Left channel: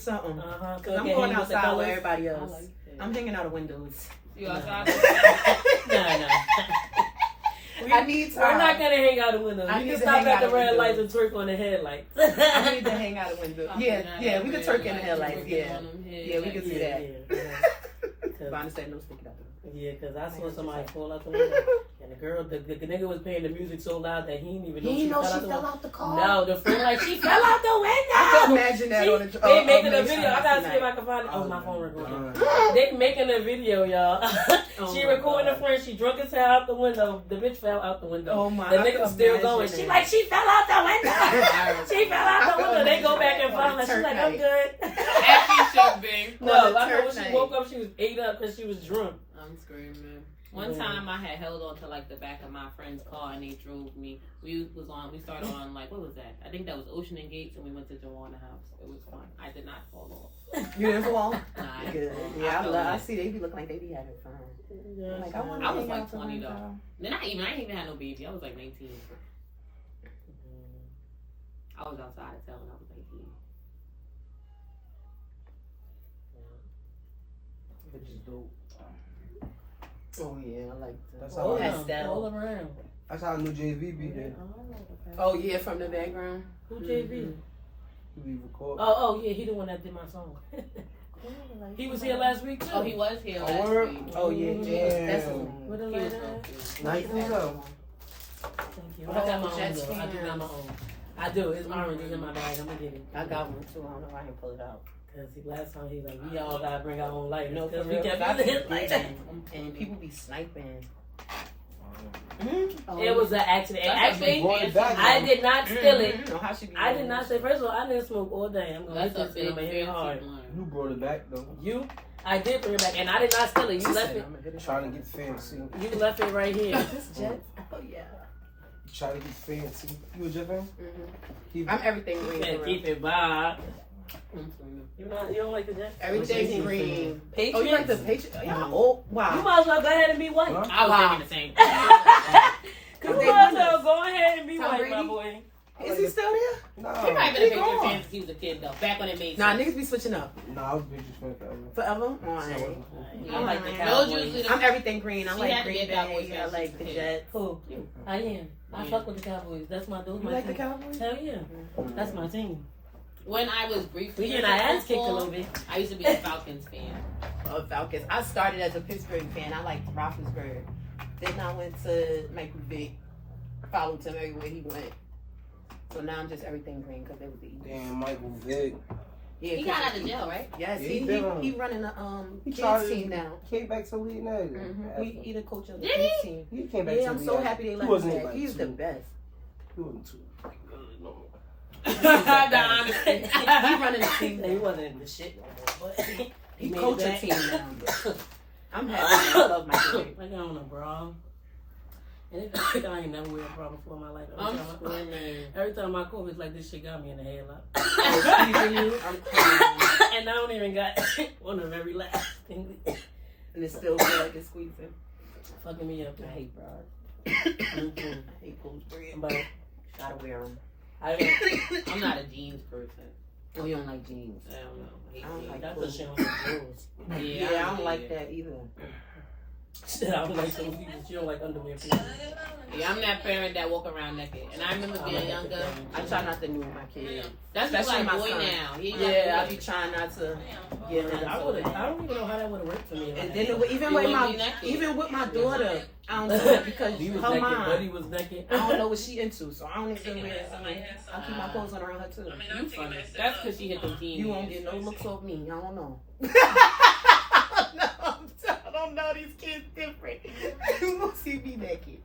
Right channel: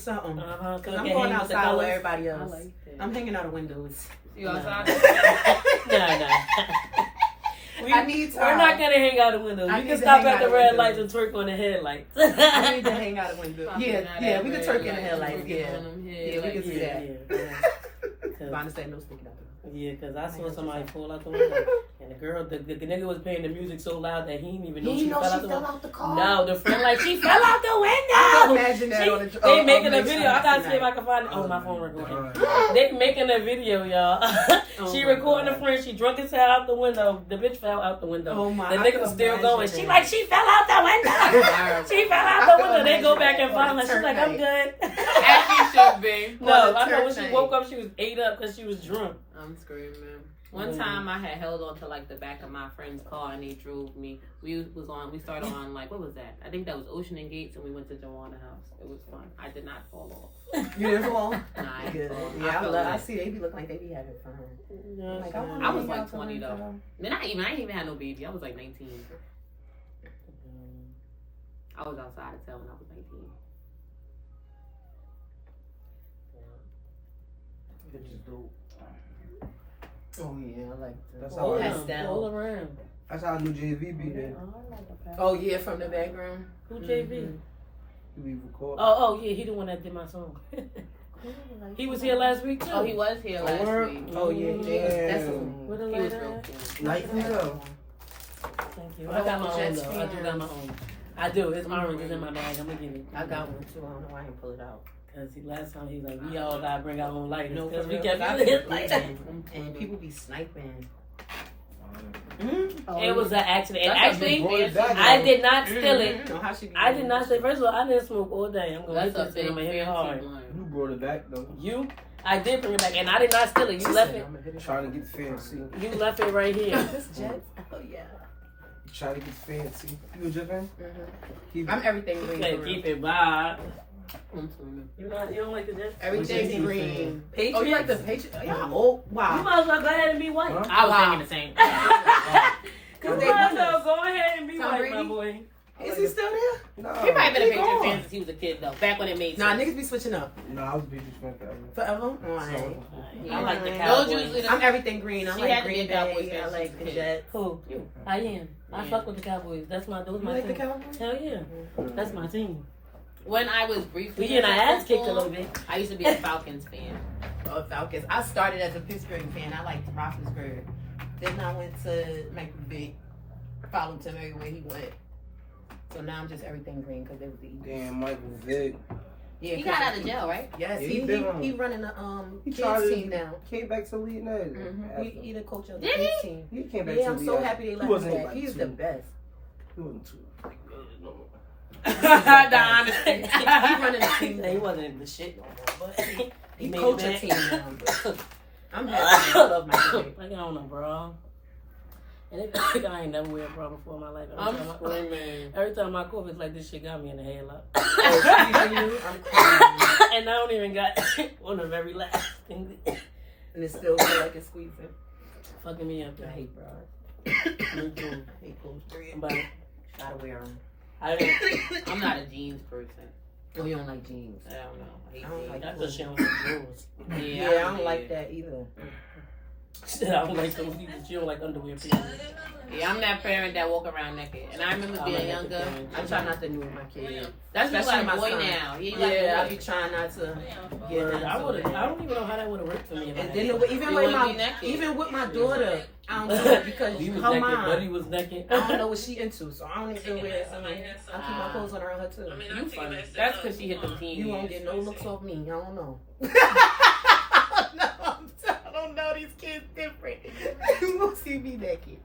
something. Cause I'm going outside with everybody else. I'm hanging out the windows. You outside? No. I need time. We're not gonna hang out the window. We can stop at the red lights and twerk on the headlights. I need to hang out the window. Yeah, we can twerk in the headlights. Yeah, we can do that. Vonda said no sticking out. Yeah, because I saw somebody fall out the window. And the girl, the nigga was playing the music so loud that he didn't even know she fell out the car. No, the friend like, she fell out the window. I can imagine that on the They making a video. I gotta see if I can find it. Oh, my phone recording. They making a video, y'all. She recording the friend. She drunk as hell out the window. The bitch fell out the window. Oh my! The nigga was still going. She like, she fell out the window. She fell out the window. They go back and find her. She's like, I'm good. As she should be. No, I know when she woke up, she was ate up because she was drunk. I'm screaming. One time I had held on to like the back of my friend's car and they drove me. We started on like, what was that? I think that was Ocean and Gates and we went to Joanna House. It was fun. I did not fall off. You didn't fall off? Nah, good. Yeah, I see they be looking like they be having fun. Yeah, like, I was like 20 though. Then I didn't even have no baby. I was like 19. I was outside of town when I was 19. Bitches dope. Oh yeah, I like that. That's all around. That's how I knew JV be there. Oh yeah, from the background. Who JV? He be recording. Oh yeah, he the one that did my song. He was here last week too. Oh, he was here last week. Oh yeah, That's Where the light at? Nightmare. Thank you. I got my own though. I do got my own. I do. It's orange. It's in my bag. I'm gonna get it. I got one too. I don't know why I didn't pull it out. Cause last time he was like, we all gotta bring our own light. No, because for we real, kept I using be his light. and people be sniping. It was an accident. And actually, I did not steal it. Mm-hmm. I did not say. First of all, I didn't smoke all day. I'm gonna hit That's this and I'm gonna hit it hard. You brought it back though. You? I did bring it back, and I did not steal it. You left it. Trying to get fancy. You left it right here. This jet. Oh yeah. Trying to get fancy. You a jet fan? I'm everything green. Okay, keep it by. You don't like the Jets? Everything's green. Patriots? Oh, you like the Patriots? Yeah. Oh, wow. You might as well go ahead and be white. I was thinking the same. Because you might as well go ahead and be Tom white, Brady? my boy. Is he still there? No. He might have been a Patriots fan since he was a kid though. Back when it made Nah, sense. niggas be switching up. Nah, I was a Patriots fan forever. Forever? Alright. I like the Those Cowboys. usually the- I'm everything green. I She like had to Green be a Cowboys Bay. I fan like since the a kid. Jets. Who? You. I am. I fuck with the Cowboys. That's my You my like the team. Cowboys? Hell yeah. That's my team. When I was briefly We getting our ass kicked a little bit. I used to be a Falcons fan. Oh, Falcons. I started as a Pittsburgh fan. I liked Roethlisberger. Then I went to Michael Vick. Followed him everywhere he went. So now I'm just everything green because they was the Eagles. Damn, Michael Vick. Yeah, He got out of jail, right? Yes, Yeah, he running the He kids tried team now. Came back to lead now. He the coach of the Did kids team. He came back Yeah, to I'm lead so now. happy they He let him wasn't back. like He's too- the best. He wasn't too good no more. He running the team. He wasn't the shit no more, but He made coach it a back. team now. I'm I happy. love my kid. Like, I don't know, bro. And it, I ain't never wear a bra before in my life. Every time I cough, it's like this shit got me in the headlock. And I don't even got one of every last thing. And it still feel like it's squeezing. Fucking me up. I hate bras. Me too. I hate clothes. But Gotta wear them. I'm not a jeans person. Oh, you don't like jeans? I don't know. I don't like that's clothes. a shit on the rules. Yeah, I don't like that either. I don't like those people. She don't like underwear. Period. Yeah, I'm that parent that walk around naked. And I remember being younger. I try not to do with my kids. That's just Especially like my boy son. now. He like Yeah, I boy. be trying not to. I don't even know how that would have worked for me. And then even with my daughter, I don't do it because he was her naked. mom. Buddy was naked. I don't know what she into, so I don't even wear. I keep my clothes on around her too. You funny. That's because she hit them teens. You won't get no looks off me. I don't know. I don't know. These kids different. You won't see me naked.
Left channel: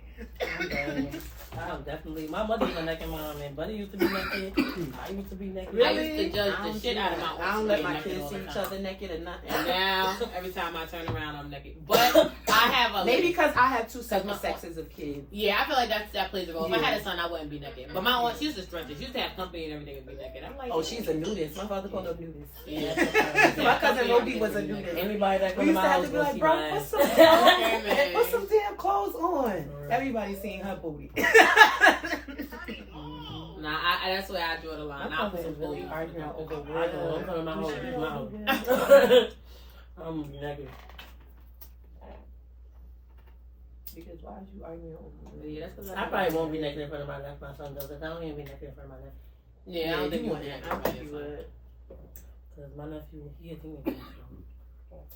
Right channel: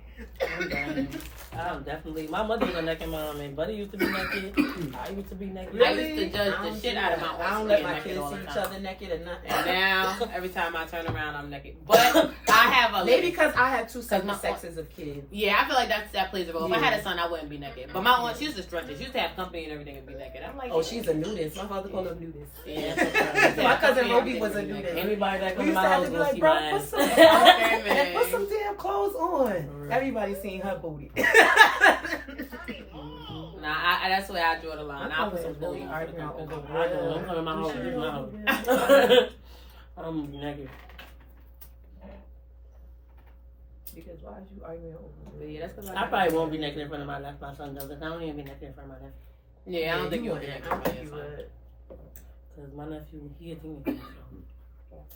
Oh, definitely. My mother was a naked mom, and Buddy used to be naked. I used to be naked. I used to judge the shit out of my I don't let my kids see each other naked and nothing. And now, every time I turn around, I'm naked. But I have a Maybe because I have two my- separate sexes of kids. Yeah, I feel like that plays a role. If I Yeah. had a son, I wouldn't be naked. But my aunt, she used to strut it. She used to have company and everything and be naked. I'm like, Oh, she's a nudist. My father called her nudist. Yeah. My cousin Roby was a nudist. Anybody that We comes to used my to have house to be will like, see bro, my ass. Put some damn clothes on. Everybody seen her booty. Nah, that's where I draw the line. I put some really booty. arguing over Don't come in my home. I'm naked. Because why is you arguing over Yeah, that's because I probably won't be naked in front of my left. My son does. If I don't even be naked in front of my left. Yeah, I don't think you would. I don't think you would. Because my nephew, he a teenager.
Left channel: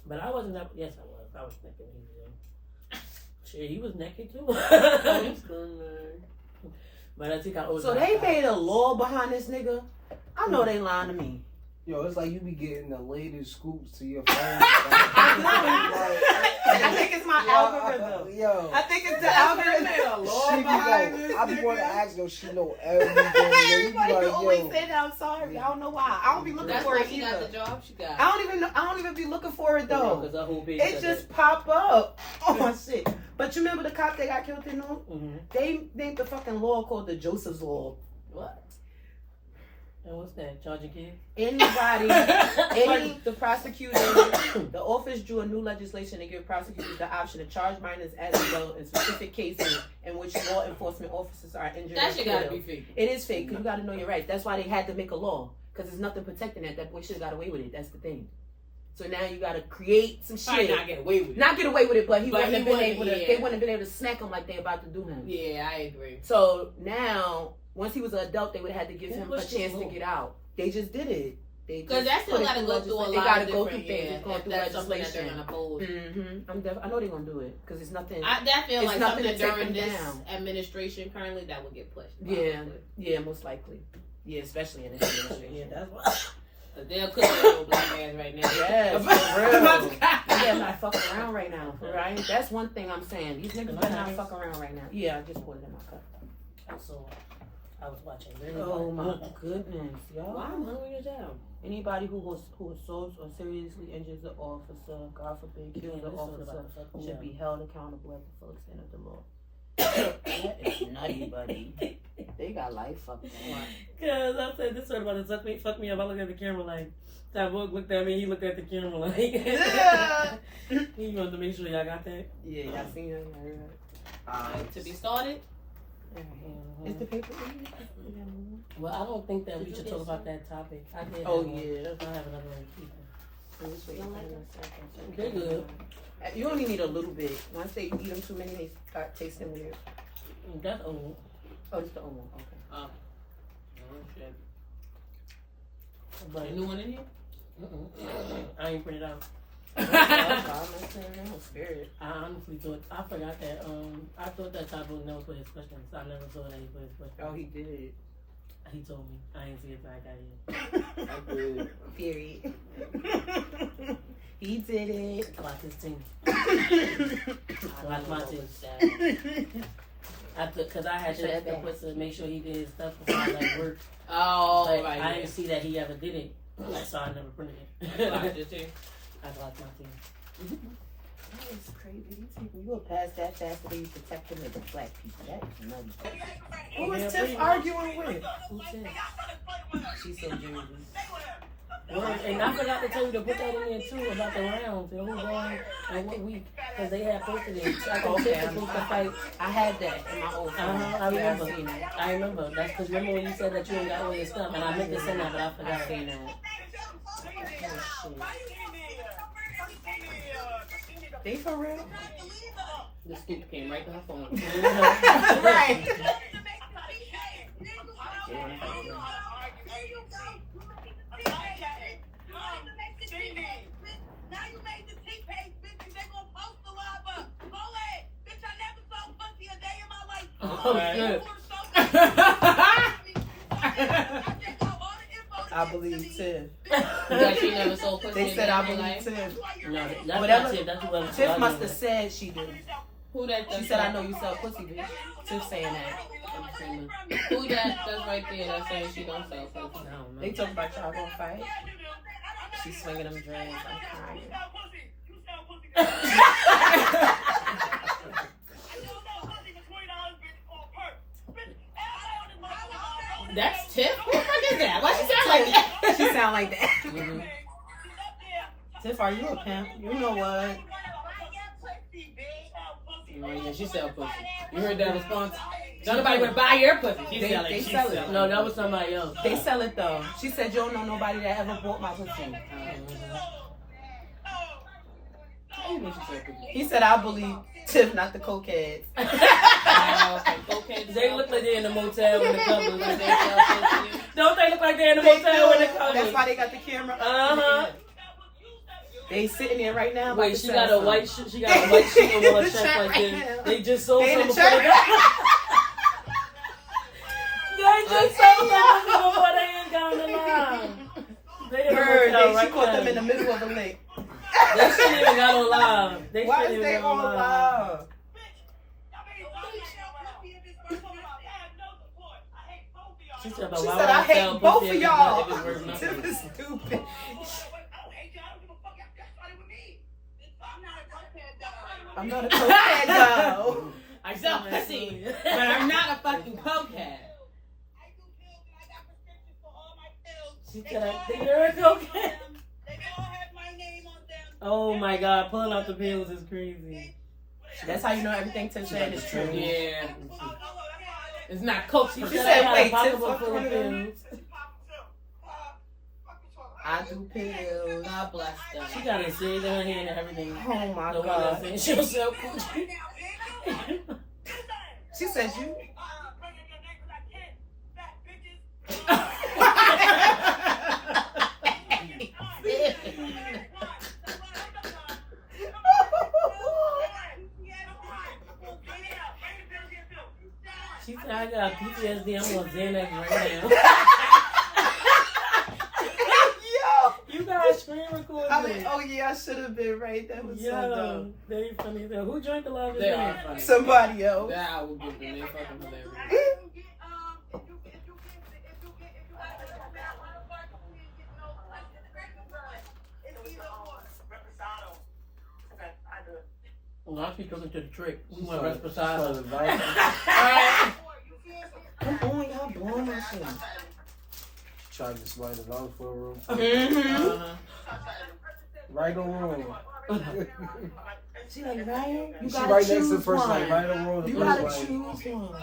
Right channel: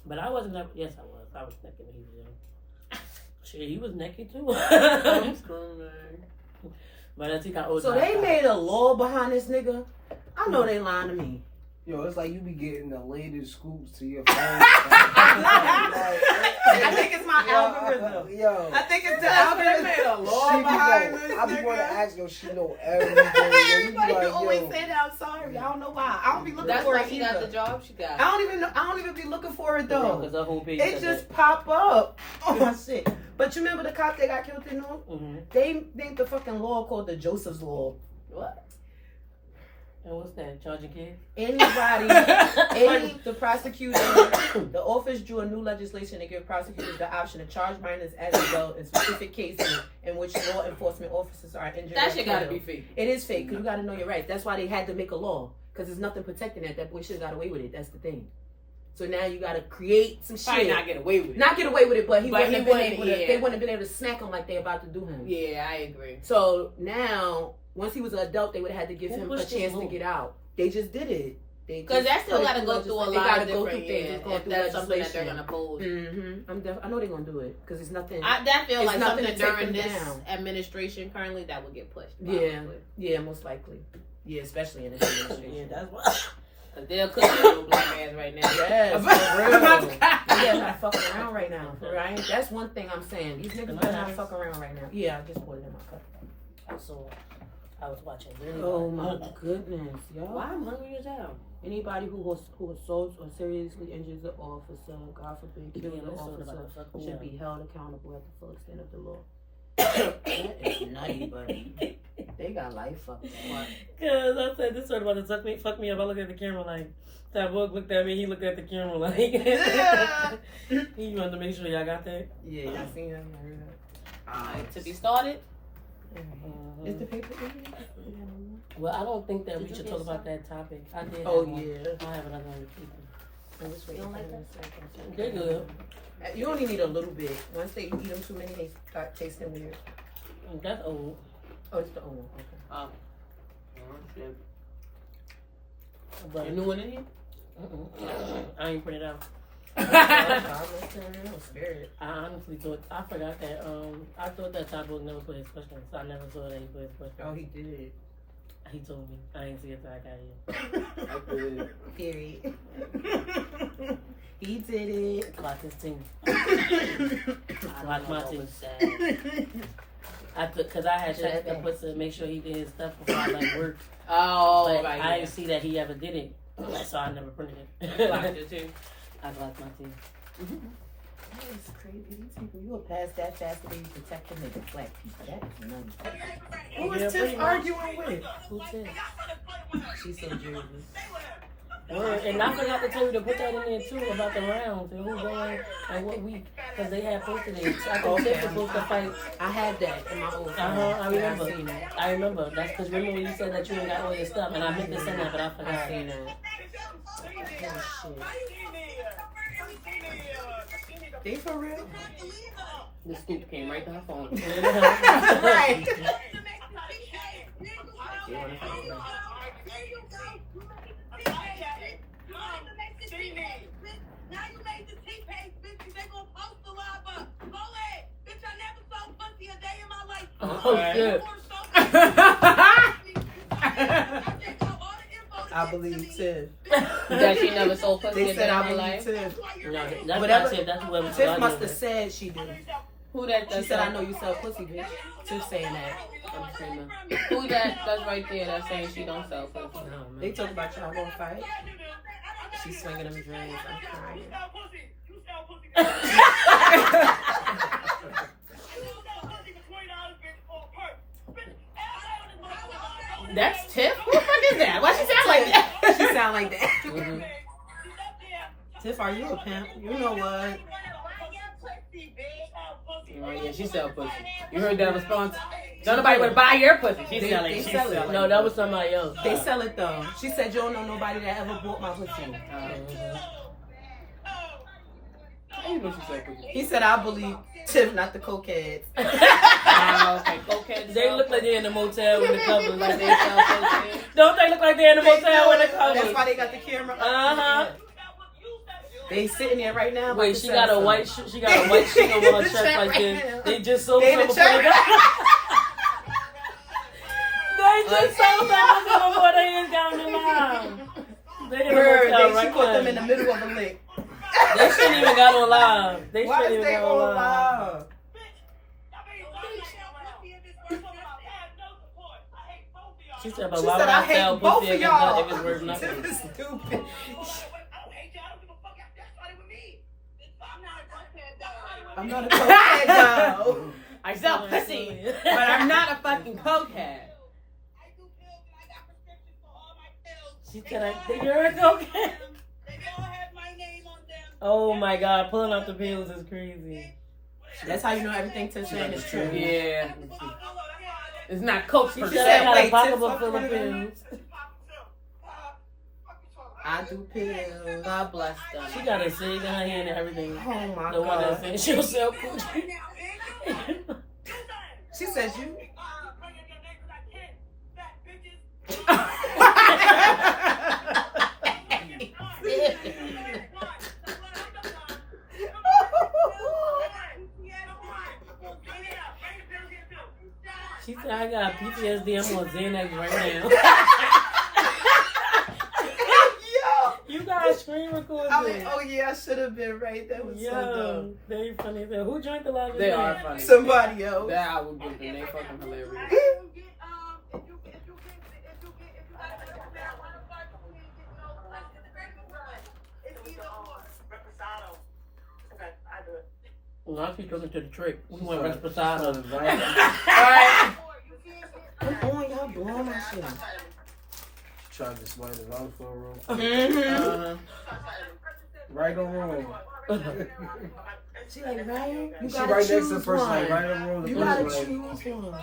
But I wasn't that. Yes, I was. I was naked when he was young. Shit, he was naked too. But I think I owed. So they made a law behind this nigga? I know they lying to me. Yo, it's like you be getting the latest scoops to your phone. I think it's my algorithm. Yo. I think it's the algorithm. I be want to ask yo, she know everything. Everybody Like, always yo. say that. I'm sorry. I don't know why. I don't be looking That's for why it she got the either. job she got. I don't even know. I don't even be looking for it though. Because the whole page. It just pop up. Oh my shit. But you remember the cop that got killed in North? Mm-hmm. They made the fucking law called the Joseph's Law. What? And what's that? Charging kids? The prosecutor, the office drew a new legislation to give prosecutors the option to charge minors as adult in specific cases in which law enforcement officers are injured. That or shit gotta killed. be fake. It is fake because you gotta know your rights. That's why they had to make a law because there's nothing protecting that. That boy should have got away with it. That's the thing. So now you gotta create some Probably shit. not get away with it. Not get away with it, but he But wouldn't he have been wouldn't, able to. yeah. They wouldn't have been able to smack him like they about to do him. Yeah, I agree. So now, once he was an adult, they would have had to give him a pushed chance this to law? get out. They just did it. Because that still got to go through a They lot gotta of go different, through things. yeah, It's going if through that's something that they're legislation. going to oppose. I know they're gonna do it because it's nothing. That feels It's like nothing something to take during them this down. administration currently that would get pushed. Yeah, yeah, most likely. Yeah, especially in this administration. Yeah, that's why. Because they'll cook little black ass right now. Yes, for real. Yeah, not fucking around right now, right? That's one thing I'm saying. These niggas better not fuck around right now. Yeah, I just poured it in my cup. So, I was watching. Oh my goodness, y'all. Why I'm hungry as hell. Anybody who assaults or seriously injures an officer, God forbid, kills an officer, should be held accountable at the full extent of the law. That is nutty, buddy. They got life fucked up. Because I said this sort of about to fuck me up. I looked at the camera like, that book looked at me, he looked at the camera like, he wanted to make sure y'all got that. Yeah, y'all seen that? I heard that. To be started. Is the paper in? Well, I don't think that we should talk about that topic. I did. Oh, have one. yeah. I'll have another one with people. I'm just waiting for them a second. They're good. You only need a little bit. Once they eat them too many, they start tasting weird. That's old. Oh, it's the old one. Okay. Oh. Oh, shit. But A new one in here? I ain't print it out. Spirit. I honestly thought, I forgot that, I thought that Top Book never put his questions. I never saw that he put his questions. Oh, he did. He told me. I ain't see it till I got here. Period. He did it. Clock his team. Watch my team. Because I had checked the puts to make sure he did his stuff before I like work. Oh, But right. I didn't see that he ever did it. So I never printed it. Clock your team. I clocked my team. That's crazy. These people, you will pass that fast that they protect them as black people. That is nutty. Who Yeah, is pretty Tiff much. arguing with? Who said? She's so Jersey. Word. And I forgot to tell you to put that in there too about the rounds and who's going and what week. Because they had posted it. I think Tiff was supposed to fight. I had that in my old phone. I remember. Yeah, I seen that. I remember. That's because remember when you said that you ain't got all your stuff and I meant to send that but I forgot. I seen that. Oh, They for real? The scoop came right to her phone. Right. Now you made the T-Page, bitches. They gonna post the live up. Go ahead. Bitch, I never saw pussy a day in my life. Oh, shit. I believe Tiff. That she never sold pussy They in said her I believe life. Tiff. No, that's Whatever. not Tiff. That's whoever Tiff must have said she did. Who that? She said, I know you sell pussy, bitch. Tiff saying that. Who that's right there that's saying she don't sell pussy? They talk about y'all gonna fight. She's swinging them dreads. I'm crying. That's Tiff? Who the fuck is that? Why she sound like that? She sound like that. Mm-hmm. Tiff, are you a pimp? You know what? fucking right. Yeah, she sell pussy. You heard that response? Don't nobody would buy your pussy. She They- sell it. they She sell it. sell No, that was somebody else. They sell it though. She said you don't know nobody that ever bought my pussy. How you know she sell pussy? He said I believe Tiff, not the cokeheads. They look like they're in the motel with the covers. Like they sell pussy. Don't they look like they're in the motel with the covers? That's why they got the camera. Uh-huh. They sitting there right now. Wait, about she to got sell a white something. she got a white sheet on her In the chest chat like right this. now. They just sold They in some the before they chat. got. They just sold some before they even got on the line. They in the Bird, motel she right caught them now. in the middle of the lick. They shouldn't even got on live. They Why shouldn't is even they got all on live. alive? She said, but She why said, would I I sell hate both pussy of if y'all. it's worth nothing? This is stupid. I'm not a cokehead though. I sell pussy, but I'm not a fucking cokehead. She said, I think you're a cokehead. Oh my God, pulling out the pills is crazy. That's how you know everything Tiff saying is true. Yeah. It's not coke. She She said, said, I had wait, a pocketbook Tiff full of fucked pills. I do pills. God bless them. She got a cig in her hand and everything. Oh my The one that's god. saying she'll sell coochie. She says you. She said, I got PTSD. I'm on Xanax right now. You guys screen recording. I mean, oh yeah, I should have been right. That was so Yo, dumb. they funny. Who drank the largest They are drink? funny. Somebody else. That I would give them. They fucking hilarious. Well, I keep looking to the trick. We went Resposado. Alright. Come on, y'all blowing my shit. Trying to slide it on for a room. Mm-hmm. Right or wrong? She like, Ryan, you She gotta right next to choose the first one. line. Right or wrong? You gotta choose one.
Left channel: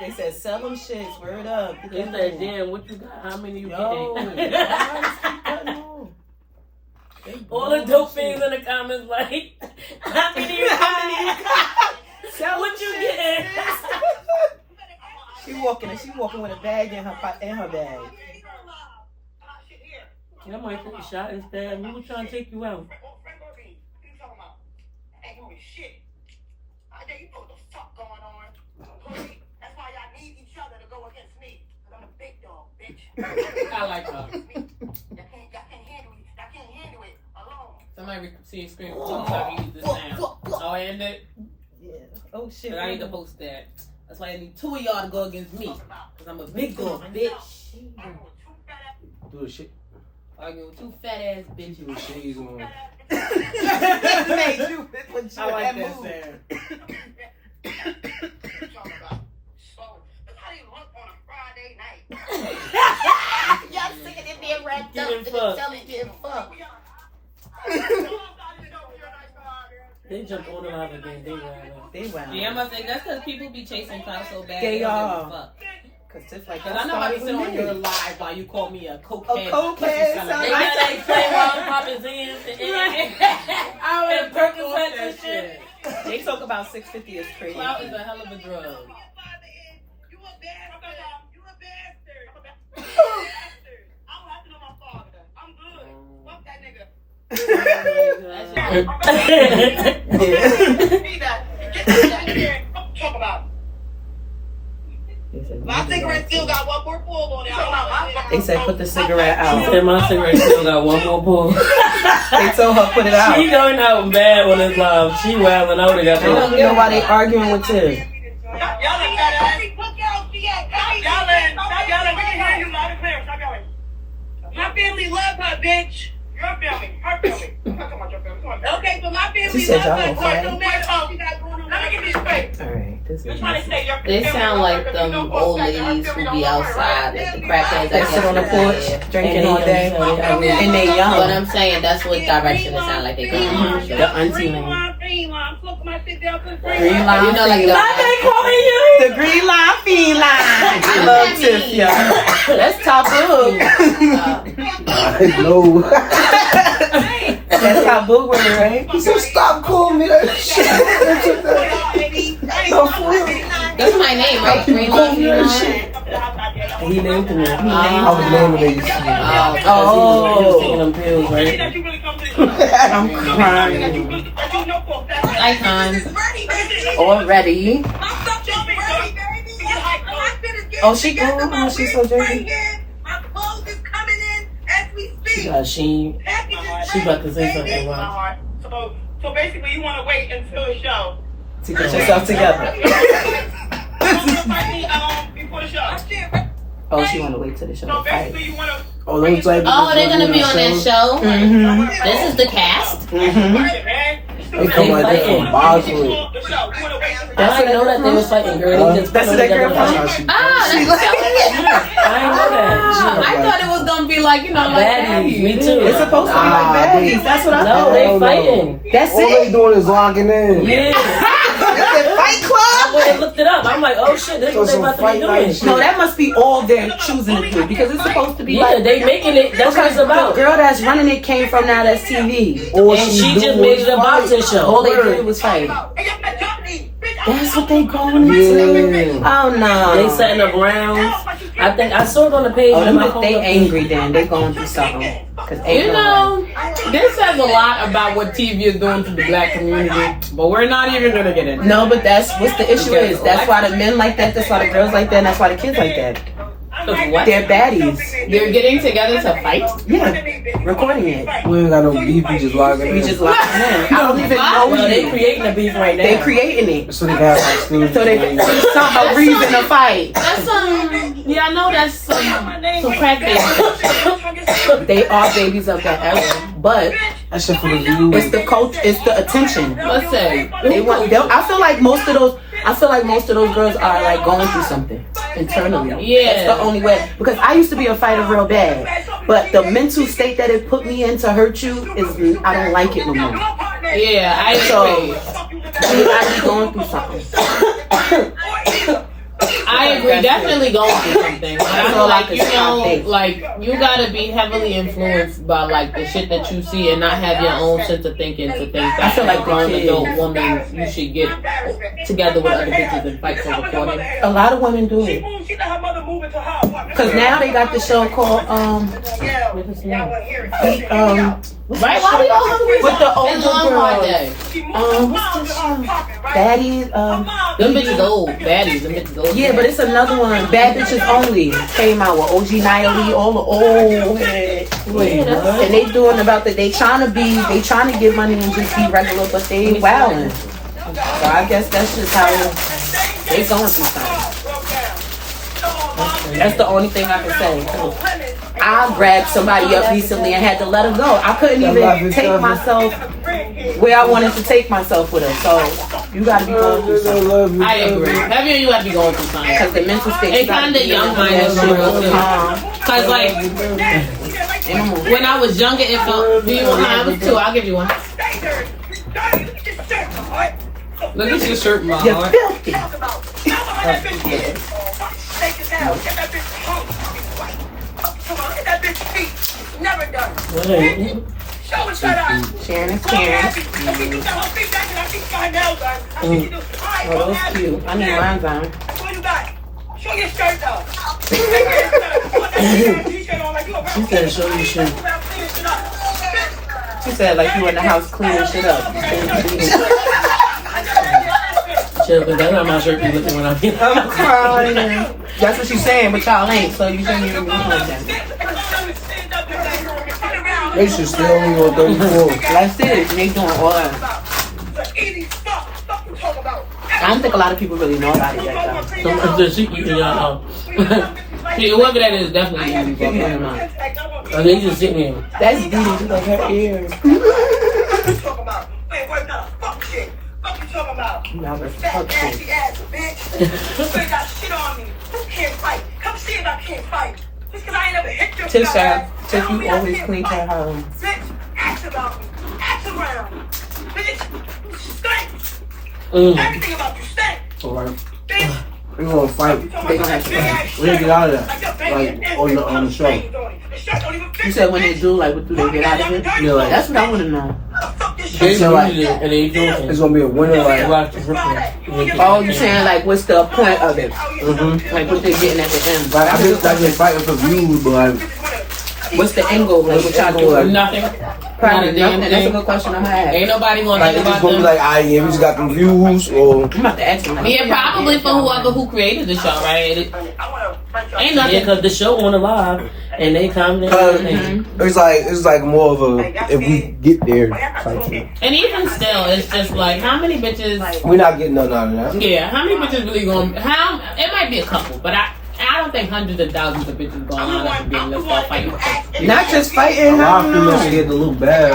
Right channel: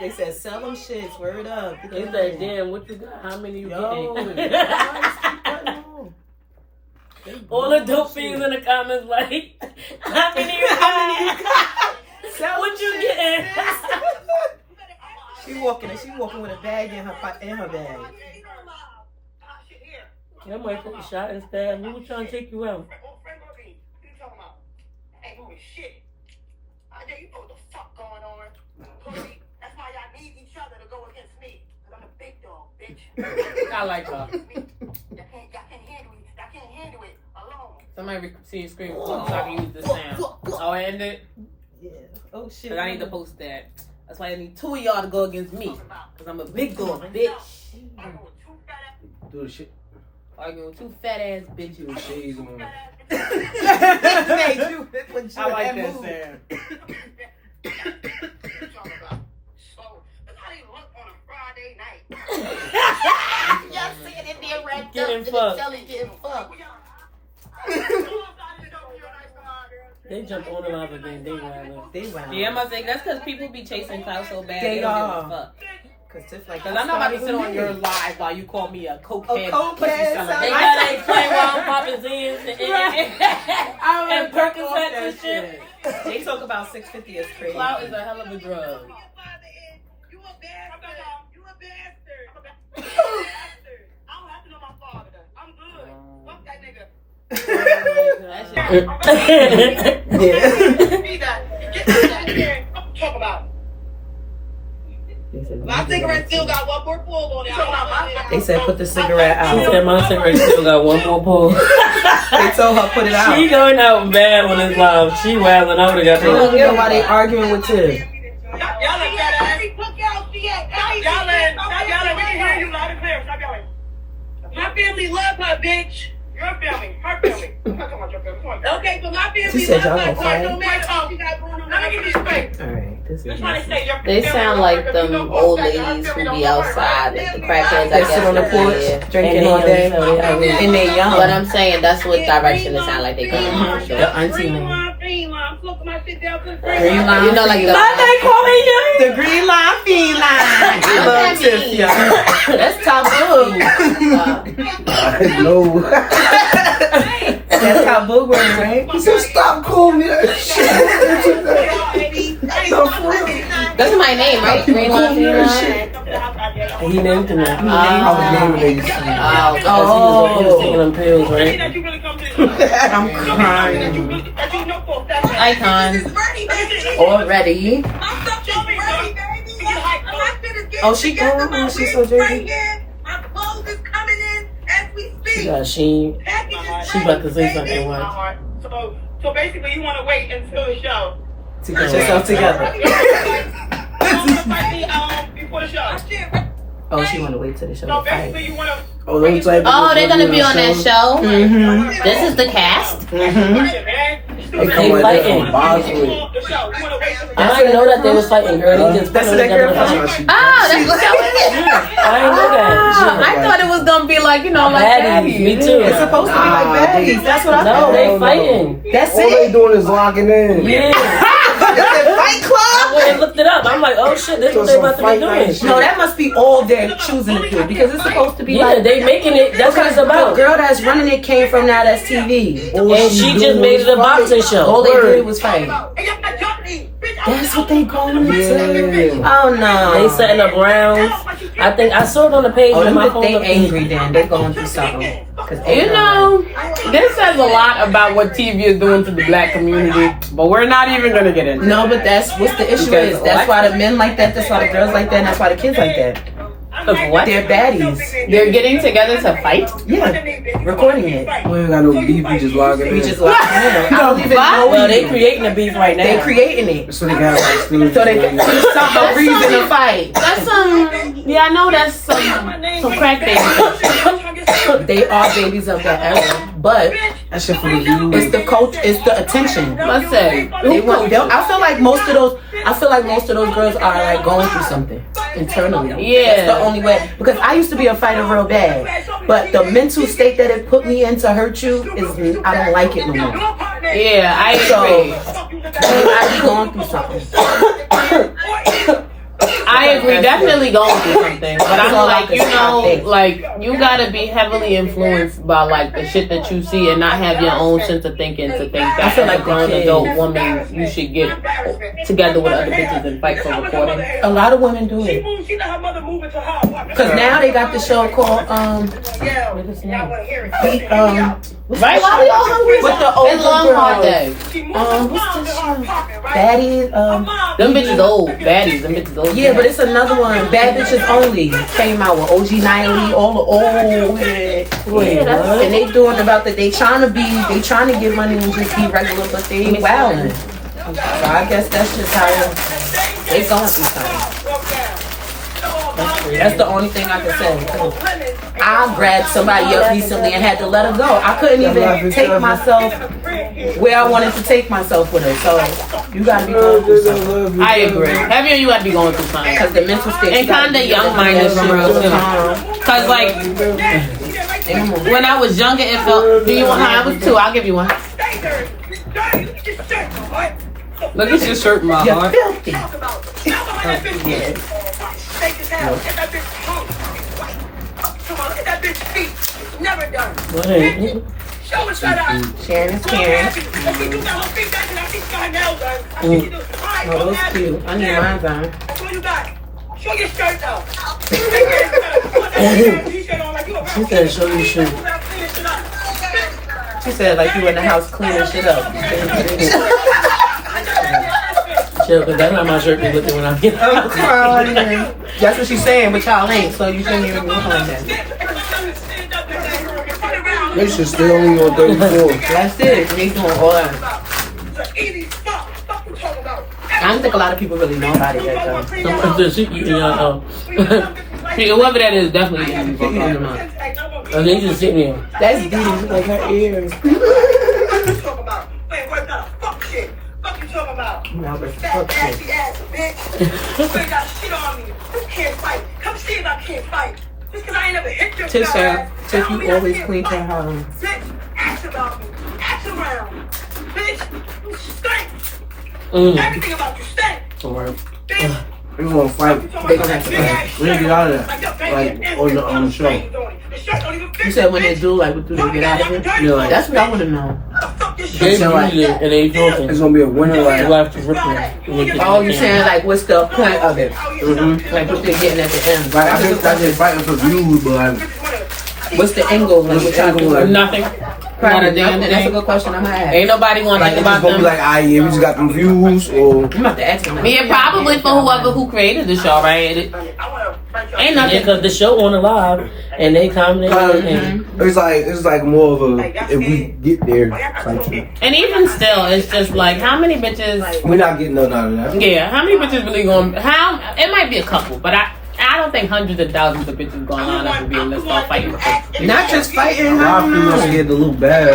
They said sell them shits. Word up. They said, damn, what you got? How many you Yo, getting? guys, keep cutting off. They All the blowing dope my fiends shit. in the comments like, how many you got? Sell What them you shit. getting? She walking with a bag in her bag. That might take a shot instead. We was trying to take you out. I like her. Somebody see a screen so I can use this sound. Oh, I ended. Yeah. Oh shit. But I need to post that. That's why I need two of y'all to go against me. Because I'm a big dog, bitch. Do the shit. Arguing with two fat ass Do bitches. the shades on. Made you put you I like in that mood. sound. Y'all singing in there right Getting fucked. Getting fucked. They jumped on the live again. They wild. They wild. Yeah, I'm gonna say that's because people be chasing clout so bad. They don't are. give a fuck. Cause it's like, Because I'm not about to sit on your live while you call me a cokehead. cokehead, pussy sound seller. They got that play while I'm popping Z's and Percocets and shit. They talk about 650 is crazy. Clout is a hell of a drug. You a bastard. You a bastard. I don't have to know my father. I'm good. Fuck that nigga. Get that in here. What you talking about? My cigarette still got one more pull on it. They said put the cigarette She out. said my cigarette still got one more pull. They told her put it out. She going out bad on this live. She wilding out. They got They don't that. know why they arguing with Tiff. Y'all in. We can hear you loud and clear. Stop yelling. My family love her, bitch. Your family. Her family. I'm talking about your family. Okay, so my family She said love y'all her. gonna fight. No matter what she got going on. Let me give you straight. Alright, You're trying to say you're They sound like them old ladies who be outside, like the crackheads. They sit on the porch drinking all day, and they young. But I'm saying that's what direction it sound like they come from. The auntie. Green line, look my shit down to the Green line. You know, like the calling you? The green line, feline. I love Tiff, y'all. That's taboo. No. That's taboo word, right? He said, stop calling me that shit. That's my name, right? Green Line. He named him that. I was naming it. Because he was taking them pills, right? I'm crying. Icon. Already. Oh, she going on. She's so dirty. She about to say something. Watch. So basically, you want to wait until the show. To get yourself together. Before the show. Oh, she want to wait till the show So to fight. basically, you want to. Oh, let me tell you. Oh, they're gonna be on that show. Mm-hmm. This is the cast. Mm-hmm. They come like that from Bosley. I didn't know that they was fighting, girl. They just That's put what them that girl together. from. Oh, that's what that I didn't know that. was. I thought it was gonna be like, you know, like Baddies, me too. It's supposed to be like baddies. That's what I No, thought. they fighting. That's All they it. doing is locking in. Yeah. Fight Club. I went and looked it up. I'm like, oh shit, this is what they about to be doing. No, that must be all they're choosing to do because it's supposed to be Yeah, like. they making it. That's what it's about. The girl that's running it came from Now That's TV. And she just made it a boxing show. All they did was fight. That's what they going to do. Oh no. They setting up rounds. I think I saw it on the page. Oh, on my them, phone. they angry then. They going through something. You know, this says a lot about what TV is doing to the black community, but we're not even gonna get into it. No, but that's what's the issue Because is. That's why the men like that. That's why the girls like that. And that's why the kids like that. What? They're baddies. They're getting together to fight. Yeah, recording it. We ain't got no beef, we just logging in. We just like, I don't even know. Well, they creating the beef right now. They creating it. So they got like Steve. So they some a reason to fight. That's yeah, I know that's some crack babies. They are babies of that era, but That shit for the view. it's the coach. It's the attention. Let's say They want. I feel like most of those. I feel like most of those girls are like going through something internally. Yeah. That's the only way. Because I used to be a fighter real bad, but the mental state that it put me in to hurt you is I don't like it no more. yeah, I So agree. I be going through something. I agree, definitely going through something. But I'm all I like, can you say. know, like you gotta be heavily influenced by like the shit that you see and not have your own sense of thinking to think that I feel like as a grown the adult kids- woman you should get together with other bitches and fight for recording. A lot of women do it. Cause now they got the show called Right? Why we all hungry? with the It's older long hard girls. day. What's this show? Baddies. Them bitches old. Baddies. Them bitches old. Yeah, but it's another one. Bad Bitches Only came out with OG Niley, all the old head. And they doing about that. They trying to get money and just be regular, but they ain't wilding. So I guess that's just how they going through something. That's the only thing I can say. I grabbed somebody up recently and had to let her go. I couldn't even take myself where I wanted to take myself with her. So you gotta be going through something. I agree. Heavy on you have to be going through something. Because the mental state. And kinda young-minded for real, too. Cause like when I was younger, it felt. Do you want? I was 2. I'll give you one. Look at your shirt, my You're heart. filthy. What ain't it? Sharon is Karen. Oh, those cute. I need mine on. Show your shirt though. She said, show your shirt. She said like you in the house cleaning shit up. Chill, cause that's how my shirt be looking when I'm here. I'm crying. That's what she's saying, but y'all ain't, so you shouldn't even be home then. They should still only on 34. That's it. They doing all that. I don't think a lot of people really know about it yet, though. Someone said she eating y'all. Whoever that is definitely gonna be fucking them out. And they just sitting here. That's beautiful, like her ears. Now we're Fat, nasty ass bitch. You ain't got shit on me. You can't fight. Come see if I can't fight. Just because I ain't never hit your Tiff fat said, ass, Tiff, tell me you I always can't clean fight. her house. Bitch, ask about me. Ask around. Bitch, you stink. Everything about you stink. Alright. Bitch. We gonna fight. They gonna have to We need to get out of there. Like your baby Like, is on the show. The shirt don't even fit You said when they do, like, what do they get out of here? Yeah. That's what I want to know. Fuck this They shit. use it and they drinking. It's gonna be a winner. They Like, watch the ripping. Oh, you saying, like, what's the point of it? Like, what they getting at the end? I think like they fighting for views, but What's the end goal? Like, what y'all doing? Nothing. Probably Not a damn nothing. That's a thing. good question I'm gonna ask. Ain't nobody gonna like think it's about gonna be them. like, yeah, we just got them views, or I'm about to ask him. I mean, probably for whoever who created the show, right? Ain't nothing. Yeah, because the show on the live and they comment and it's like more of a if we get there type thing. And even still, it's just like, how many bitches? We're not getting nothing out of that. Yeah, how many bitches really going? How? It might be a couple, but I don't think hundreds of thousands of bitches going on up and being let's start fighting. Not just fighting. Y'all feel scared to look bad.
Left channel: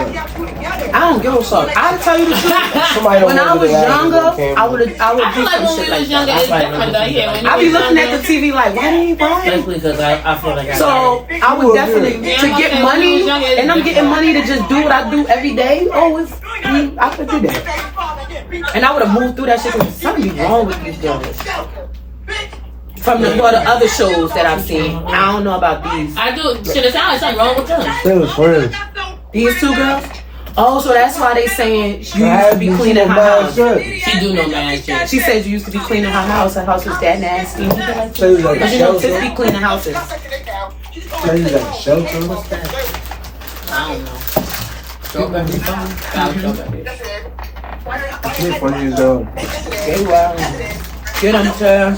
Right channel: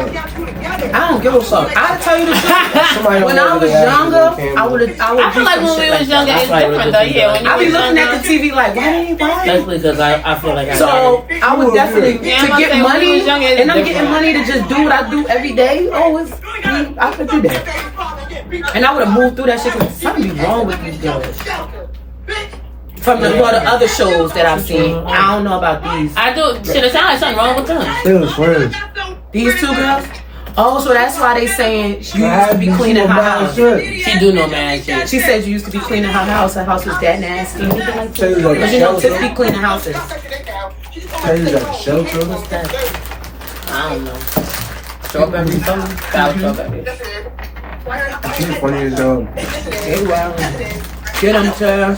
I don't give a fuck. I'll tell you the truth. Somebody When I don't was know the younger, camera. I would I do feel like some when shit we like was that. younger, it's That's different though. Yeah, when you I be was looking at younger, the TV like, why? especially because I feel like I So I would definitely Yeah, to I'm get saying, when money, you was younger, it's and I'm getting different. money to just do what I do every day. Oh, it's I could do that, and I would have moved through that shit. Cause something be wrong with these girls. From the other shows that I've seen, I don't know about these. I do. Shit, it sound like something wrong with them. Still friends. These two girls. Oh, so that's why they saying you used to be cleaning her house. She do know mad shit. She said you used to be cleaning her house. Her house was that nasty. Tell you like But a you know, shelter. Tiff be cleaning houses. Tell you like a shelter. What's that? I don't know. Strawberry something? Sour strawberry. You're funny as hell. They well. Get them to.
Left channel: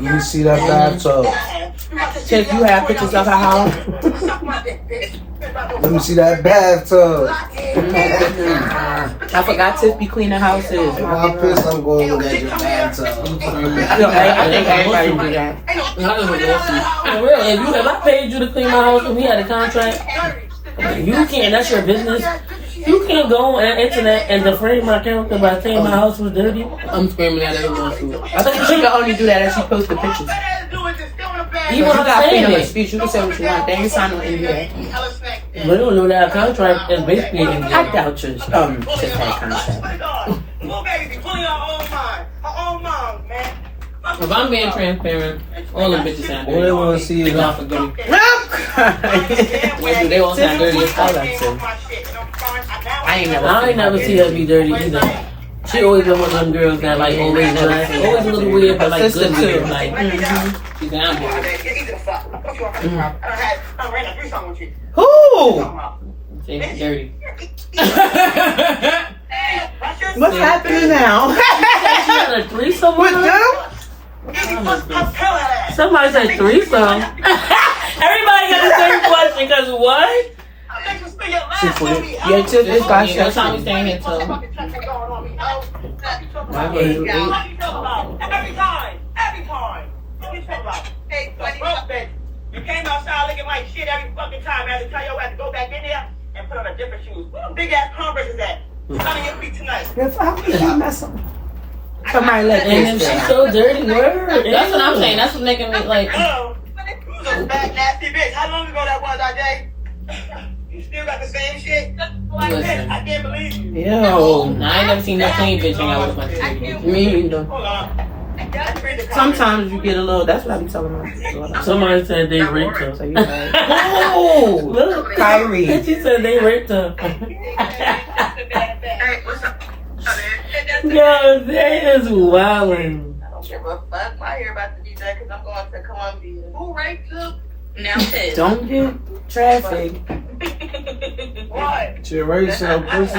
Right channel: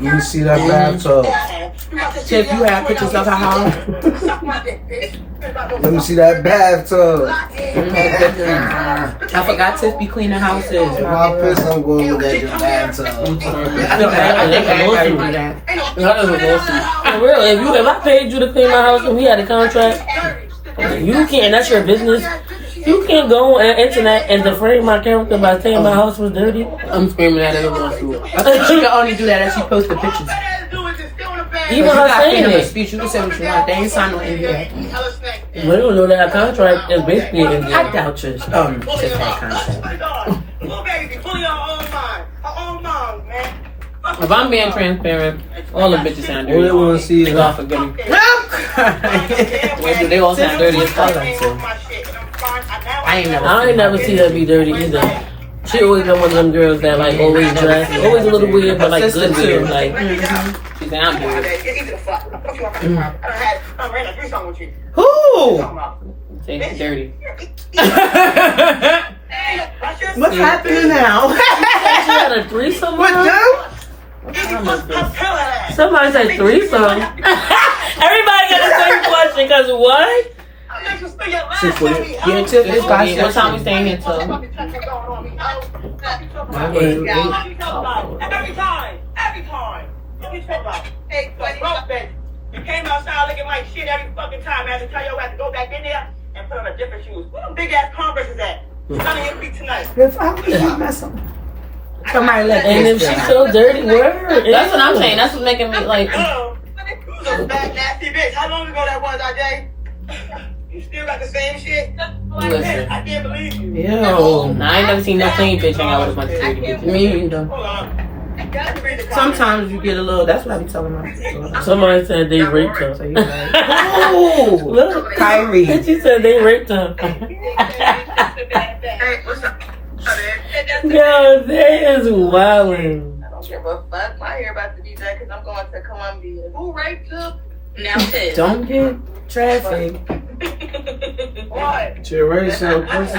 You can see that bathtub. Tiff, you have pictures of her house. Let me see that bathtub. I forgot Tiff be cleaning houses. If I piss, I'm going to look at your bathtub. I think everybody do that. That is awesome. For real, if I paid you to clean my house and we had a contract, you can't. That's your business. You can't go on the internet and defame my character by saying my house was dirty. I'm screaming at everyone. I think she can only do that if she posts the pictures. Even You her got saying freedom of it. speech. You can say what you want. They ain't signed no NDA. We don't know that our contract is basically in I doubt you. Tiff had contract. If I'm being transparent, all the bitches sound All dirty. they want to see is God forgive me. They all sound dirty as fuck. I ain't I ain't never see her be dirty either. She always been one of them girls that like always dress, always a little weird, but like good weird. Like She said I'm dirty. Who? Say dirty. What's happening now? she had a threesome with With her. them? Somebody said threesome. Everybody got the same question, cause what? Yeah, Tiff is got What time we staying here till? Every time. What you talking about? Hey, you came outside looking like shit every fucking time. I had to tell you I had to go back in there and put on a different shoes. Where them big ass Converse is at? How your feet tonight? How could you mess up? Somebody let And if this she out. so dirty, word. That's what I'm saying. That's what's making me like. Hello. You was a bad nasty bitch. How long ago that was, RJ? You still got the same shit? Listen. I can't believe you. Yo. I ain't never seen no clean bitch hang out with my bitch. Me either. Hold on. Sometimes you get a little. That's what I be telling her. Somebody said they raped her. So you like, oh, Look, Kyrie. and she said they raped her. Yo, that is wildin'. I don't give a fuck. I hear about to be done because I'm going to Columbia. Who raped you? Now this. Don't get traffic. What? She already sound pussy.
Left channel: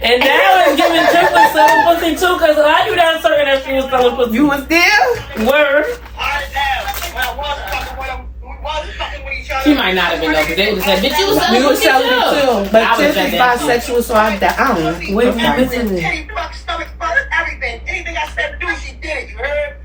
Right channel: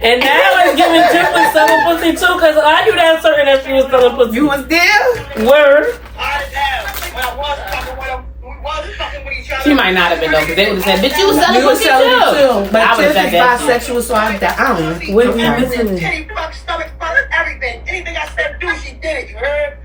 And now it's giving Tiff was selling pussy too, cause I knew that certain that she was selling pussy. You was there? Word. I didn't have. When I was fucking with him, we was fucking with each other. She might not have been though, because they would have said, bitch, you was selling You was pussy selling too. it too. I But would've Tiff said is that too. bisexual, so I don't. Wait, I'm sorry. listen. Titty, fuck, stomach, first, everything. Anything I said do, she did it. You heard?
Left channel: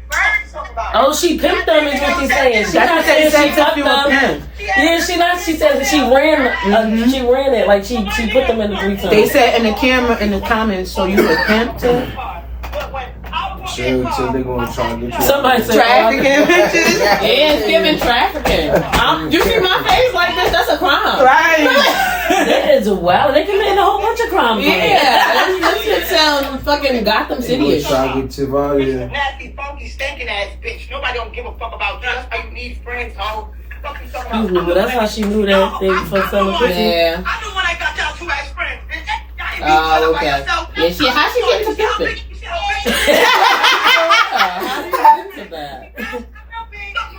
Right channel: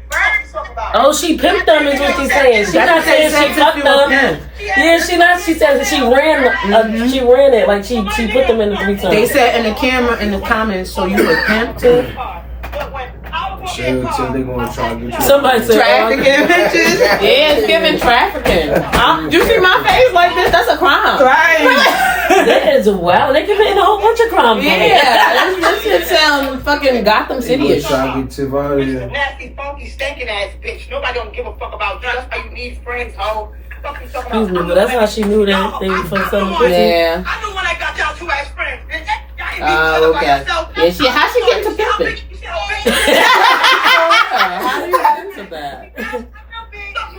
Talk about it. Oh, she pimped them is what she's saying. She's not saying she fucked them. Yeah, she not. She said she ran. She ran it like she put them in the 3 times. They said in the camera in the comments, so you a pimp too? They gonna try to get you. Somebody said Trafficking bitches. Yeah, it's giving trafficking. You see my face like this? That's a crime. Right. that is wild. They committing a whole bunch of crimes. Yeah, this shit sound fucking Gotham City-ish. Try to get Tiff out of here. Nasty, funky, stinking ass bitch. Nobody don't give a fuck about you. That's why you need friends, ho. Fuck you talking Excuse me, but that's how she knew that they was from selling pussy. Yeah. I knew when I got y'all 2 as friends. Oh, okay. Yeah, how she get into pimping? How do you get into that?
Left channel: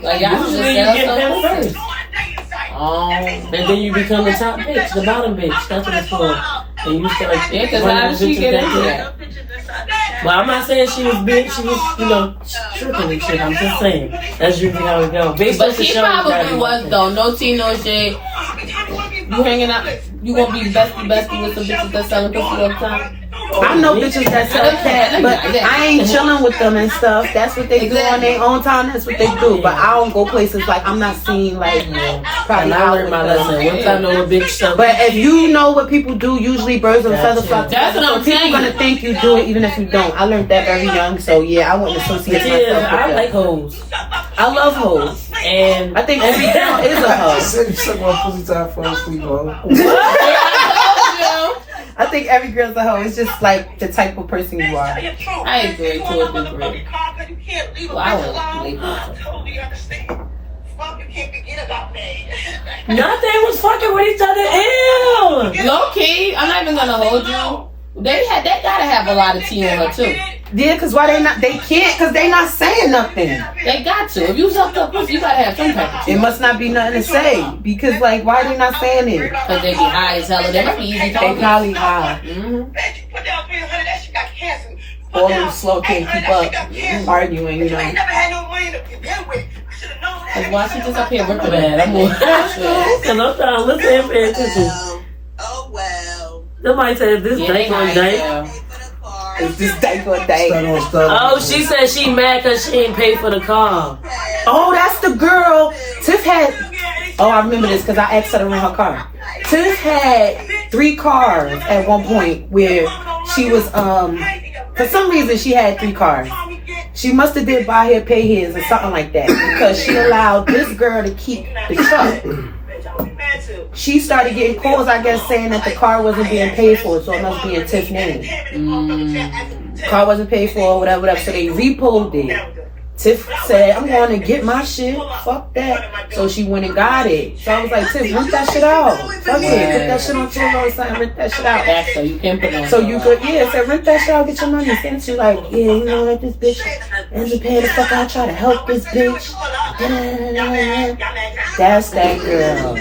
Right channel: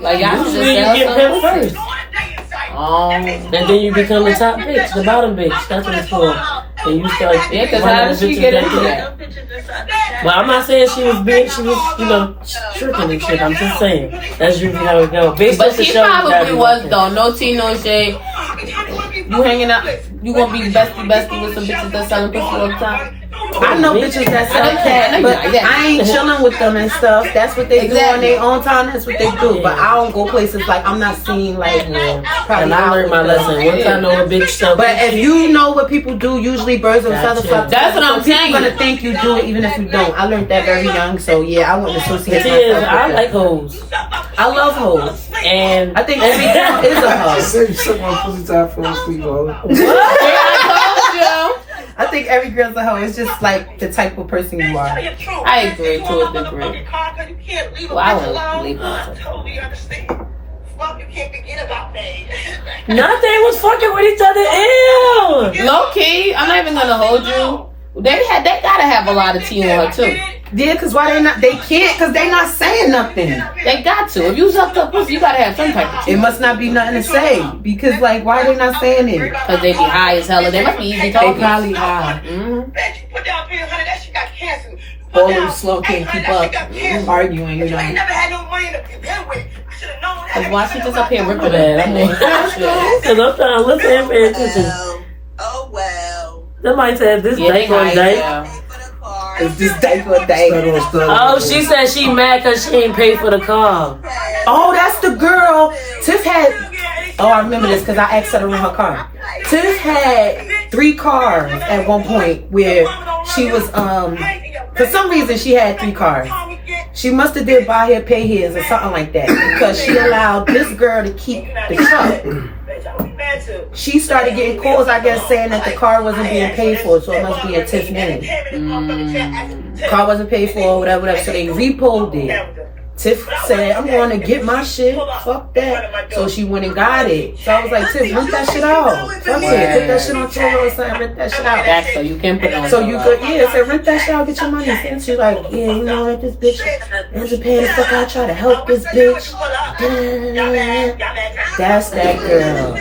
Like, y'all should Usually just you sell get some pimped pussy. first. Oh. And then you become the top bitch, the bottom bitch. That's what it's for. And you start Yeah, because running how did she bitches get that into quick. that? Well, I'm not saying she was big. She was, tricking and shit. I'm just saying. That's usually how it goes. Based But off the she show, you probably gotta was, be though. No tea, no shade. You hanging out, you gonna be bestie with some bitches that selling pussy all the time? I know bitches that sell cat, but I ain't chilling with them and stuff. That's what they do on their own time. That's what they do. But I don't go places like I'm not seeing like And probably I out learned with my them. lesson. Once I know the bitch stuff. But if you know what people do, usually birds of a feather flock. That's what I'm People saying. gonna think you do it even if you don't. I learned that very young, so yeah, I wouldn't associate It is. myself I with like them. hoes. I love hoes. And I think every girl is a hoe. You suck my pussy time for sleep, bro. I think every girl's a hoe. It's just like the type of person you are. I agree to a degree. Well, I wouldn't leave I totally understand. Fuck, you can't forget about me. not they was fucking with each other. Ew. Low key, I'm not even gonna hold you. They gotta have a lot of tea on her too. Yeah, cause why they not? They can't, cause they not saying nothing. They got to. If you suck up pussy, you gotta have some type of tea. It must not be nothing to say, because like, why they not saying it? Cause they be high as hell. They must be easy They talking. probably high. Mm-hmm. Bitch, you put down 300, that shit got cancer. All them slow can't keep up, arguing, you I ain't know. never had no money to begin with. I should have known that. Cause why she just up here ripping Bad. it? I'm on. Cause I'm trying to listen and pay attention. Oh well. Somebody said this Yeah, date they on high date. as hell. It's just day for day. Oh, she said she mad cause she ain't paid for the car. Oh, that's the girl. Tiff had. Oh, I remember this because I asked her to rent her car. Tiff had 3 cars at one point where she was for some reason she had 3 cars. She must have did buy her, pay his, or something like that because she allowed this girl to keep the truck. She started getting calls, I guess, saying that the car wasn't being paid for, so it must be in Tiff's name. Car wasn't paid for, whatever. So they repoed it. Tiff said, I'm going to get my shit. Fuck that. So she went and got it. So I was like, Tiff, rent that shit out. Fuck it. Put that shit on Turo or something. Rent that shit out. That's so you can put on. So you could, yeah, said rent that shit out, get your money. Since she's like, yeah, you know what, this bitch ends up paying the fuck out, try to help this bitch. That's that girl.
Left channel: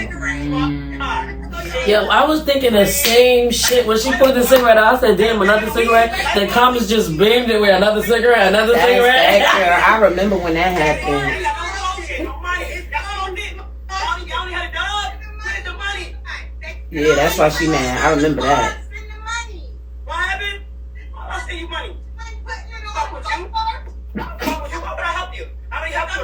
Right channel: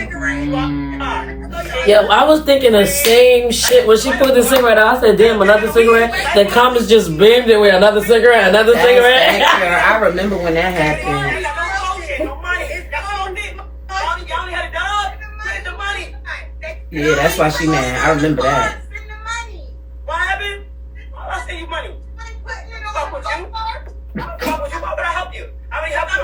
Yeah, I was thinking the same shit when she put the cigarette out. I said, damn, another cigarette. The comments just beamed it with another cigarette, another That's cigarette. that girl. I remember when that happened. Yeah, that's why she mad. I remember that. What happened? I send you money. Fuck with you. Fuck with you. Why would I help you? I already helped you.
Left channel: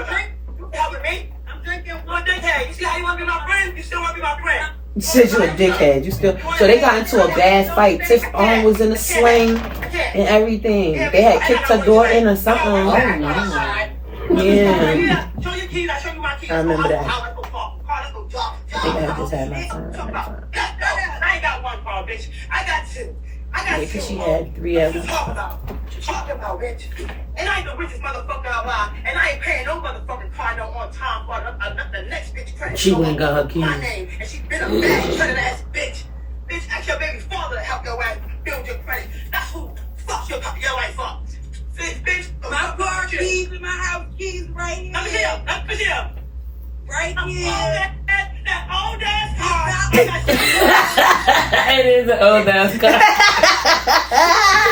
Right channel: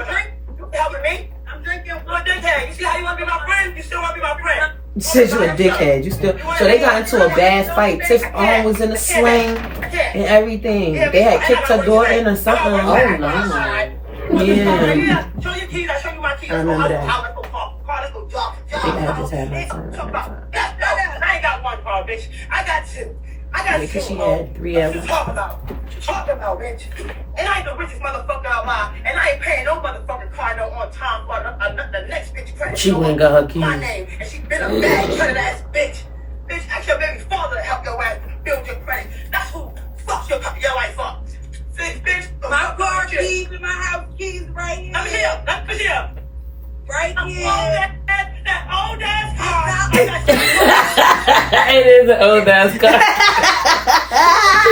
You helping me? I'm drinking one dickhead. You see how you want to be my friend? You still want to be my friend? You said you a dickhead. You still. So they got into a bad fight. Tiff arm was in a sling and everything. They had kicked her door in or something. Oh no. Yeah. Show your keys. I show you my keys. I remember that. Let's go talk. I think I just had my son right now. I ain't got one car, bitch. I got 2. I got 2. Because she had 3 of What you them. talking about? What you talking about, bitch? And I ain't the richest motherfucker alive. And I ain't paying no motherfucking car no on time for the next bitch credit. She went and got her keys. My name. And she been a bad credit ass bitch. Bitch, ask your baby father to help your ass build your credit. That's who fucks your life up. Bitch, my car keys and my house keys right here. I'm here. Let me here. Right here. That old ass car. It is an old ass car.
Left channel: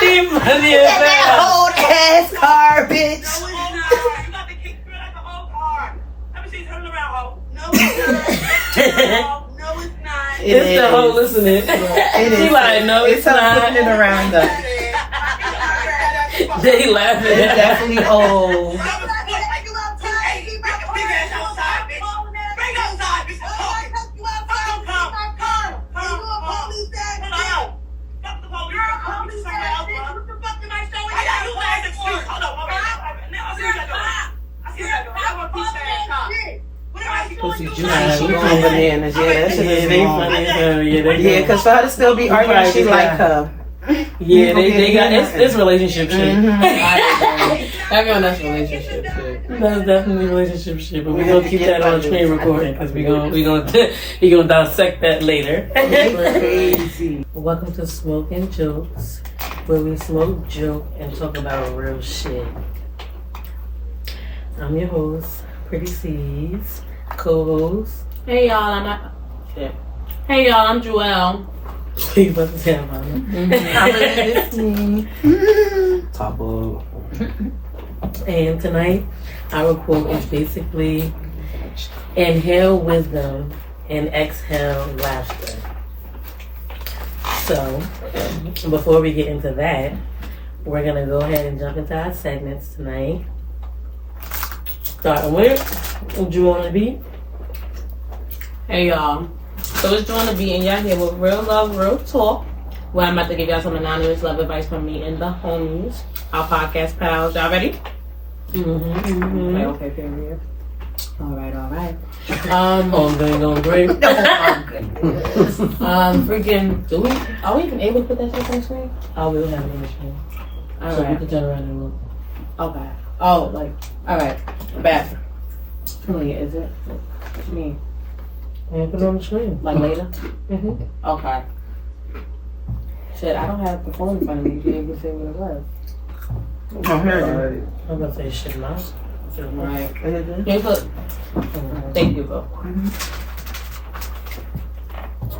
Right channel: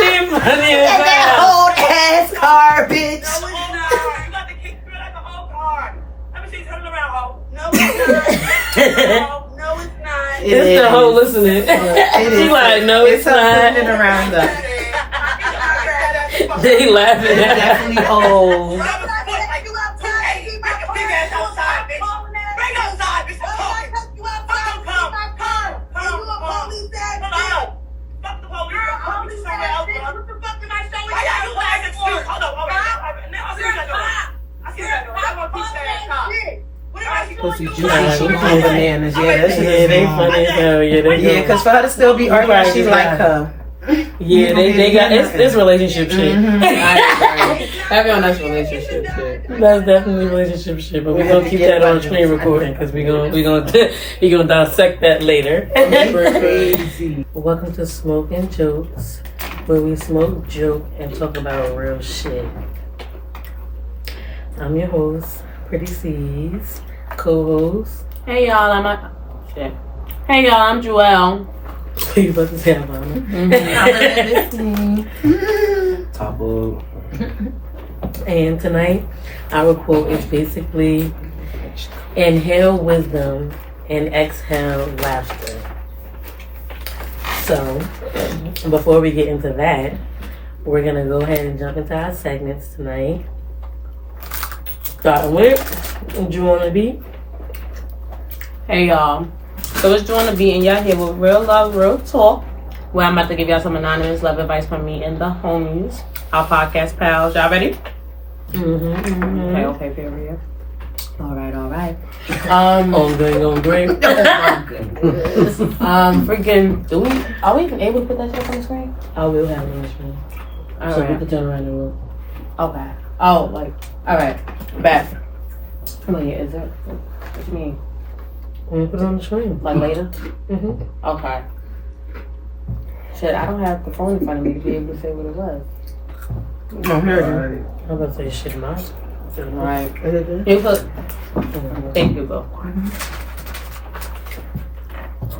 She funny as That hell. old ass car, bitch. No, it's not. You got the kick through like an old car. Let me see you turn it around, ho. No, it's not. No, it's not. It's the whole listening. She like, no, it's her not. putting it around though. They laughing. It's definitely old. Bring outside, bitch. pussy juicy. Nah, She we going bananas. Yeah, that shit Yeah, is they wrong. funny as hell. Yeah, they Yeah, because for her to still be arguing, probably she just like got- her. Yeah, they got it's relationship shit. Everyone that's relationship shit. That's definitely relationship shit, but we're gonna keep that on screen recording because we gonna dissect that later. Crazy. Welcome to Smoking Jokes, where we smoke, joke, and talk about real shit. I'm your host, Pretty C's, co-host. Hey y'all, Hey y'all, I'm Joelle. You about to say Havana. Taco. And tonight, our quote is basically, inhale wisdom and exhale laughter. So, before we get into that, we're going to go ahead and jump into our segments tonight. Starting with, what do you want to be? Hey y'all. So it's doing the beat and y'all here with Real Love, Real Talk, where I'm about to give y'all some anonymous love advice from me and the homies, our podcast pals. Y'all ready? Mm-hmm. Okay, period. All right. On green. Freaking, are we even able to put that shit on the screen? I will have an screen. So we can turn around and look. Okay. Oh, like, all right. Back. How many is it? What you mean? And put it on the screen. Like later? Mm-hmm. Okay. Shit, I don't have the phone in front of me to be able to say what it was. I'm going to say shit, man. Right. You put. Thank you, bro.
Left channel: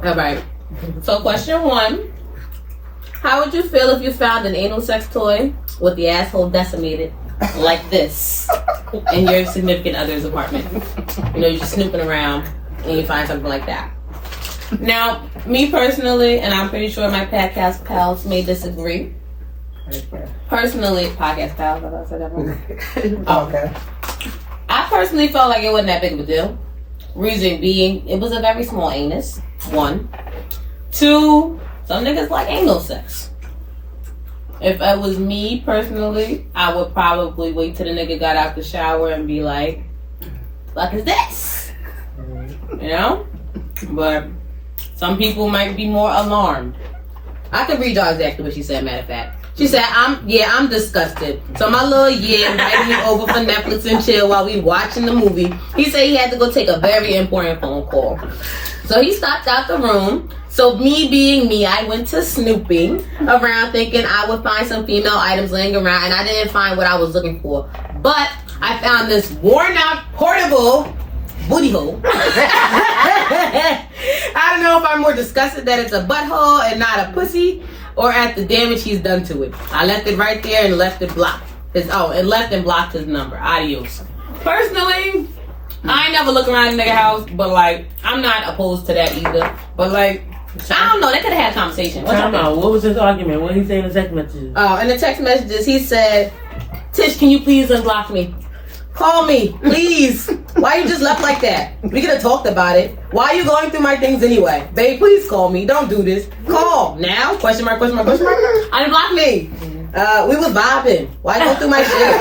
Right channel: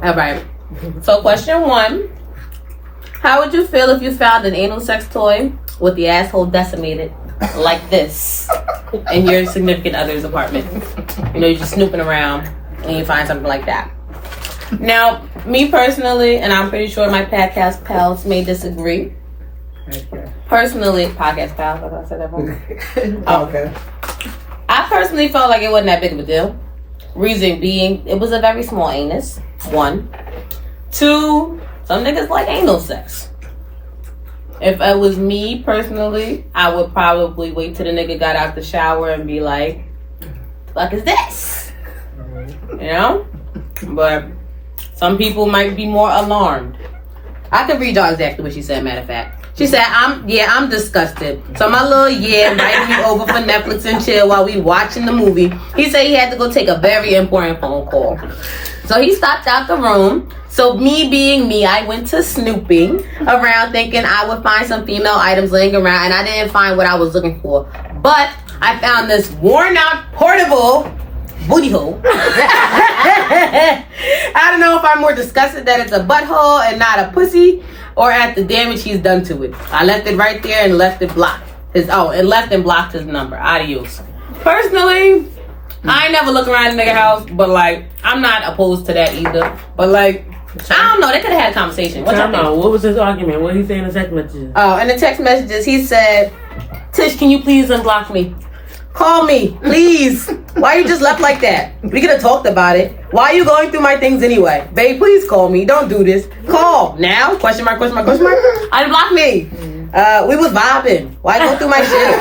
All right. So, question 1. How would you feel if you found an anal sex toy with the asshole decimated like this in your significant other's apartment? You know, you're just snooping around and you find something like that. Now, me personally, and I'm pretty sure my podcast pals may disagree. Personally, podcast pals, I thought I said that wrong. Okay. I personally felt like it wasn't that big of a deal. Reason being, it was a very small anus. 1. 2, some niggas like anal sex. If it was me personally, I would probably wait till the nigga got out the shower and be like, "The fuck is this?" You know? But some people might be more alarmed. I can read y'all exactly what she said, matter of fact. She said, I'm disgusted. So my little invited me over for Netflix and chill while we watching the movie. He said he had to go take a very important phone call. So he stopped out the room. So me being me, I went to snooping around thinking I would find some female items laying around, and I didn't find what I was looking for. But I found this worn out portable booty hole. I don't know if I'm more disgusted that it's a butthole and not a pussy, or at the damage he's done to it. I left it right there and left it blocked. Left and blocked his number. Adios. Personally, I ain't never look around the nigga house, but like, I'm not opposed to that either. But like, I don't know, they could have had a conversation. What was his argument? What did he say in the text messages? Oh, in the text messages, he said, "Tish, can you please unblock me? Call me, please. Why you just left like that? We could have talked about it. Why are you going through my things anyway? Babe, please call me. Don't do this. Call now? Question mark, question mark, question mark. Unblock me. We was vibing. Why go through my shit?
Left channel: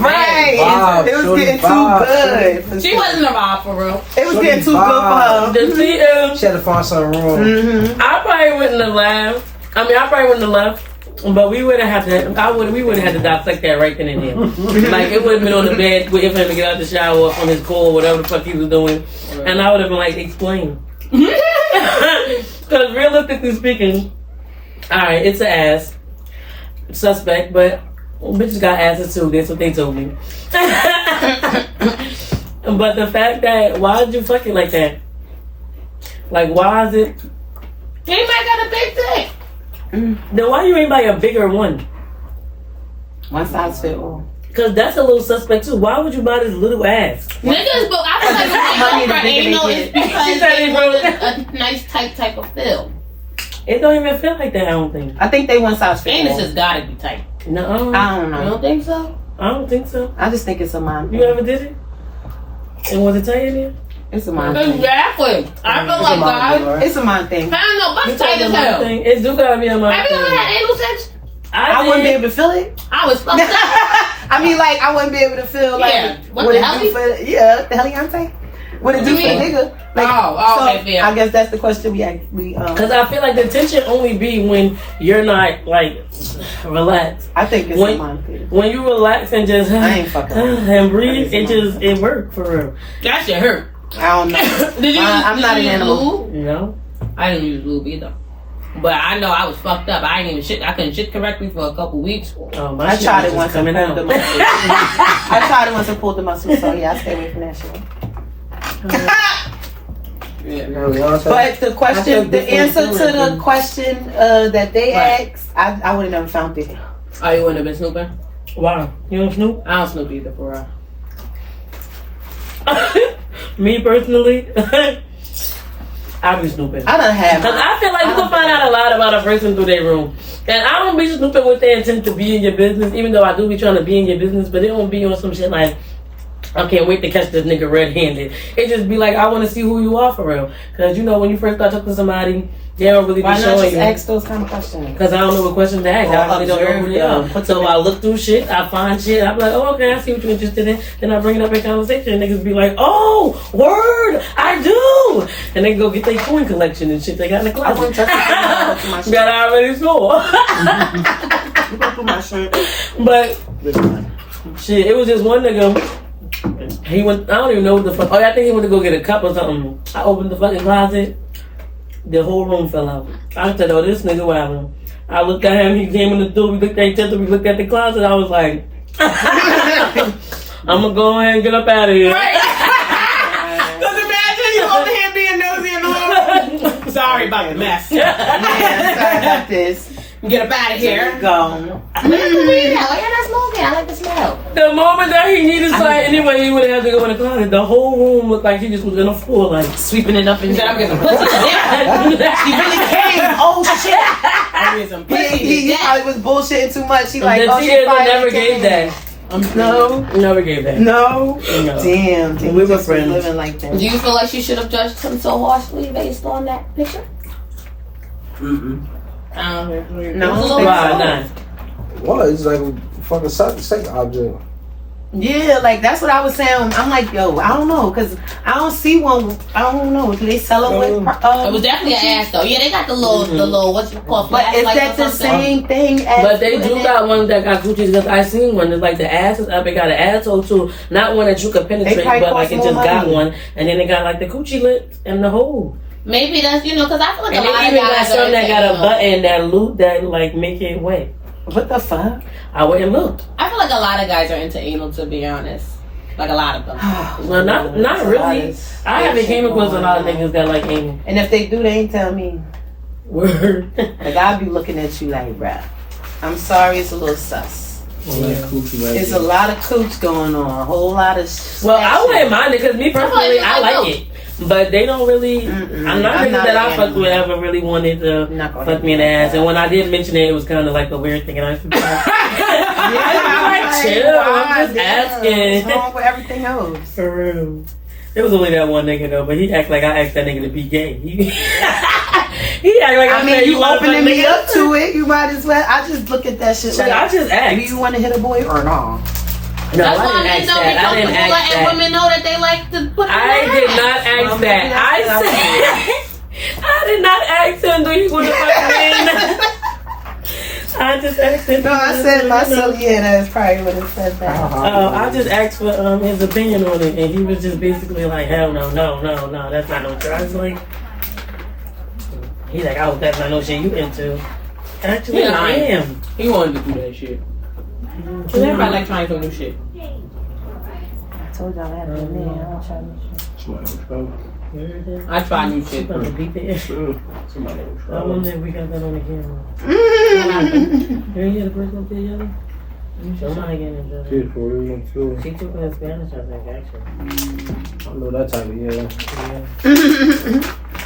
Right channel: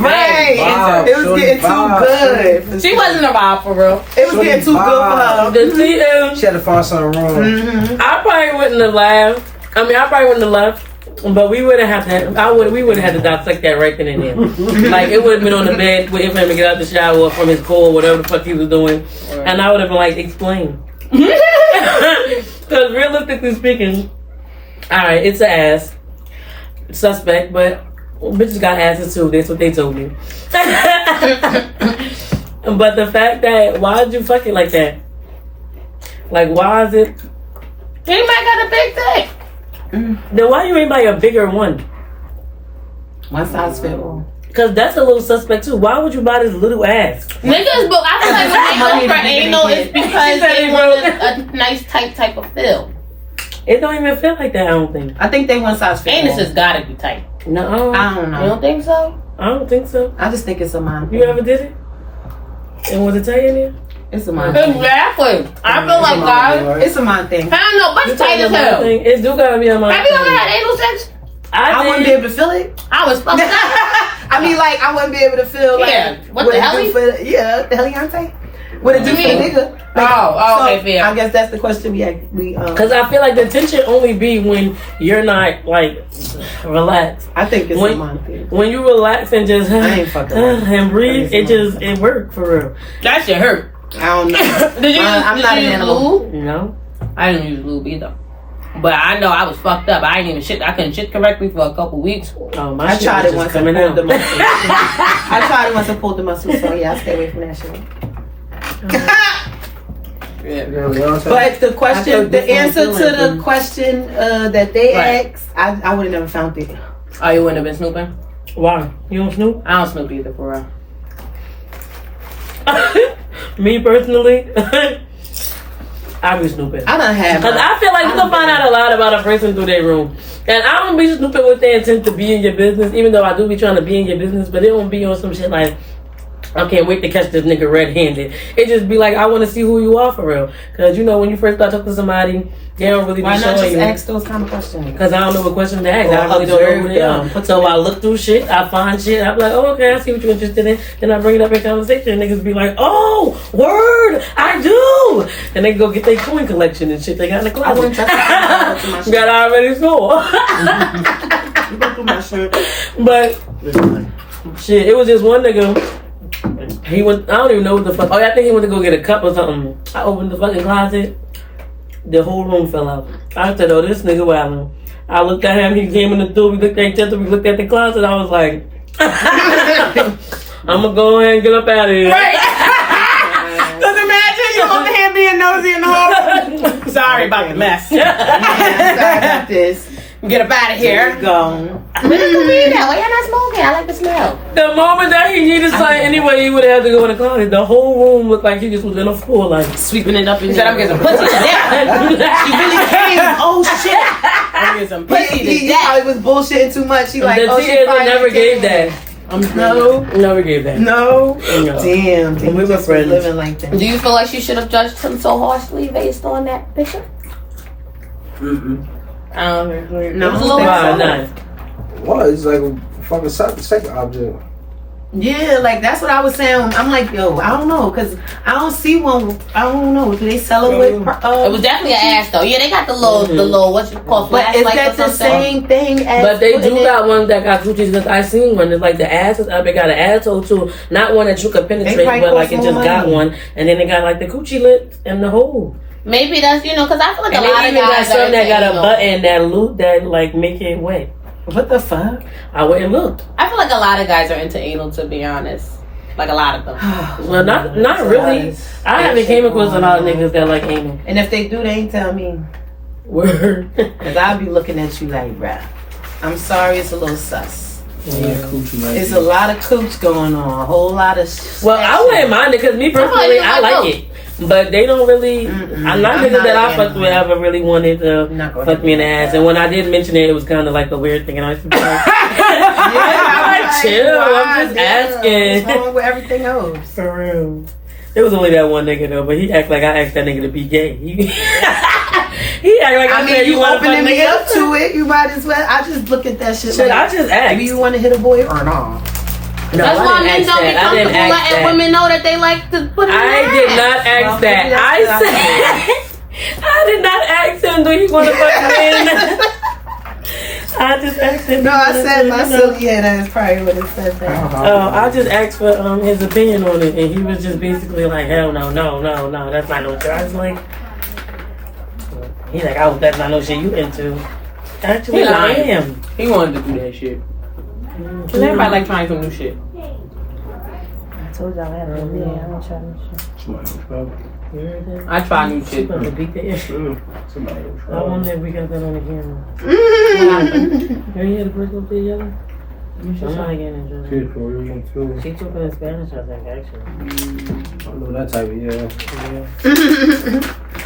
Right. Wow, It was shorty getting too vibe. good. She wasn't a vibe for real. It was getting too good for her. The see, She had to find something wrong. Mm-hmm. I probably wouldn't have laughed. I probably wouldn't have left. But we would have had to. We would have had to dissect that right then and there. Like it would have been on the bed waiting for him to get out the shower or from his call, whatever the fuck he was doing, and I would have been like, "Explain." Because realistically speaking, all right, it's an ass suspect, but bitches got asses too. That's what they told me. But the fact that why did you fuck it like that? Like why is it? He might got a big dick. Then why you ain't buy a bigger one? One size fit all. Because that's a little suspect too. Why would you buy this little ass? Niggas, but I feel like when they go for anal, it's because they want a nice tight type of feel. It don't even feel like that, I don't think. I think they one size fit Anus all. has gotta be tight. No, I don't You know. don't think so? I don't think so. I just think it's a mind You thing. ever did it? And was it tight in there? It's a mind thing. Exactly. I feel like guys. It's a mind thing. I don't know, but tight as hell. Thing. It do gotta be on my Have you ever had anal sex? I wouldn't be able to feel it. I was fucked up. I mean, like, I wouldn't be able to feel like Yeah. What what the it hell do he- for, yeah, the heliante. What it do for the nigga? Like, Oh, okay, fair. I guess that's the question we Because I feel like the tension only be when you're not like relaxed. I think it's When- mine too. When you relax and just I ain't fucking with and breathe, it work for real. That shit hurt. I don't know. Did you? I'm not an use animal. lube? You know? I didn't use lube either. But I know I was fucked up. I didn't even shit. I couldn't shit correctly for a couple weeks. Oh, my I shit tried was it just once and coming pulled out. the muscle. I tried it once and pulled the muscle, so yeah, I stay away from that shit. But the question, the answer to the question that they asked, I would have never found it. Oh, you wouldn't have been snooping? Why? You don't snoop? I don't snoop either, for real. Me personally, I be snooping. I done had Because I feel like you can find out a lot about a person through their room. And I don't be snooping with the intent to be in your business, even though I do be trying to be in your business, but it don't be on some shit like, I can't wait to catch this nigga red-handed. It just be like, I want to see who you are for real. Because, you know, when you first start talking to somebody, they don't really Why be not showing just you. ask those kind of questions? Because I don't know what questions to ask. Or I really don't know who they are. observe them. So I look through shit, I find shit, I be like, oh, okay, I see what you're interested in. Then I bring it up in conversation, and niggas be like, oh, word, I do. And they go get their coin collection and shit they got in the closet. I wouldn't trust You got already score. You go through my shirt. But shit, it was just one nigga. He went. I don't even know what the fuck. Oh, yeah, I think he went to go get a cup or something. I opened the fucking closet. The whole room fell out. I said, "Oh, this nigga wildin'." I looked at him. He came in the door. We looked at each other. We looked at the closet. I was like, "I'm gonna go ahead and get up out of here." Cause imagine you over here being nosy in the whole. Sorry about the mess. Sorry about this. Get up out of here. Go. Why you're not smoking? I like the smell. The moment that he needed something anyway, he would have to go in the closet. The whole room looked like he just was in a floor, like Sweeping it up in He said, there. I'm getting some pussy today. He really came. Oh shit. I'm getting some pussy He today. probably was bullshitting too much. He like, the oh shit. tears fine, never it gave came. that. No. Never gave that. No. No. Damn. We were just was friends. living like that. Do you feel like she should have judged him so harshly based on that picture? I don't agree. No. It was a little Wow, bit- nice. What? It's like a fucking sex object. Yeah, like that's what I was saying. I'm like, yo, I don't know, cause I don't see one. I don't know. Do they sell it with? It was definitely an ass though. Yeah, they got the little what you call But is flashlight that or the something. same thing as? But they putting do it- got ones that got coochies because I seen one. It's like the ass is up. It got an asshole too. Not one that you could penetrate, probably but like cost it more just got money. one. And then they got like the coochie lips and the hole. Maybe that's because I feel like And a lot they of even got guys some that got a anal. button that loop that like make it wet. What the fuck? I went and looked. I feel like a lot of guys are into anal, to be honest. Like a lot of them. Well, not really. I haven't came across a lot of niggas that like anal. And if they do, they ain't tell me. Word. Cause I'll be looking at you like, bruh. I'm sorry, it's a little sus. It's a lot of cooch going on. A whole lot of. Well, I wouldn't mind it because me personally, I like it. But they don't really. I'm not niggas that I fucked with ever really wanted to fuck me in the ass. And when I did mention it, it was kind of like a weird thing. And I was just like, I'm like, chill. I'm just asking. What's wrong with everything else? For real. There was only that one nigga though, but he act like I asked that nigga to be gay. He act like I I mean, said, you wanna opening fuck me niggas? up to it. You might as well. I just look at that shit. Shit, Like, I just asked. do you want to hit a boy or not? No, That's I why didn't men ask don't be that. I didn't comfortable ask letting that. women know that they like to put it in I their did ass. not ask Well, that. maybe I that's what said I did not ask him. Do you want to fuck me in? I just asked him. No, I said myself. Yeah, that's probably what it said. That. I just asked for his opinion on it, and he was just basically like, "Hell no, that's not no shit." I was like, he's like, "Oh, that's not no shit you into." Actually, Yeah, I right. am. He wanted to do that shit. Cause everybody like trying some new shit. I told y'all I had to admit, I don't try no shit. You heard that? I try new She shit. about to beat the ass. I wonder if we got that on the camera. Mm. You hear the person up there yelling? Somebody getting in trouble. She took it in Spanish, I think, actually. I know that type of Yeah.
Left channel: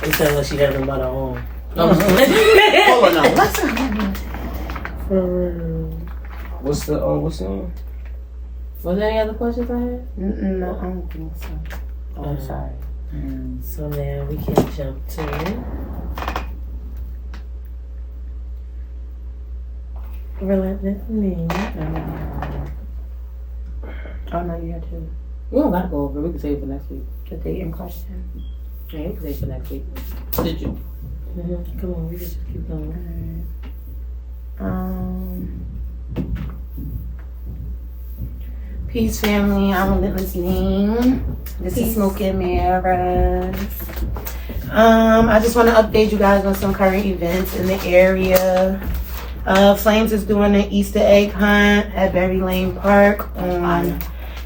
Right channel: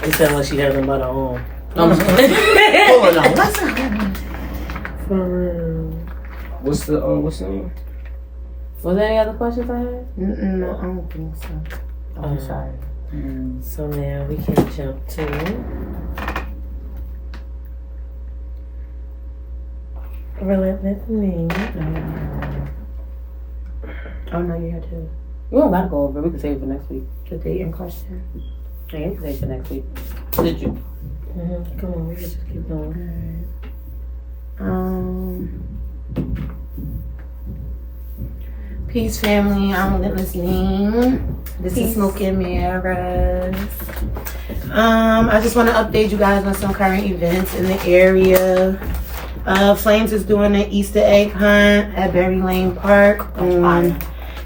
They said when she had them by the arm. Hold on, what's up? For real. What's the name? Was there any other questions I had? No, I don't think so. Oh, I'm sorry. So now we can jump to Relentless Me. Oh no, you had to. We don't gotta go over it. We can save it for next week. The date in question. Yeah, we can save it for next week. Did you? Come on, we can just keep going. Peace, family. I'm listening. This is Smoke and Mirrors. I just want to update you guys on some current events in the area. Flames is doing an Easter egg hunt at Berry Lane Park on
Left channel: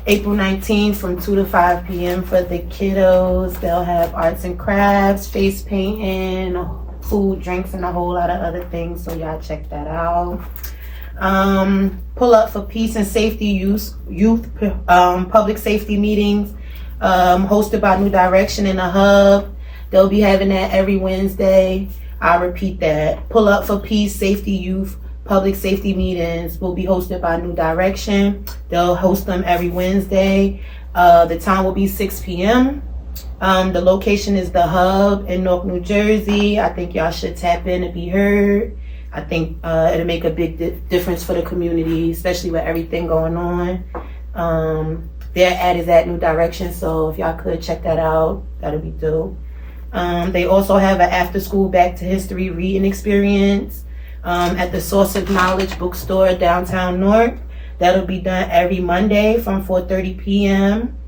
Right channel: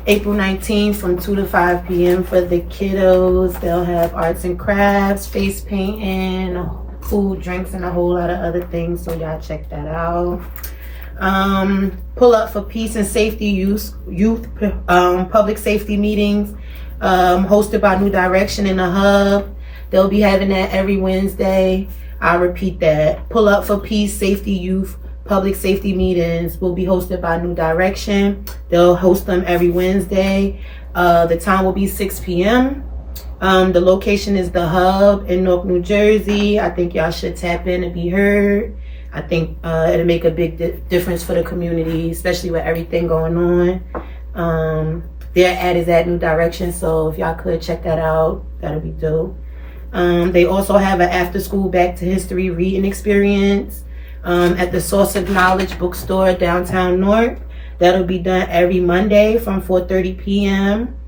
April 19th from 2 to 5 p.m. for the kiddos. They'll have arts and crafts, face painting, food, drinks, and a whole lot of other things. So y'all check that out. Pull up for peace and safety youth public safety meetings hosted by New Direction in the Hub. They'll be having that every Wednesday. I'll repeat that. Pull up for peace, safety youth public safety meetings will be hosted by New Direction. They'll host them every Wednesday. The time will be 6 p.m. The location is the Hub in Newark, New Jersey. I think y'all should tap in and be heard. I think it'll make a big difference for the community, especially with everything going on. Their ad is at New Direction, so if y'all could check that out, that'll be dope. They also have an after-school Back to History reading experience at the Source of Knowledge bookstore downtown Newark. That'll be done every Monday from 4:30 p.m.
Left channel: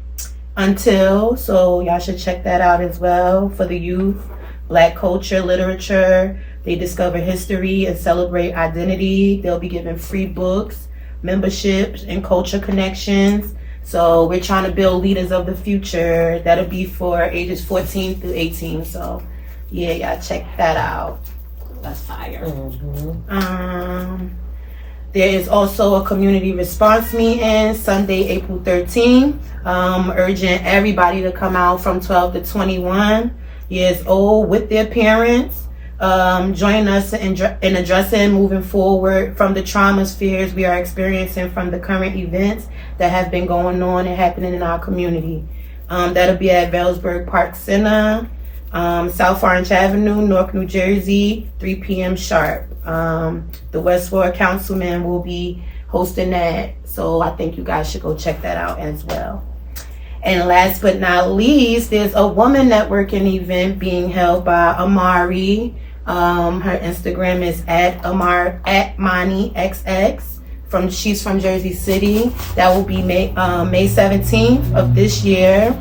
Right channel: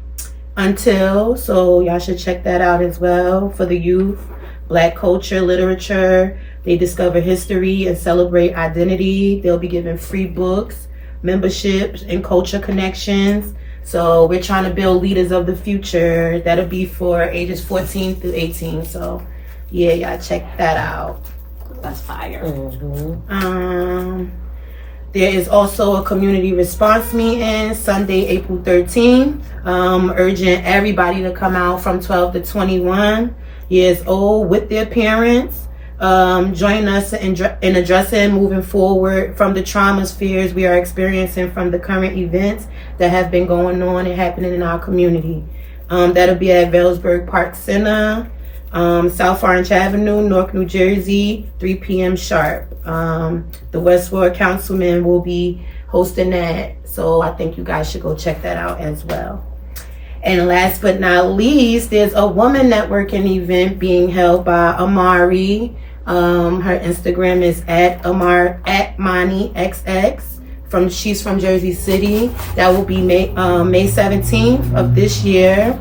until, so y'all should check that out as well. For the youth, Black culture, literature, they discover history and celebrate identity. They'll be giving free books, memberships, and culture connections. So we're trying to build leaders of the future. That'll be for ages 14 through 18. So yeah, y'all check that out. That's fire. There is also a community response meeting Sunday, April 13th. Urging everybody to come out from 12 to 21 years old with their parents. Join us in addressing moving forward from the traumas, fears we are experiencing from the current events that have been going on and happening in our community. That'll be at Vailsburg Park Center, South Orange Avenue, Newark, New Jersey, 3 p.m. sharp. The West Ward Councilman will be hosting that, so I think you guys should go check that out as well. And last but not least, there's a woman networking event being held by Amari. Her Instagram is at ManiXX. She's from Jersey City. That will be May 17th of this year.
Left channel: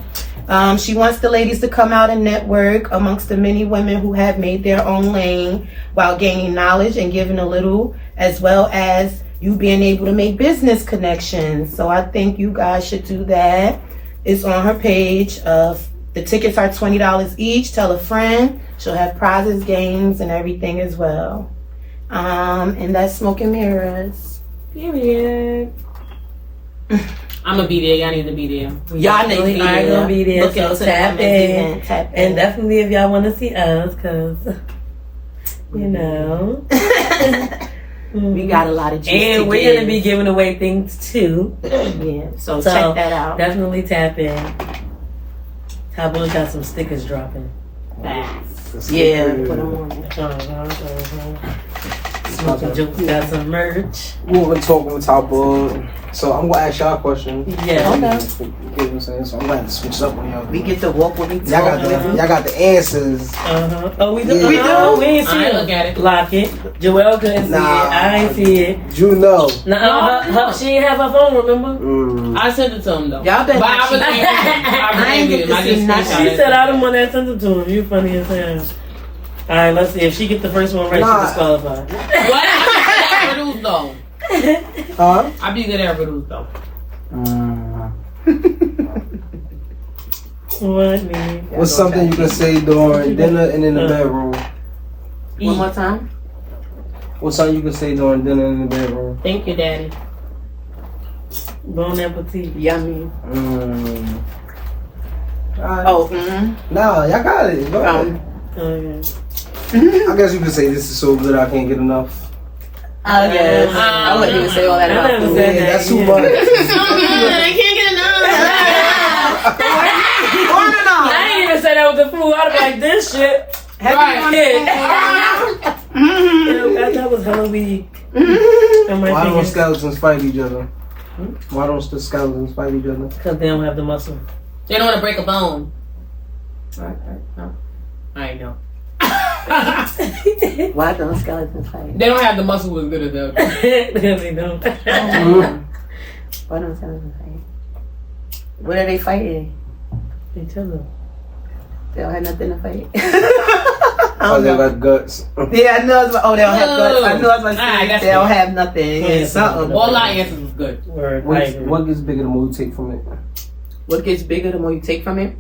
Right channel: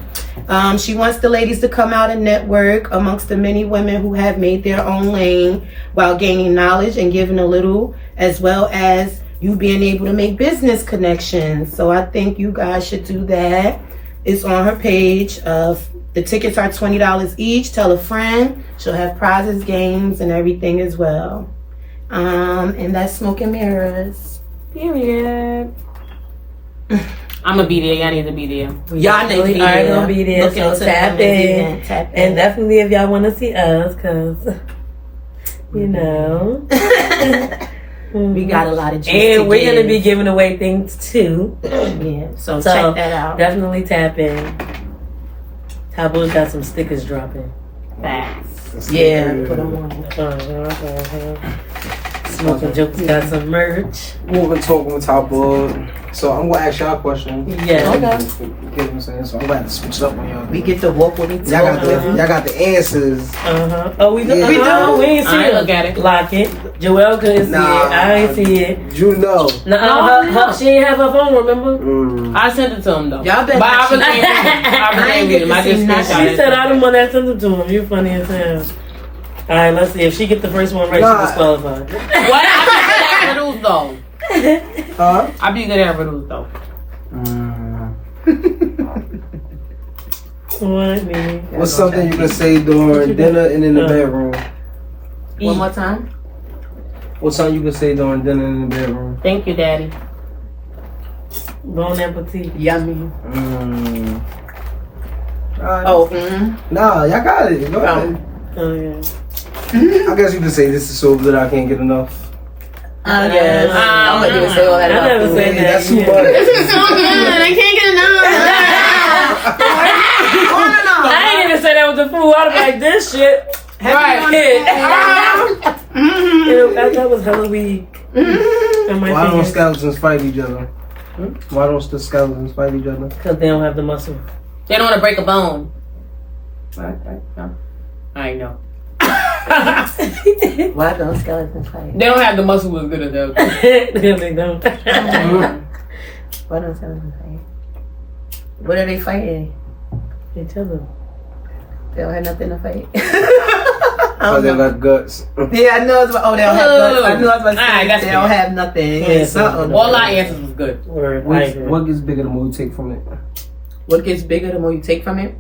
She wants the ladies to come out and network amongst the many women who have made their own lane while gaining knowledge and giving a little, as well as you being able to make business connections. So I think you guys should do that. It's on her page. The tickets are $20 each. Tell a friend. She'll have prizes, games, and everything as well. And that's Smoke and Mirrors. Period. I'm gonna be there. Y'all need to be there. Y'all need to be there. Gonna be there. So tap in. And definitely if y'all want to see us, cause you know. We got a lot of juice and we're gonna be giving away things too. Yeah, so check that out. Definitely tap in. Taboo's got some stickers dropping. Facts. Yeah, put them on. Smoking Jokes got some merch. Moving talking with Taboo. So I'm gonna ask y'all a question. Yeah. You get what I'm saying? So I'm gonna have to switch it up on y'all. We get to walk with each other. Y'all got the answers. Oh, we do. Yeah. We do. We ain't see I it. look at it. Lock it. Joelle couldn't see it. I ain't see it. You know. She ain't have her phone. Remember? I sent it to him though. Y'all better. But I ain't get to see nothing. She said I didn't want to send it to him. You funny as hell. All right, let's see. If she get the first one right, she disqualified. What? I be good at riddles though. Huh? I be good at riddles though. What, man? What's something you can say during dinner and in the bedroom? One more time. What's something you can say during dinner and in the bedroom? Thank you, Daddy. Bon appetit. Yummy. Nah, y'all got it. Go ahead. Okay. I guess you can say this is so good I can't get enough. Yes. I'm gonna even say all that. I never said that. That's too much. I can't get enough. I ain't even say that with the food. I'd be like, this shit. Right. That was hella weak. Why don't skeletons fight each other? Why don't the skeletons fight each other? Because they don't have the muscle. They don't want to break a bone. I know. Why don't skeletons fight? They don't have the muscle as good as them. Because they don't. Why don't skeletons fight? What are they fighting? Each other. They don't have nothing to fight. Oh, they got guts. Yeah, I know. They don't have guts. I know. I was about to say Alright, that's they don't good. have nothing. Yeah, Something. All our answers was good. Word. I agree. What gets bigger the more you take from it? What gets bigger the more you take from it?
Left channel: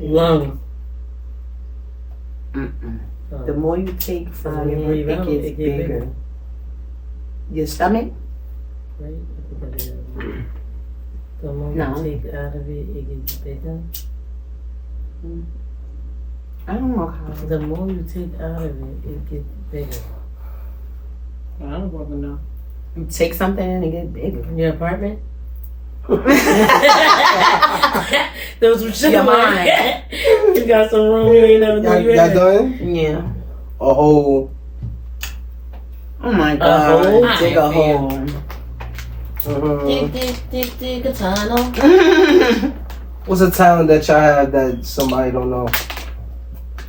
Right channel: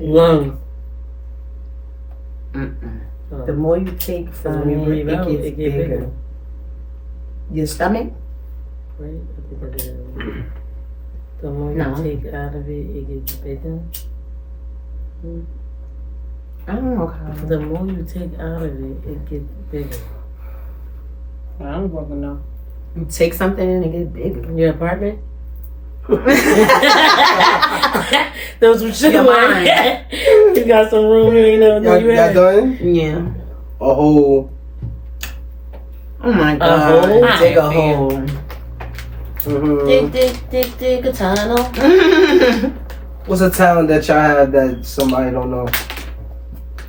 Lungs. The more you take When from you it, breathe it out, gets it gets bigger. Your stomach? Right? I think that is. The more No. you take out of it, it gets bigger. I don't know how. The more you take out of it gets bigger. I don't fucking know. You take something and it gets bigger. Your apartment? Those were shit. Your mind. You got some room you ain't never know you Y'all had. done? Yeah. A whole. Oh my A god. hole? Dig a hole. Dig a tunnel. What's a talent that y'all have that somebody don't know?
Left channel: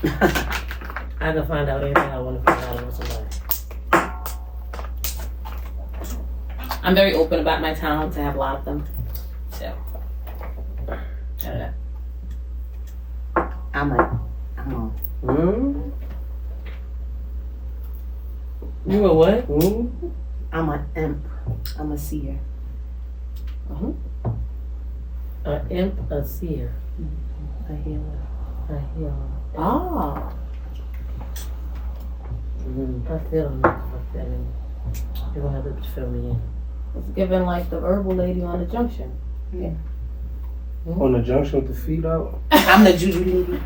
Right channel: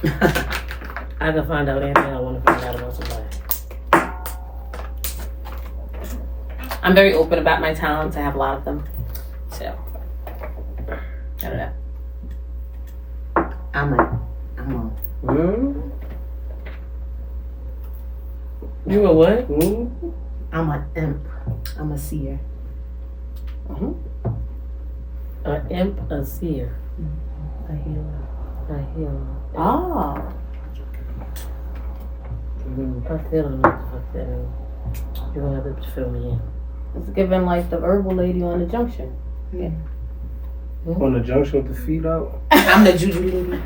I can find out anything I want to find out about somebody. I'm very open about my talents. I have a lot of them. So, I don't know. I'm a You a what? I'm an imp. I'm a seer. A imp, a seer, A healer. a healer. Oh. I still don't know what the fuck that means. You're gonna have to fill me in. It's giving like the herbal lady on the junction. On the junction with the feet out? I'm the juju lady.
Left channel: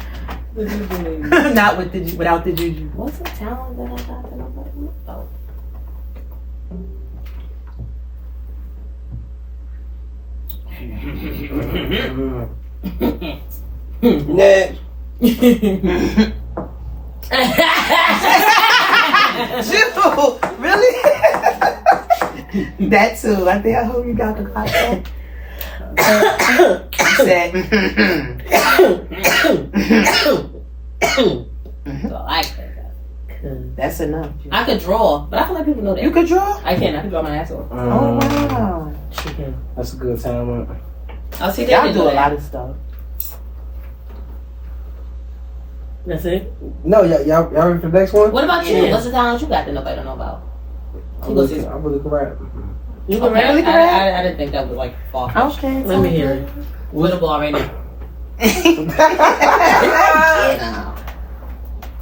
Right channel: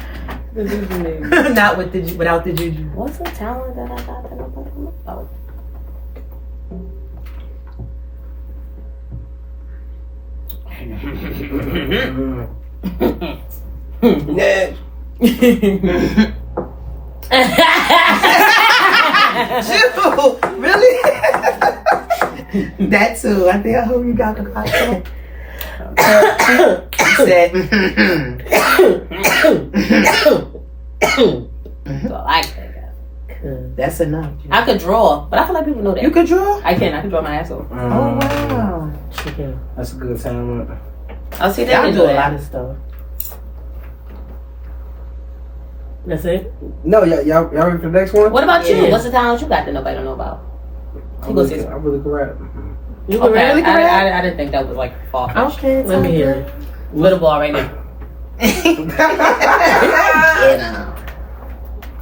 The juju lady. Not with the without the juju. What's a talent that I got that nobody knows? Oh. Next. Juju, really? That too. I think I hope you got the podcast. Said. So I like that. That's enough. I could draw, but I feel like people know that. You could draw? I can. I can draw my ass off. Oh wow. Chicken. That's a good talent. I'll see that. Y'all do a lot of stuff. That's it? No, y'all ready for the next one? What about you? Yeah. What's the talent you got that nobody don't know about? I really can rap. You can Okay, rap? I didn't think that was like far fetched. Okay. Let me hear it. With a ball right now.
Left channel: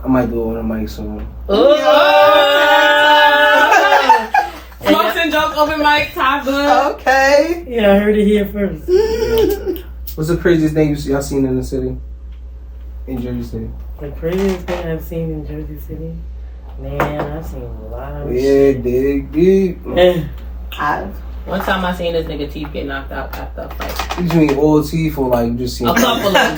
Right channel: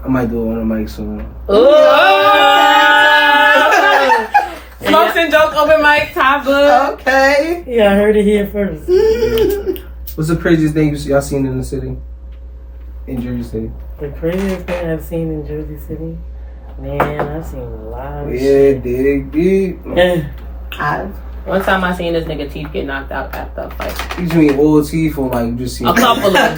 I might do it on the mic soon. Oh! Smokes and jokes, open mic, top good. Okay. Yeah, I heard it here first. What's the craziest thing y'all seen in the city? In Jersey City? The craziest thing I've seen in Jersey City? Man, I've seen a lot of Yeah, shit. dig deep. One time I seen this nigga teeth get knocked out after a fight. You mean all teeth or like just seen A couple of them.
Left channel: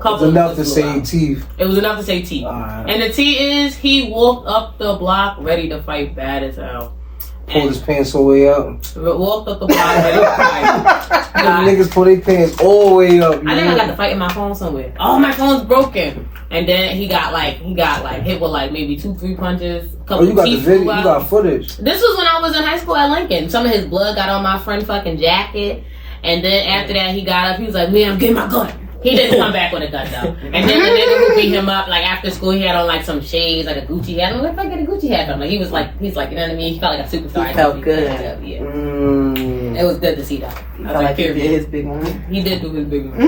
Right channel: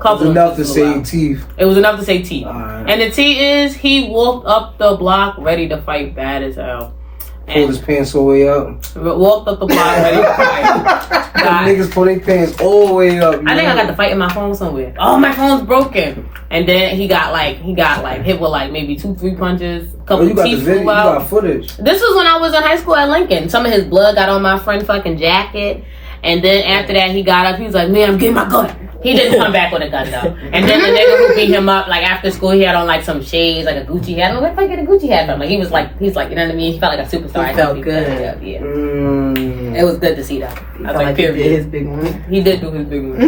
Couple enough of to them. say teeth? It was enough to say teeth. Alright. And the T is he walked up the block ready to fight bad as hell. Pulled his pants all the way up. Walked up the block ready to fight. God. Niggas pull their pants all the way up. I think I got the fight in my phone somewhere. Oh, my phone's broken. And then he got hit with like maybe 2-3 punches. Couple you got the teeth video, you flew out. got footage. This was when I was in high school at Lincoln. Some of his blood got on my friend fucking jacket. And then after that, he got up. He was like, "Man, I'm getting my gun." He didn't come back with a gun though. And then the nigga who beat him up, like after school, he had on like some shades, like a Gucci hat. I don't know if I get a Gucci hat from. Like he's like, you know what I mean? He felt like a superstar. He felt good. Yeah. Mm. It was good to see that. I was like, he did period. his big one. He did do his big one.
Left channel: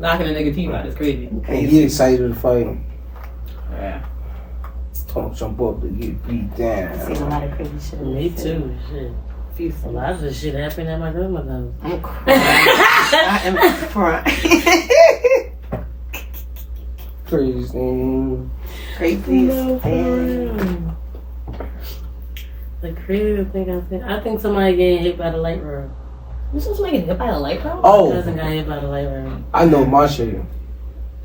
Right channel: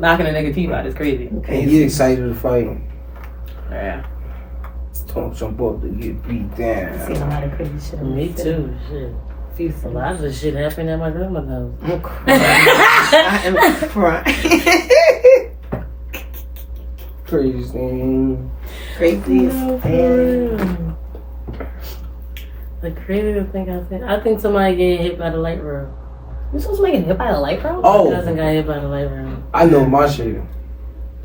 Knocking a nigga teeth out is crazy. And he excited to fight. Yeah. Don't jump up to get beat down. I've seen a lot of crazy shit. Me too, shit. A lot of shit happened at my grandma's house. I'm crying. I am crying. Crazy thing. Crazy. The craziest thing I think somebody getting hit by the light rail. You supposed to get hit by a light bulb? My Oh, cousin got hit by the light rail. I know my shit.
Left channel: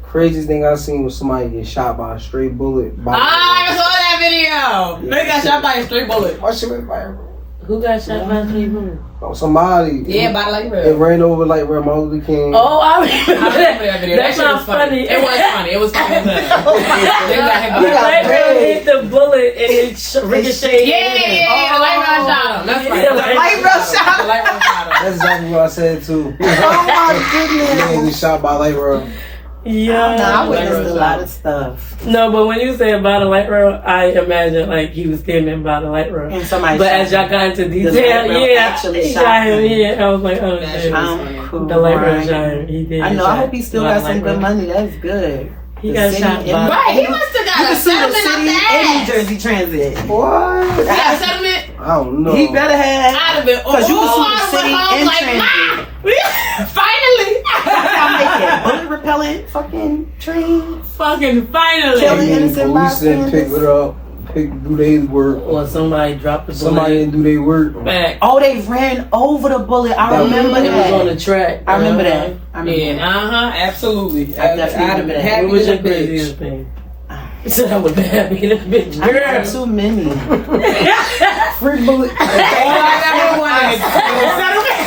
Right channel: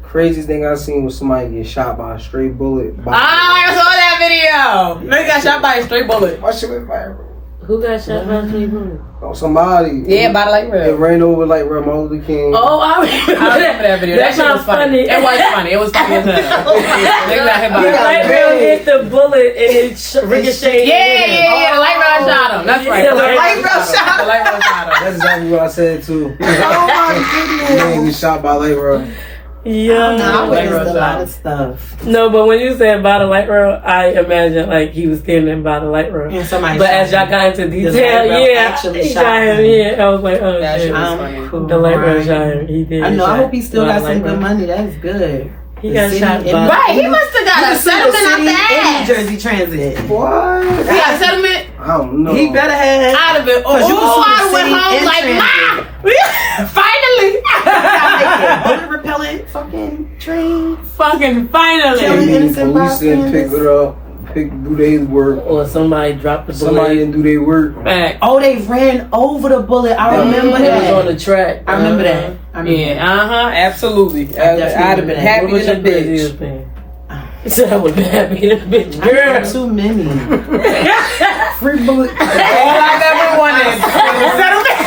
Craziest thing I seen was somebody get shot by a stray bullet. I saw Damn! Nigga got shot by a straight bullet. My shit went fire. Who got shot by a street bullet? Oh, somebody. Yeah, by the light It rail. ran over like Martin Luther King. Oh, I remember that video. That's That shit not was funny. It was funny. It was funny as hell. They got hit by The a light rail hit the bullet and it ricocheted. Yeah. The light rail shot him. That's right. The light rail shot him. The light rail shot him. That's exactly what I said too. Oh my goodness. Man, we shot by light rail. Yeah. I Light witnessed rail a lot shot. of stuff. No, but when you said by the light rail, I imagine like he was standing by the light rail. And somebody But shot as y'all him. got into The detail, light rail yeah, actually he shot shot him. him. Yeah, I was like, oh That shit. shit was I'm funny. cool. The light rail Right. shot him. He did. I know. shot I hope he still by got the some light good rail. money. That's good. He got The shot city by. and- Right, he must have You got can a sue the settlement out city the and New ass. Jersey Transit. What? He got a settlement I don't know. He better have. out of it. Oh, Cause you can sue I the went city home and like, transit. nah. Finally. Bullet repellent fucking trains. Fucking finally. Killing innocent Police didn't pick bystanders. it up. Do their work. Or somebody dropped the bullet. Somebody didn't do their work. Back. Oh, they ran over the bullet. I remember It was on that. the track. I remember that. I remember Yeah, that. absolutely. I definitely I'd have been remember that. happy What was as your a bitch. craziest thing? He said I would be happy in a bitch. I Girl. got too many. Free bullet. All I've ever wanted was settlement.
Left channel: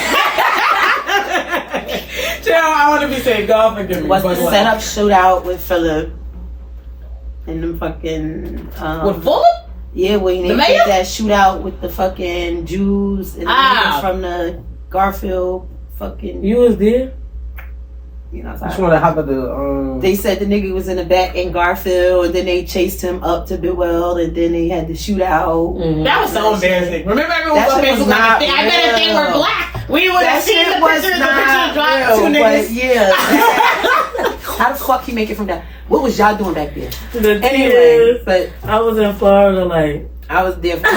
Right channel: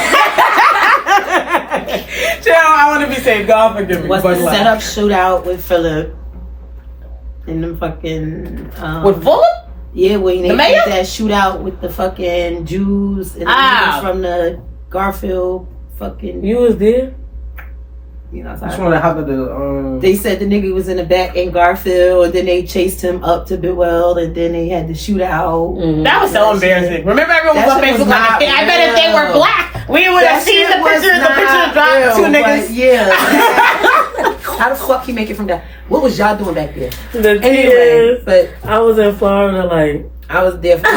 Chill, I want to be safe. God forgive me. Was the But what? setup shootout with Philip and them fucking With Fuller? yeah, when they The did mayor? that shootout with the fucking Jews and the Ah. niggas from the Garfield fucking You was there? you know. Just Sorry. want to hop at the They said the nigga was in the back in Garfield, and then they chased him up to Bidwell, and then they had the shootout. Mm-hmm. That was so embarrassing. Remember everyone was That on shit was Facebook like, not I bet if they real. were black, we would have That seen shit the was picture. The not picture dropped real, two but niggas. yeah. How the fuck he make it from that? What was y'all doing back there? The thing Anyway, is, but I was in Florida, like, I was there. I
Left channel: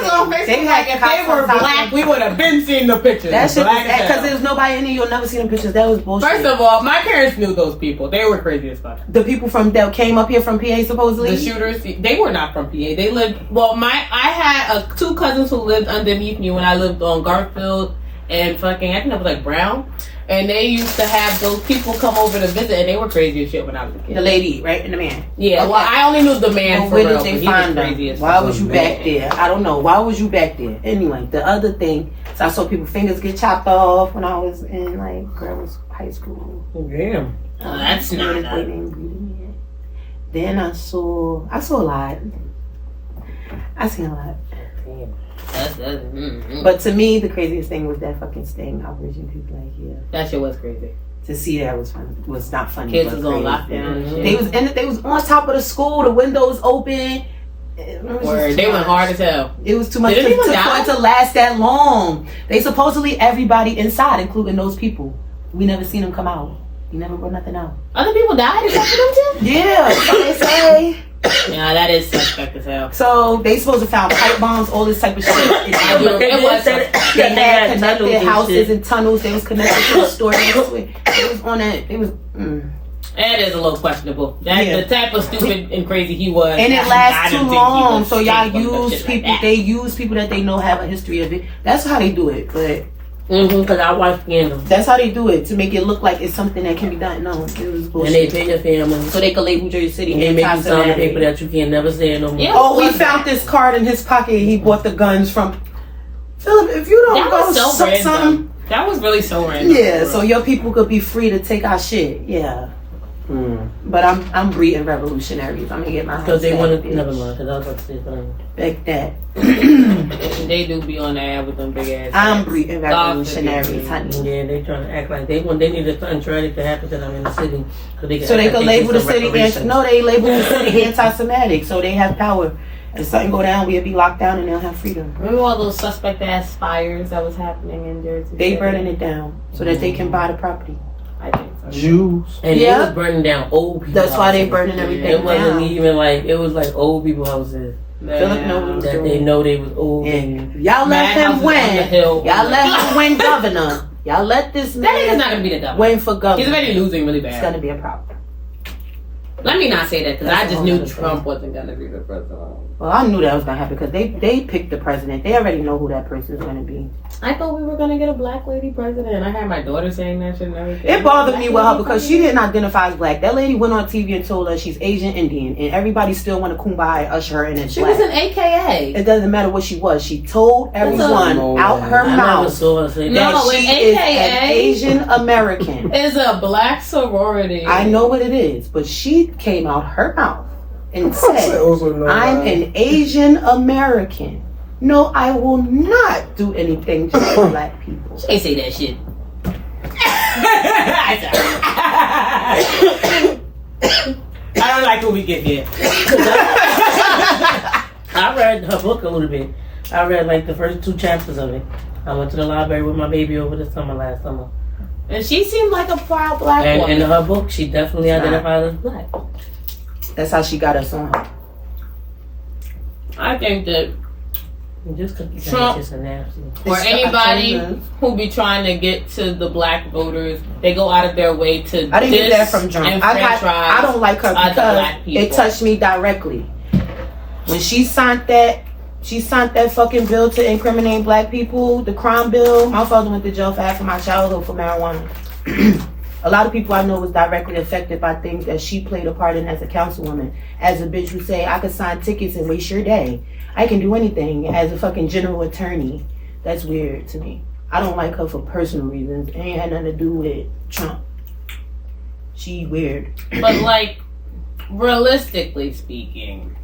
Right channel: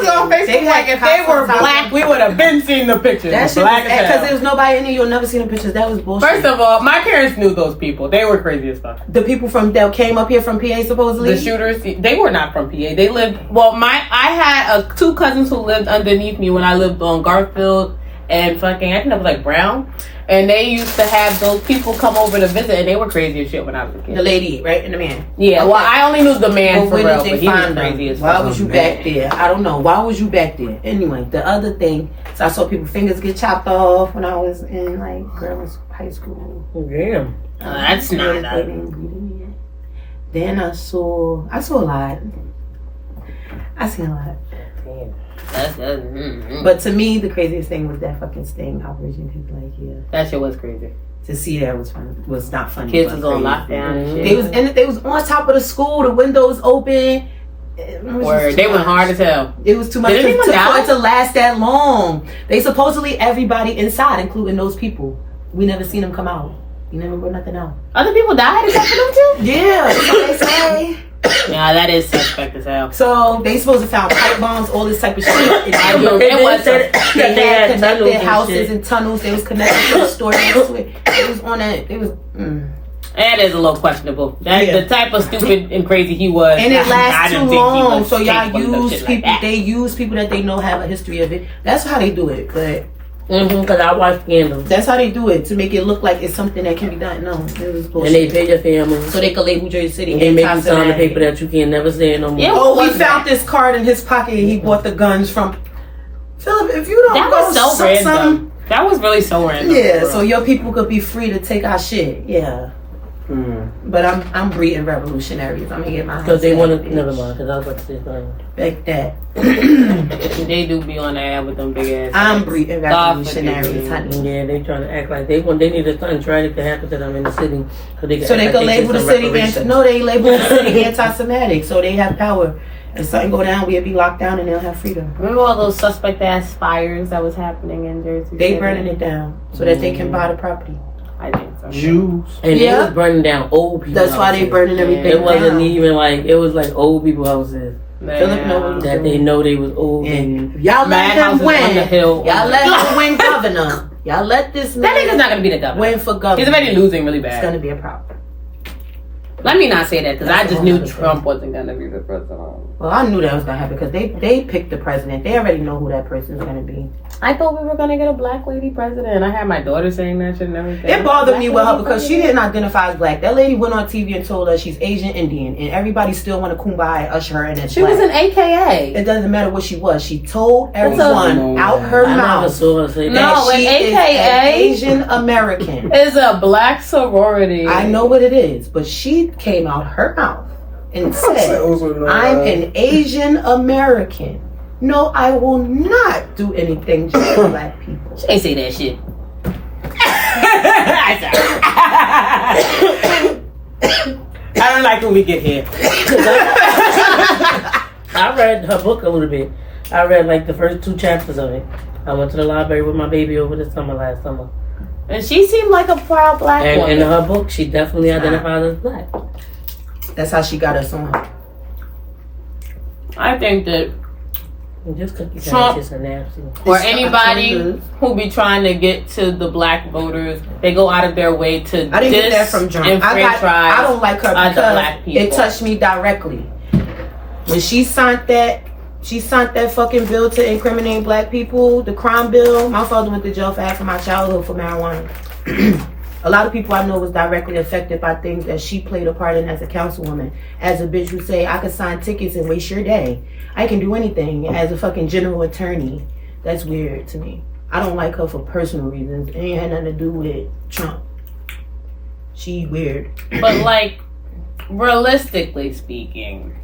was on Facebook like, if they were black, we would have been seeing the pictures. That shit Black was as hell. because there was nobody in there. You'll never see them pictures. That was bullshit. First of all, my parents knew those people. They were crazy as fuck. The people from that came up here from PA supposedly. The shooters, they were not from PA. They lived. Well, I had two cousins who lived underneath me when I lived on Garfield and fucking I think that was like Brown, and they used to have those people come over to visit, and they were crazy as shit when I was a kid. The lady, right, and the man. Yeah, well, I only knew the man But for where real, did but they he was find crazy them? as Why fuck. was you back there? I don't know. Why was you back there? Anyway, the other thing, so I saw people fingers get chopped off when I was in like high school. damn. That's not They that. didn't greet me yet. Then I saw a lot. I seen a lot. But to me, the craziest thing was that fucking sting operation. People like, yeah, That shit was crazy. to see that was fun. Was not funny. Kids but was on crazy. lockdown and shit. They was and they was on top of the school. The windows open. It was just Word. too They went much. hard as hell. It was too much Did for anyone die? it to last that long. They supposedly everybody inside, including those people. We never seen them come out. We never brought nothing out. Other people died except for them too? Yeah, that's what they say. Yeah, that is suspect as hell. So they supposed to found pipe bombs, all this type of shit. And It was they had tunnels connected and houses shit. and tunnels. They was connected to the store next to it. It was on that. It was. That is a little questionable. That Yeah. the type of stupid and crazy he was. And it I lasts didn't too think he long, was so y'all capable of use shit like people. that. They use people that they know have a history of it. That's how they do it. But Because I watched Scandal. that's how they do it to make it look like it's something that can be done. No, it was bullshit. And they pay your family. So they could label Jersey City And they make you sign a anti-Semitic. paper that you can never say it no more. Yeah. Oh, What we was found that? this card in his pocket. And he bought the guns from Philip. If you don't That go was so suck random. something, That was really so random. yeah. So your people could be free to take our shit. Yeah. But I'm breeding revolutionaries. I'm gonna get my Because they hands want back, to. bitch. Never mind. Because I was about to say something. Back that. They do be on the air with them big ass. I'm heads. breeding God forgive revolutionaries, me. honey. Yeah, they trying to act like they needed something tragic to happen to them in the city. So they So they act could like label the get some city reparations. they label the city anti-Semitic, so they have power. If something go down, we'll be locked down and they'll have freedom. Remember all those suspect ass fires that was happening in Jersey? They City? burning it down so that they can buy the property. I think so. Jews. And Yeah. they was burning down old people. That's why they houses. burning everything It wasn't down. even like it was like old people houses Philip know what he's that doing. they know they was old. And y'all let Mad him houses on the win. hill. Y'all let him win governor. Y'all let this That nigga's man not gonna be the governor. win for governor. He's already losing really It's bad. gonna be a problem. Let me not say that because I just knew Trump wasn't gonna be the president. Well, I knew that was gonna happen because they picked the president. They already know who that person is gonna be. I thought we were gonna get a black lady president. I had my daughter saying that shit and everything. It bothered me with her because she didn't identify as black. That lady went on TV and told us she's Asian Indian, and everybody still want to kumbaya usher her in as She black. was an AKA. It doesn't matter what she was. She told everyone out her I never mouth saw her say that. No, that she an is an AKA Asian American. is a black sorority. I know what it is, but she came out her mouth and said, I'm an Asian American. No, I will not do anything just for black people. She ain't say that shit. I don't like when we get here. I read her book a little bit. I read like the first 2 chapters of it. I went to the library with my baby over the summer last summer. And she seemed like a proud black And woman. in her book, she definitely identifies as black. That's how she got us on her. I think that And just cookie Trump- kiss a nasty. for anybody who be trying to get to the black voters, they go out of their way to I didn't get that from Trump. I don't like her other because black people. it touched me directly. When she signed that fucking bill to incriminate black people, the crime bill. My father went to jail for half of my childhood for marijuana. A lot of people I know was directly affected by things that she played a part in as a councilwoman. As a bitch who say, I could sign tickets and waste your day. I can do anything as a fucking general attorney. That's weird to me. I don't like her for personal reasons. It ain't had nothing to do with Trump. She weird. But like, realistically speaking,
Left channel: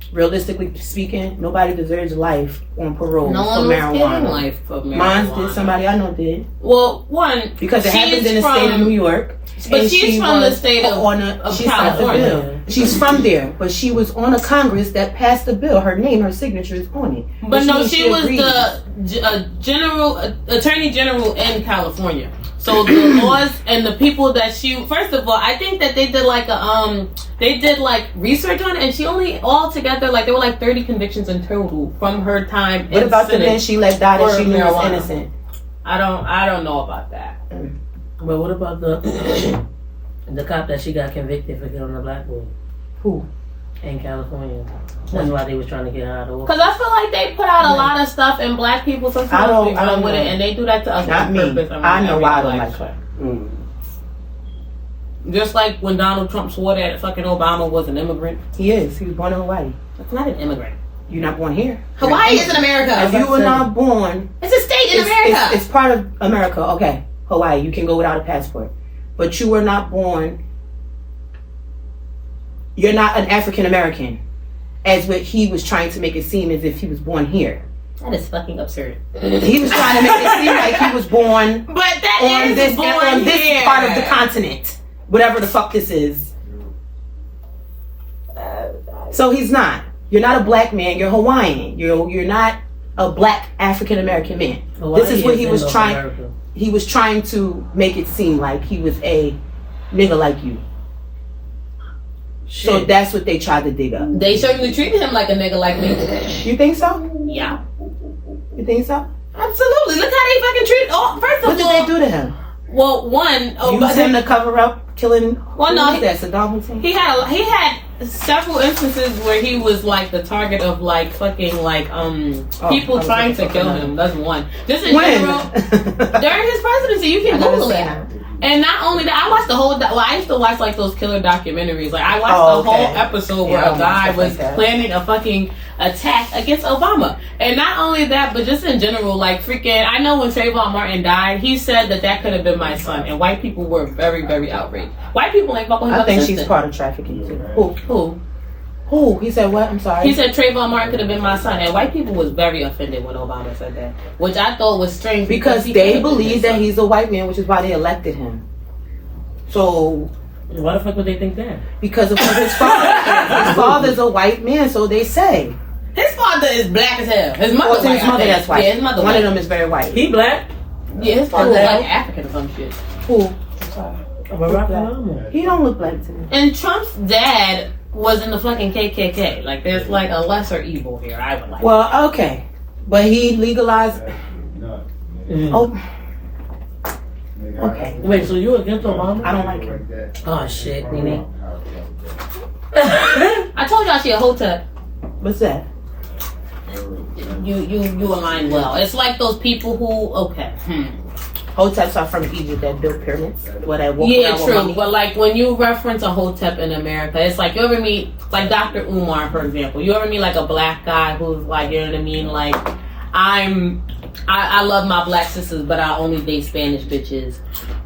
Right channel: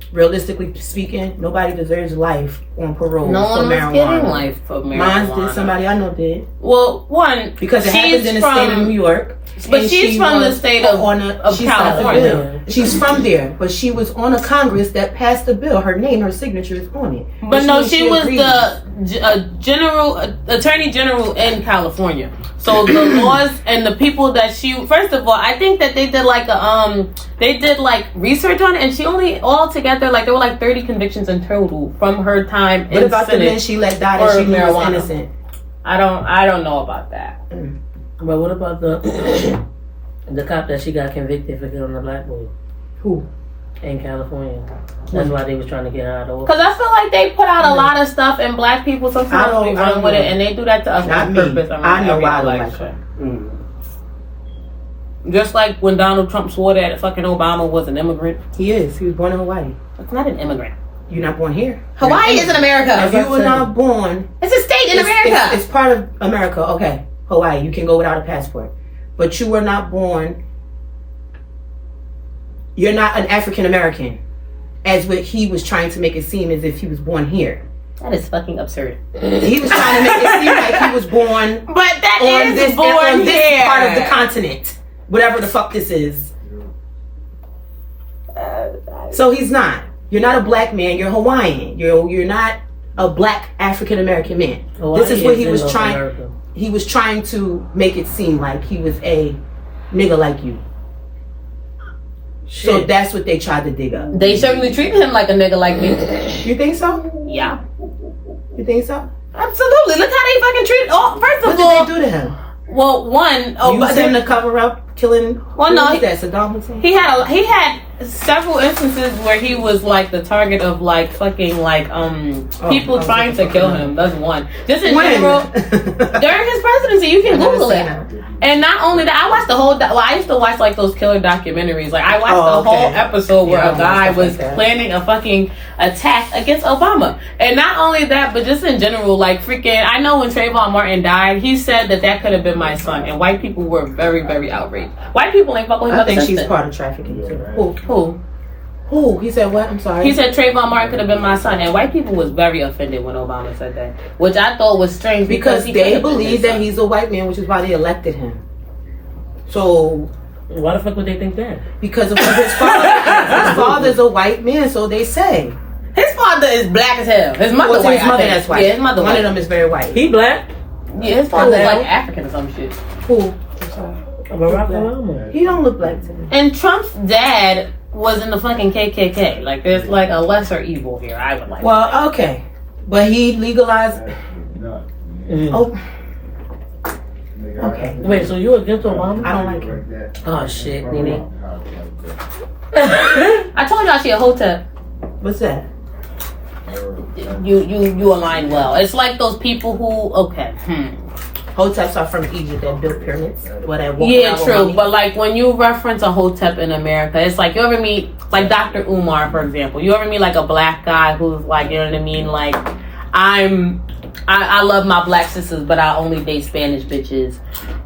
nobody deserves life on parole no for one was getting marijuana. life for marijuana. Mine did. Somebody I know did. Well, one Because it she's happens in the state of New York. But and she's she from the was state of she signed the California. bill. She's from there, but she was on a Congress that passed the bill. Her name, her signature is on it. But Which no, means she was agreed. the attorney general in California. So the laws and the people that first of all, I think that they did like research on it, and she only altogether like there were like 30 convictions in total from her time. What in about the Senate men she let die that for she knew was marijuana. innocent? I don't know about that. But what about the cop that she got convicted for killing a black boy? Who? In California. That's why they was trying to get her out of office. Because I feel like they put out a lot of stuff, and black people sometimes we run with it, and they do that to us Not on me. purpose. I know why I every don't like election. her. Just like when Donald Trump swore that fucking Obama was an immigrant. He is. He was born in Hawaii. That's not an immigrant. You're not born here. Hawaii is in America. If you were not born, It's a state in America. it's part of America. Okay, Hawaii. You can go without a passport, but you were not born. You're not an African American, as what he was trying to make it seem as if he was born here. That is fucking absurd. He was trying to make it seem like he was born But that on is this born on this here. part of the continent, whatever the fuck this is. So he's not. You're not a black man. You're Hawaiian. You're not a black African American man. Hawaii This is what he in was North trying. America. He was trying to make it seem like he was a nigga like you. So Shit. that's what they tried to dig up. They certainly treated him like a nigga like me. You think so? Yeah. You think so? Absolutely. Look how they fucking treated. Oh, first What of did all, they do to him? well, one. Oh, Use but him to cover up killing. Well, who no, was that? Saddam Hussein. he had several instances where he was like the target of like fucking like people I was trying to looking for kill that. him. That's one. Just in When? general, during his presidency, you can Google it. And not only that, I watched the whole. Well, I used to watch like those killer documentaries. Like I watched the whole episode where Yeah, I a guy watched stuff was like that. planning a fucking attack against Obama. And not only that, but just in general, like freaking. I know when Trayvon Martin died, he said that could have been my son, and white people were very, very outraged. White people ain't fucking with I think his she's sister. part of trafficking too. Who? Who? He said what? I'm sorry. He said Trayvon Martin could have been my son, and white people was very offended when Obama said that, which I thought was strange because he they could have been believe his that son. he's a white man, which is why they elected him. So Why the fuck would they think that? because of what his father, his father's a white man, so they say. His father is black as hell. His mother, Well, it's white, his mother I think. that's white. Yeah, his mother. One white. of them is very white. He black. Yeah, his father's hell? like African or some shit. Who? Barack Obama. He don't look black to me. And Trump's dad was in the fucking KKK. Like, there's like a lesser evil here. I would like. Well, okay, but he legalized. Mm. Oh, Okay. Wait, so you against Obama? I don't like him. Oh shit, Nene. I told y'all she a hotep. What's that? You align well. It's like those people who Hoteps are from Egypt that built pyramids. What I walk Yeah, around with true. money. But like when you reference a hotep in America, it's like you ever meet like Dr. Umar, for example. You ever meet like a black guy who's like, you know what I mean? Like I love my black sisters, but I only date Spanish bitches.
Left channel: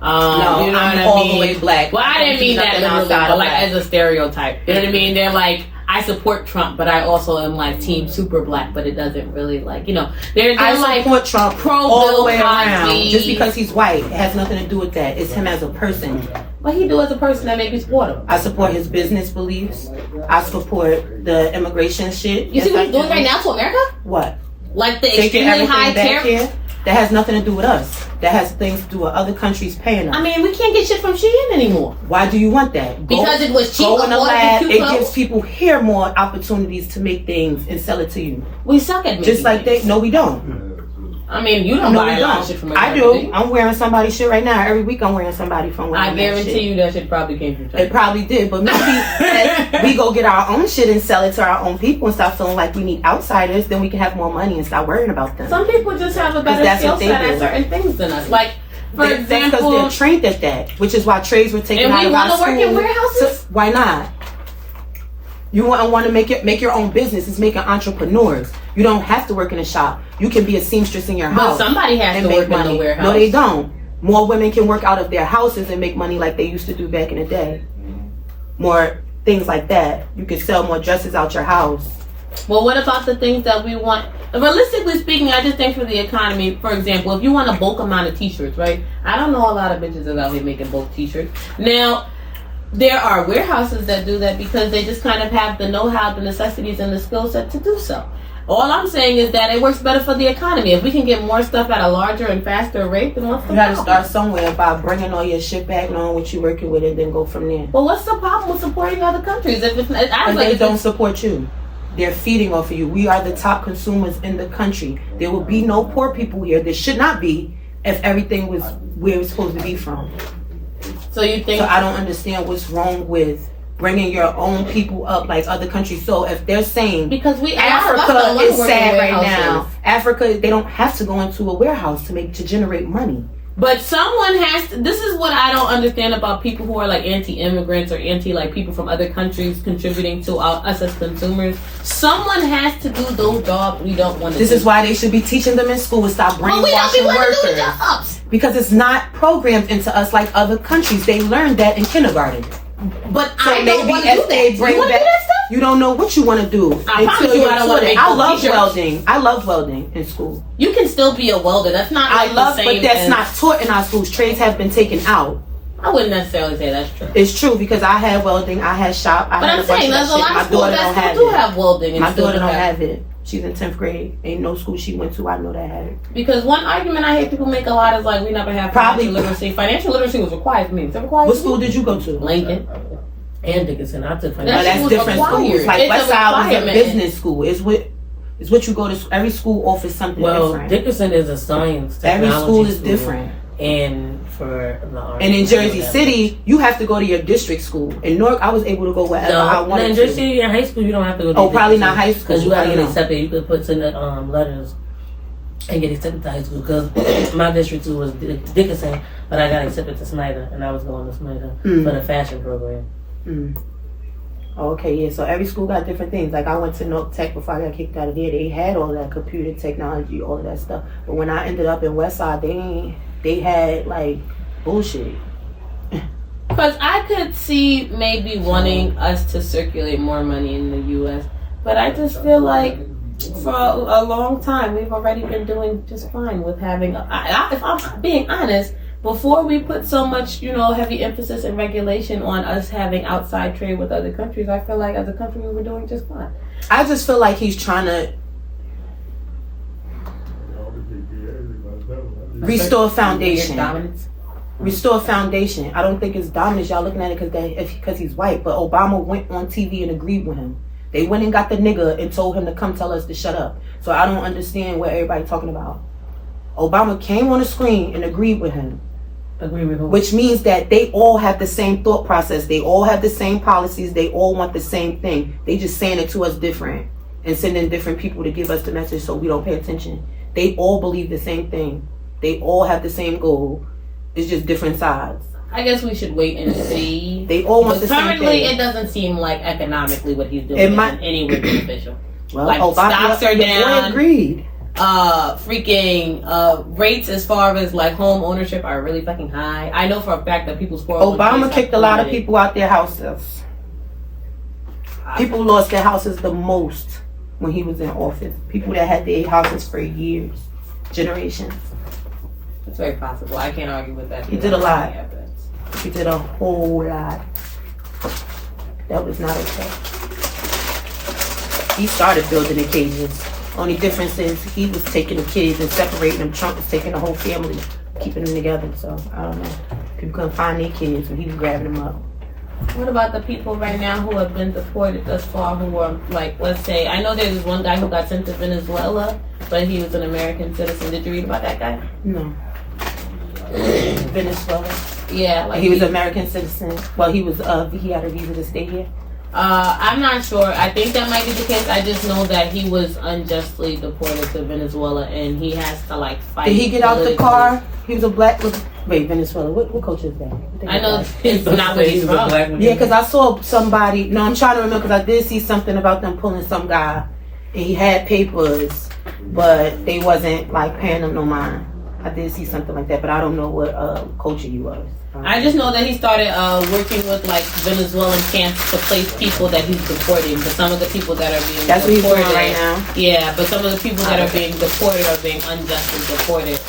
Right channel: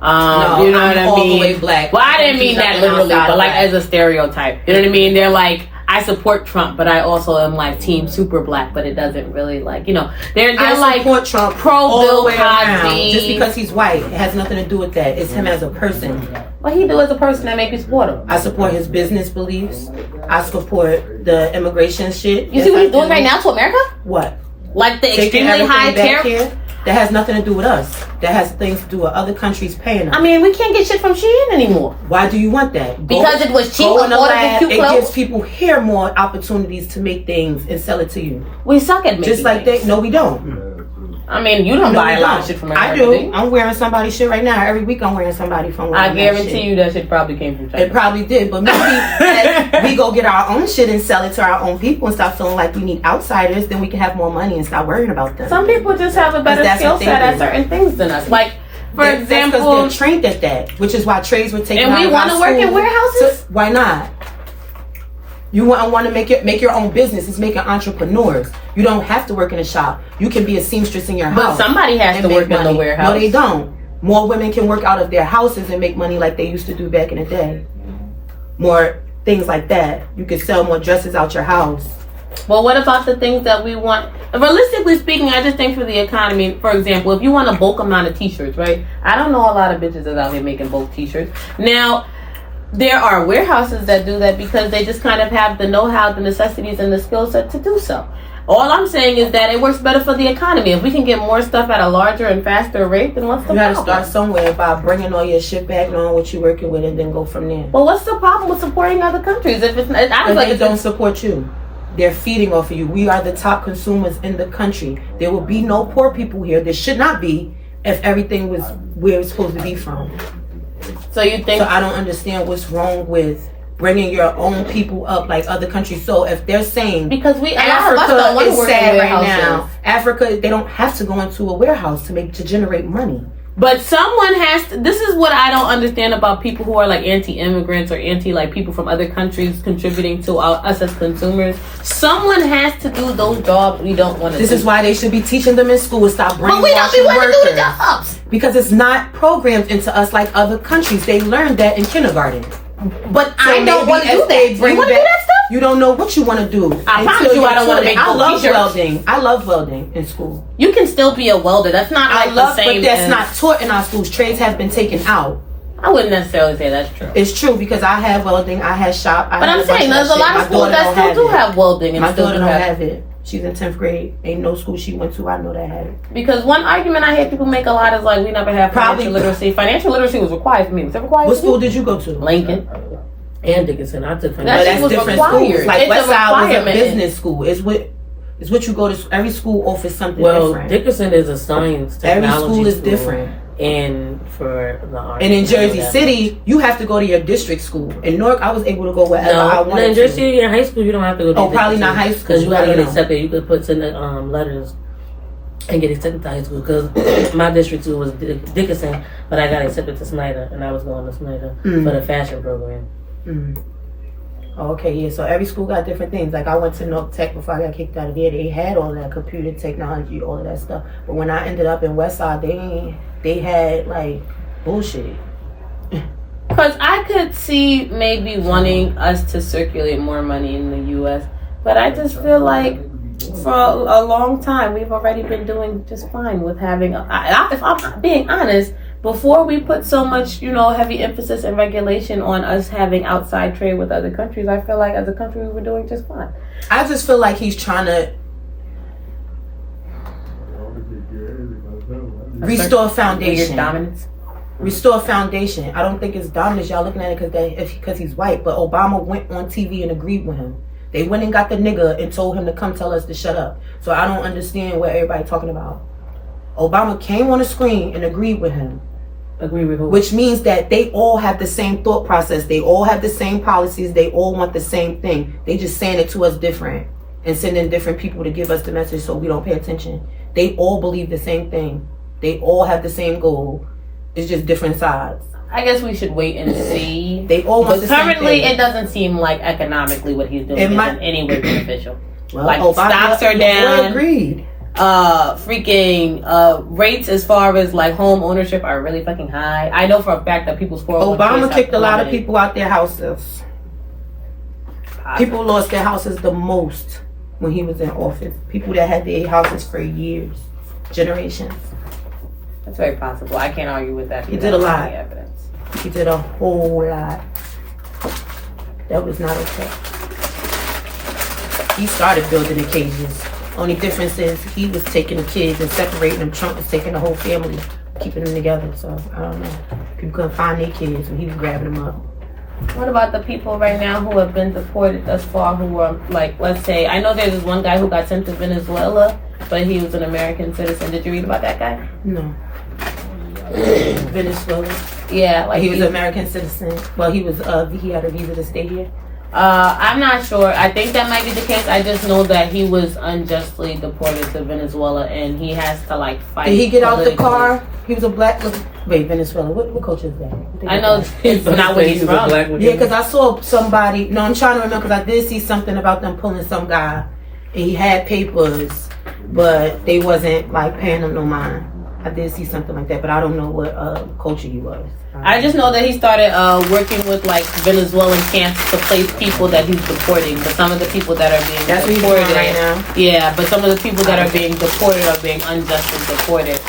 No, you know I'm what I all mean? the way black. Well, I didn't mean that literally, but like as a stereotype. You know what I mean? They're like, I support Trump, but I also am like team super black, but it doesn't really like, you know, they're I like support Trump pro all the Bill way around. Cosby. Just because he's white, it has nothing to do with that. It's him as a person. What he do as a person that make you support him? I support his business beliefs. I support the immigration shit. You see what he's doing right now to America? What? Like the Taking extremely everything high back tariff. here? That has nothing to do with us. That has things to do with other countries paying us. I mean, we can't get shit from Shein anymore. Why do you want that? Because it was cheap. Go in the lab. Cute It clothes. gives people here more opportunities to make things and sell it to you. We suck at making Just like things. they. No, we don't. I mean, you don't No, buy we a lot don't. of shit from I America. do. you? I'm wearing somebody's shit right now. Every week I'm wearing somebody from. I wearing that guarantee shit. you that shit probably came from China. It probably did, but maybe as we go get our own shit and sell it to our own people and stop feeling like we need outsiders, then we can have more money and stop worrying about them. Some people just have a better that's skill what they set at do. certain things than us. Like, for That's because example, they're trained at that, which is why trades were taken and out we of our want to work school. in warehouses. Why not? You want to make your own business. It's making entrepreneurs. You don't have to work in a shop. You can be a seamstress in your But house. somebody has and to make work in the money. warehouse. No, they don't. More women can work out of their houses and make money like they used to do back in the day. More things like that. You can sell more dresses out your house. Well, what about the things that we want? Realistically speaking, I just think for the economy, for example, if you want a bulk amount of t-shirts, right? I don't know a lot of bitches that's out here making bulk t-shirts. Now, there are warehouses that do that because they just kind of have the know-how, the necessities, and the skill set to do so. All I'm saying is that it works better for the economy. If we can get more stuff at a larger and faster rate, then what's the You got to problem? start somewhere by bringing all your shit back, knowing what you're working with, and then go from there. Well, what's the problem with supporting other countries? If it's, I Because was like, they if don't it's, support you. They're feeding off of you. We are the top consumers in the country. There will be no poor people here. There should not be if everything was where it's supposed to be from. so you think? So I don't understand what's wrong with bringing your own people up like other countries. So if they're saying because a lot of us Africa don't want to is work in sad right warehouses. now, Africa, they don't have to go into a warehouse to generate money. But someone has to, this is what I don't understand about people who are like anti-immigrants or anti like people from other countries contributing to us as consumers. Someone has to do those jobs we don't want to do. This is why they should be teaching them in school and stop but we don't be brainwashing wanting to do the workers. jobs. Because it's not programmed into us like other countries. They learned that in kindergarten. But So I don't maybe want to do if they that. You bring want to do back- that stuff? You don't know what you want to do. I promise until you you're I don't wanna taught it. make I those love t-shirts. welding. I love welding in school. You can still be a welder. That's not like I love, the same but that's as- not taught in our schools. Trades have been taken out. I wouldn't necessarily say that's true. It's true because I had welding. I had shop. I But had I'm a bunch saying of there's that a shit. lot My of schools daughter that don't still have do it. have welding and My still daughter do don't have have it. She's in 10th grade. Ain't no school she went to. I know that had it. Because one argument I hear people make a lot is like we never have Probably- financial literacy. Financial literacy was required for me. Was it required What for school you? did you go to? Lincoln. And Dickinson. I took That But shit that's was different required. schools. Like It's a Westside was a requirement. business school. It's what you go to. Every school offers something Well, different. Dickinson is a science Every technology school is school, different. And for the art. And in Jersey whatever. City, you have to go to your district school. In Newark, I was able to go wherever I No, wanted in to. Jersey City, in high school, you don't have to go to Oh, probably not Dickinson, high school. because you gotta I get don't know. accepted. You could put in the letters and get accepted to high school. Because my district too was Dickinson, but I got accepted to Snyder, and I was going to Snyder for the fashion program. Mm. Oh, okay, yeah. So every school got different things. Like I went to North Tech before I got kicked out of there. They had all that computer technology, all of that stuff. But when I ended up in Westside, they had like bullshit. Because I could see maybe wanting us to circulate more money in the U.S., but I just feel like for a long time we've already been doing just fine with having. If I'm being honest, before we put so much, heavy emphasis and regulation on us having outside trade with other countries, I feel like as a country we were doing just fine. I just feel like he's trying to restore foundation. Dominance. Restore foundation. I don't think it's dominance. Y'all looking at it because he's white. But Obama went on TV and agreed with him. They went and got the nigga and told him to come tell us to shut up. So I don't understand what everybody talking about. Obama came on the screen and agreed with him. Agree with who? Which means that they all have the same thought process. They all have the same policies. They all want the same thing. They just saying it to us different and sending different people to give us the message so we don't pay attention. They all believe the same thing. They all have the same goal. It's just different sides. I guess we should wait and see. They all want But the same currently, thing. it doesn't seem like economically what he's doing It is might- in any way beneficial. Well, like, stocks are your boy down. agreed. Rates as far as like home ownership are really fucking high. I know for a fact that people's 401ks Obama have kicked a lot of plummeted. people out their houses. People lost their houses the most when he was in office. People that had their houses for years, generations. That's very possible. I can't argue with that. He did a lot. Evidence. He did a whole lot. That was not okay. He started building the cages. Only difference is he was taking the kids and separating them. Trump was taking the whole family, keeping them together. So I don't know. People couldn't find their kids when he was grabbing them up. What about the people right now who have been deported thus far who were, like, let's say, I know there's this one guy who got sent to Venezuela, but he was an American citizen. Did you read about that guy? No. Venezuela. Yeah. Like He was an American citizen. Well, he had a visa to stay here. I'm not sure. I think that might be the case. I just know that he was unjustly deported to Venezuela and he has to, like, fight. Did he get out the politically. car? He was a black. Wait, Venezuela. What culture is that? I know it's not where he's from. Yeah, because I saw somebody. No, I'm trying to remember because I did see something about them pulling some guy, and he had papers, but they wasn't like paying him no mind. I did see something like that, but I don't know what culture he was. I just know that he started working with like Venezuelan camps to place people that he's deporting. But some of the people that are being That's what he's deported doing right now. Yeah, but some of the people that are being deported are being unjustly deported.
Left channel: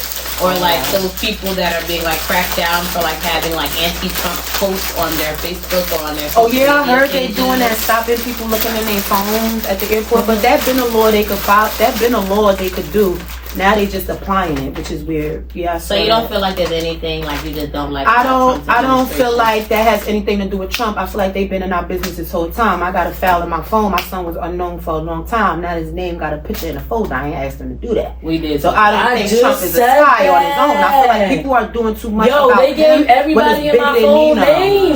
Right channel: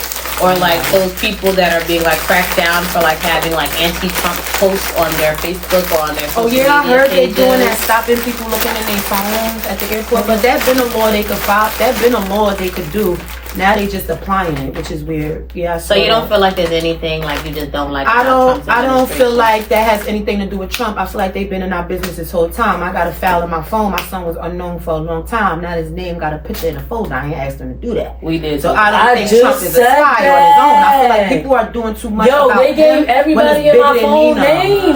Or like those people that are being like cracked down for like having like anti-Trump posts on their Facebook or on their Oh social yeah, I media heard they pages. doing that, stopping people looking in their phones at the airport. But that been a law they could file. That been a law they could do. Now they just applying it, which is weird. Yeah. So you don't feel like there's anything like you just don't like? I about don't. Trump's I don't feel administration? like that has anything to do with Trump. I feel like they've been in our business this whole time. I got a file in my phone. My son was unknown for a long time. Now his name got a picture in a folder. I ain't asked him to do that. We did. So too. I don't I think just Trump is a said spy on his own. I feel like that. people are doing too much. Yo, about they gave him, everybody but it's in my bigger than phone Nino.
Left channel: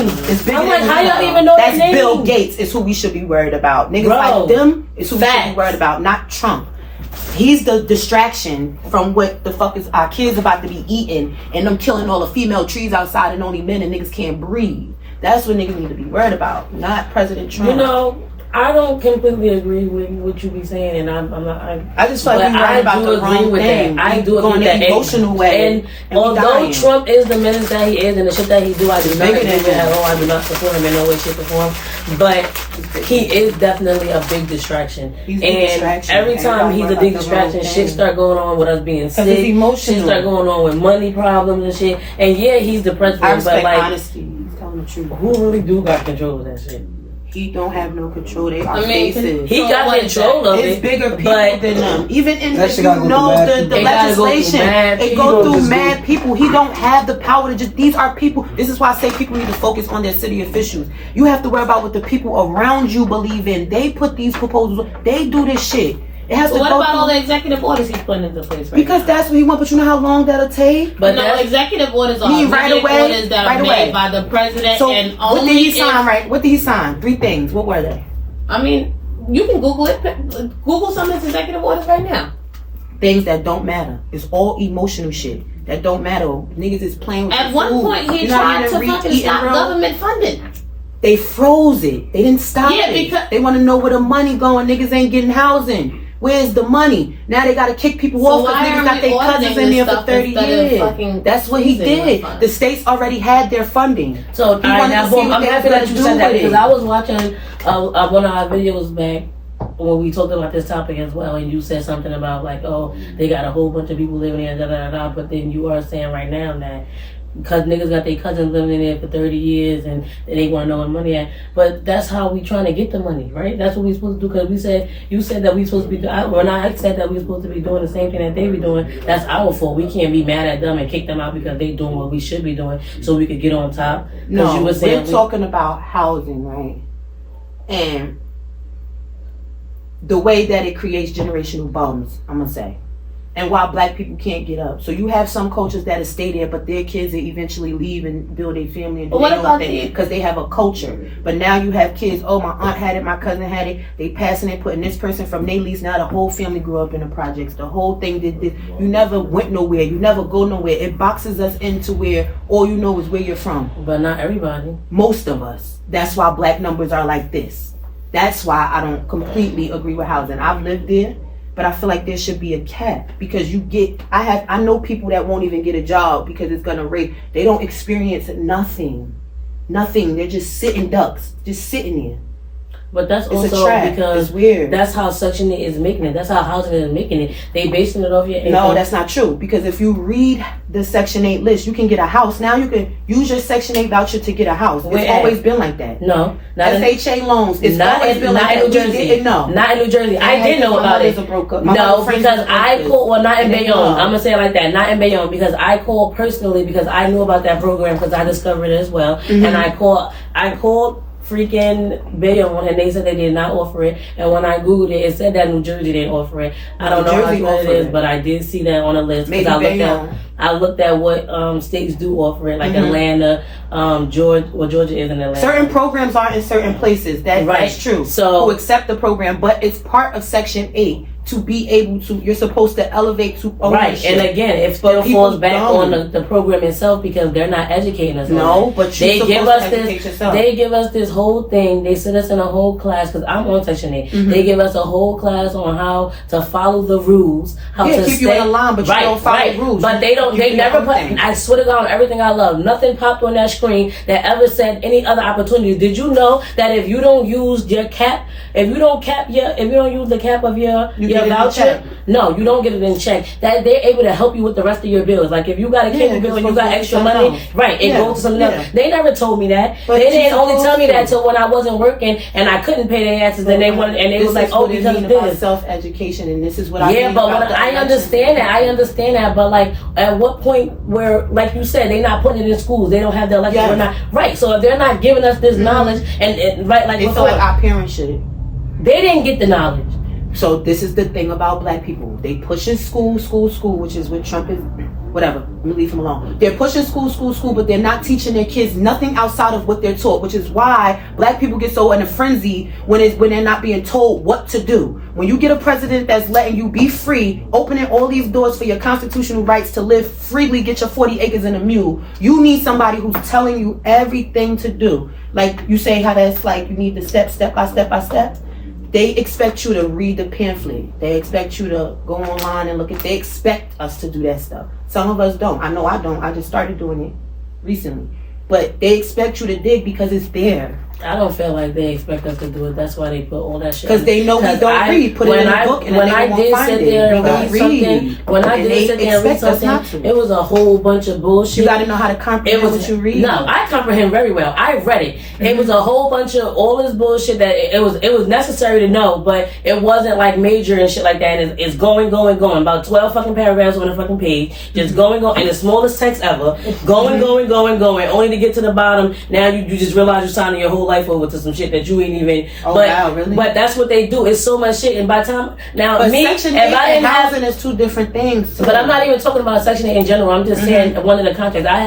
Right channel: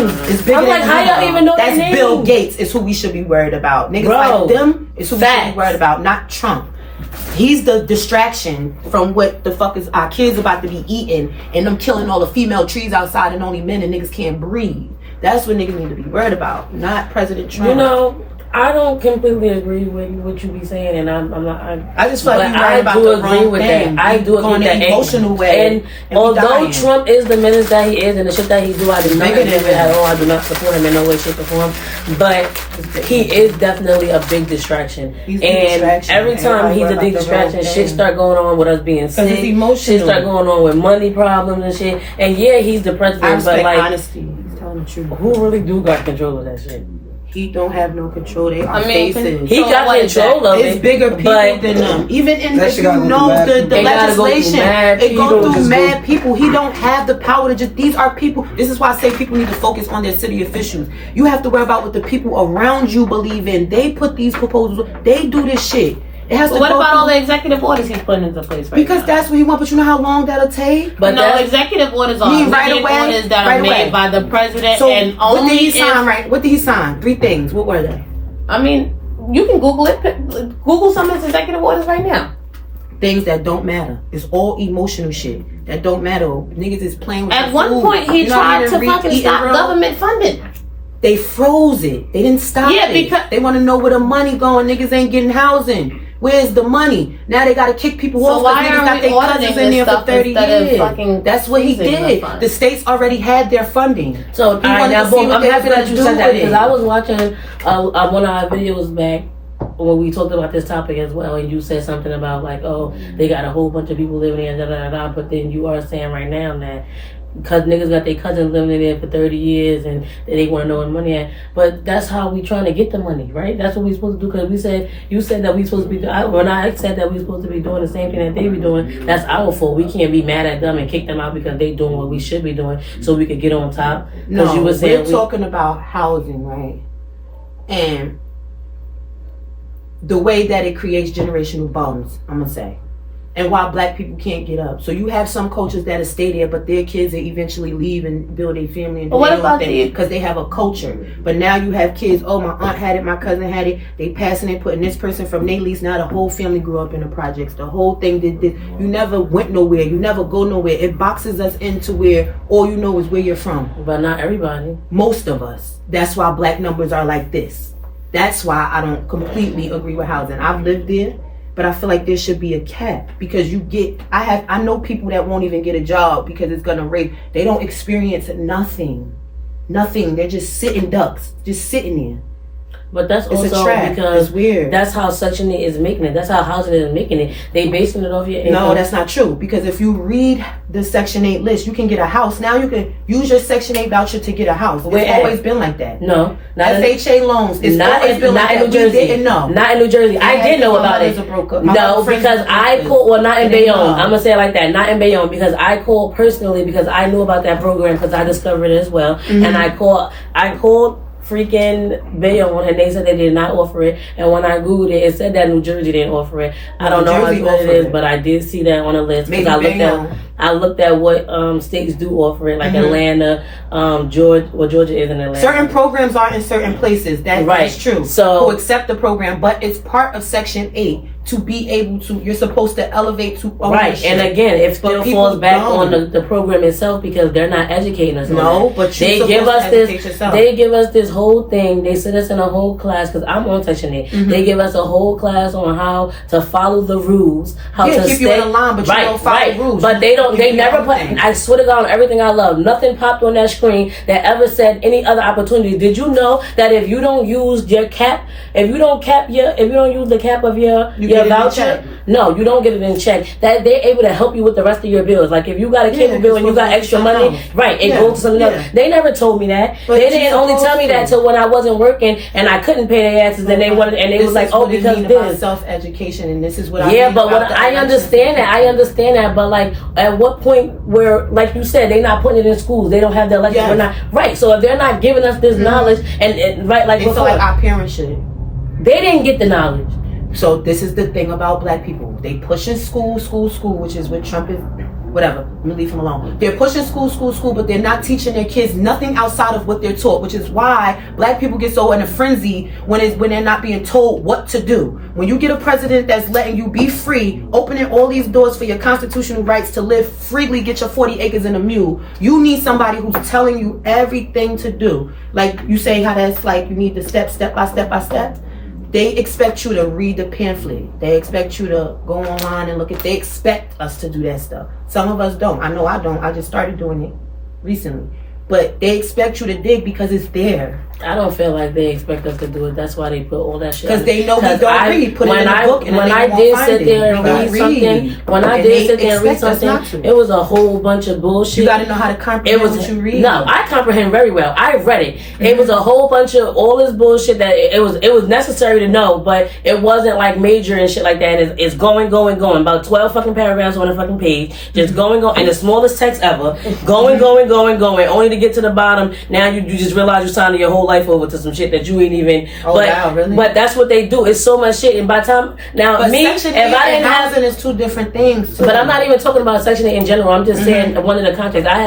names. It's bigger I'm like, than how y'all Nino. even know That's their Bill names? Gates is who we should be worried about. Niggas Bro, like them is who we should facts. be worried about, not Trump. He's the distraction from what the fuck is our kids about to be eating and them killing all the female trees outside and only men and niggas can't breathe. That's what niggas need to be worried about, not President Trump. You know, I don't completely agree with what you be saying, and I'm not. I just feel like But we worried about do the agree wrong with thing. that. I do agree Going with that. the emotional way. And we although dying. Trump is the menace that he is and the shit that he do, I do not Bigger agree than with him. at all. I do not support him in no way, shape, or form. But he is definitely a big distraction. He's the And distraction. every time Everybody he's worry a big about the wrong distraction, shit thing. start going on with us being sick. it's emotional. Shit start going on with money problems and shit. And yeah, he's the I president, but respect like, honesty. He's telling the truth. who really do got control of that shit? He don't have no control. They are I mean, faces. He So got what is control that? of It's it. bigger people but than them. Even in, That if shit you gotta go know through mad the people. They gotta go through legislation, mad it go people. through Just mad go- people. He don't have the power to just. These are people. This is why I say people need to focus on their city officials. You have to worry about what the people around you believe in. They put these proposals. They do this shit. It has But to what go about all through, the executive orders he's putting into place right because now? that's what he want. But you know how long that'll take. But no, that's executive orders are You mean right immediate away? orders that Right are away. made by the president So and what only did he if, sign? Right? What did he sign? 3 things. What were they? I mean, you can Google it. Google some of his executive orders right now. Things that don't matter. It's all emotional shit that don't matter. Niggas is playing with At the one food. point, he You know how tried to didn't fucking eat stop real? government funding. They froze it. They didn't stop Yeah, it. because- They want to know where the money going. Niggas ain't getting housing. Where's the money? Now they got to kick people So off why because niggas aren't got we their cousins auditing in there this for stuff 30 instead of years. fucking That's what he freezing the did. funds? The states already had their funding. So, all right, wanted now, to see boom, what I'm they happy was that you gonna said do that with because it. I was watching one of our videos back when we talked about this topic as well, and you said something about like, oh, they got a whole bunch of people living there, da da da da. But then you are saying right now that because niggas got their cousins living in there for 30 years and they want to know where the money at. But that's how we trying to get the money, right? That's what we supposed to do because you said that we supposed to be when I said that we supposed to be doing the same thing that they be doing, that's our fault. We can't be mad at them and kick them out because they doing what we should be doing so we could get on top. No, you were saying we're talking about housing, right? And the way that it creates generational bums, I'm gonna say. and why black people can't get up. So you have some cultures that'll stay there, but their kids will eventually leave and build a family and do What their own about thing because they have a culture. But now you have kids, oh, my aunt had it, my cousin had it, they passing it, putting this person from their lease. Now the whole family grew up in the projects. The whole thing did this. You never went nowhere. You never go nowhere. It boxes us into where all you know is where you're from. But not everybody. Most of us. That's why black numbers are like this. That's why I don't completely agree with housing. I've lived there. But I feel like there should be a cap because I know people that won't even get a job because it's gonna rape. They don't experience nothing. They're just sitting ducks, just sitting there. But that's It's a also trap. because It's weird. that's how Section 8 is making it. That's how housing is making it. They basing it off your income. No, that's not true. Because if you read the Section 8 list, you can get a house. Now you can use your Section 8 voucher to get a house. Where It's at? always been like that. No, not in, FHA loans. It's not always in, been not like in that. New Jersey. We didn't know. Not in New Jersey. I did know about it. No, because I called. Well, not in Bayonne. I'm gonna say it like that. Not in Bayonne because I called personally because I knew about that program because I discovered it as well. Mm-hmm. And I called freaking Bayonne and they said they did not offer it. And when I googled it, it said that New Jersey didn't offer it. I don't know how Jersey true it offered is, it. but I did see that on the list Maybe because Bayonne. I looked at what states do offer it, like Mhm. Atlanta, Georgia. Well, Georgia is in Atlanta. Certain programs are in certain places. That's Right. true. So- who accept the program, but it's part of Section 8 to be able to. You're supposed to elevate to ownership. Right, and again, it But still people falls back don't. on the program itself because they're not educating us. on No, that. but you're they give supposed us to this. educate yourself. They give us this whole thing. They sit us in a whole class because I'm on Section 8. Mhm. They give us a whole class on how to follow the rules, how Yeah, to keep stay you in a line, but you don't follow rules. But they don't. You They do never your put. own thing. I swear to God, on everything I love, nothing popped on that screen that ever said any other opportunity. Did you know that if you don't use your cap, if you don't use the cap of your You get it in voucher, check. no, you don't get it in check. That they're able to help you with the rest of your bills. Like if you got a cable Yeah, bill and you it's got supposed to extra be money, something else. right? It Yeah, goes to something else. yeah. They never told me that. But They it's didn't only tell me that supposed to. till when I wasn't working and I couldn't pay their asses. And they wanted, and they This was like, is oh, what it because mean about this. self-education, and this is what I Yeah, mean but about what the I understand that. I understand that. But like, at what point where, like you said, they're not putting it in schools. They don't have the elections. Yes. We're not right. So if they're not giving us this knowledge, and right, like They feel before, like our parents should. they didn't get the knowledge. So this is the thing about black people. They pushing school, which is what Trump is. Whatever, let me leave him alone. They're pushing school, but they're not teaching their kids nothing outside of what they're taught, which is why black people get so in a frenzy when they're not being told what to do. When you get a president that's letting you be free, opening all these doors for your constitutional rights to live freely, get your 40 acres and a mule, you need somebody who's telling you everything to do. Like you say how that's like you need the step by step. They expect you to read the pamphlet. They expect you to go online and look at. They expect us to do that stuff. Some of us don't. I know I don't. I just started doing it recently. But they expect you to dig because it's there. I don't feel like they expect us to do it. That's why they put all that shit. Because they know we don't read. Put it in a book and when I did sit there and read something, when I And did they sit there and read expect us not something, to. it was a whole bunch of bullshit. You got to know how to comprehend It was what you read. No, I comprehend very well. I read it. It was a whole bunch of all this bullshit that it was necessary to know, but it wasn't like major and shit like that. And it's going. About 12 fucking paragraphs on a fucking page, just going, and the smallest text ever, going, only to get to the bottom. Now you just realize you're signing your whole life over to some shit that you ain't even. Oh, but wow, really? but that's what they do. It's so much shit, and by the time now But me, Section if 8 I and didn't have. housing is two different things. Too. But I'm not even talking about Section 8 in general. I'm just saying one of the context. I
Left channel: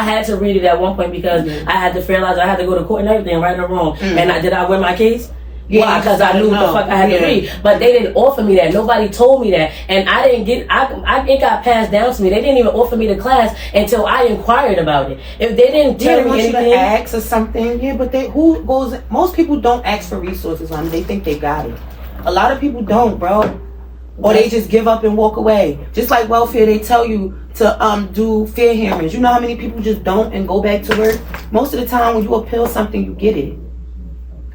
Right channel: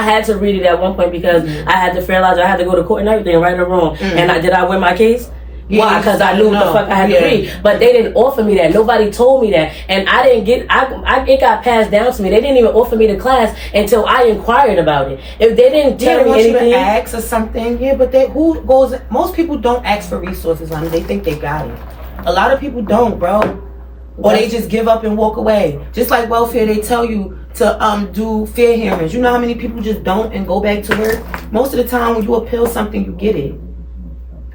had to read it at one point because I had to realize that I had to go to court and everything, right or wrong. And did I win my case? Yeah, Why? you Because just I knew what gotta the fuck I had know. to read. But they didn't offer me that. Nobody told me that. And I didn't get, it got passed down to me. They didn't even offer me the class until I inquired about it. If they didn't Yeah, tell they me want you to anything. ask or something. Yeah, but most people don't ask for resources on it. They think they got it. A lot of people don't, bro. Or they just give up and walk away. Just like welfare, they tell you to do fair hearings. You know how many people just don't and go back to work? Most of the time when you appeal something, you get it.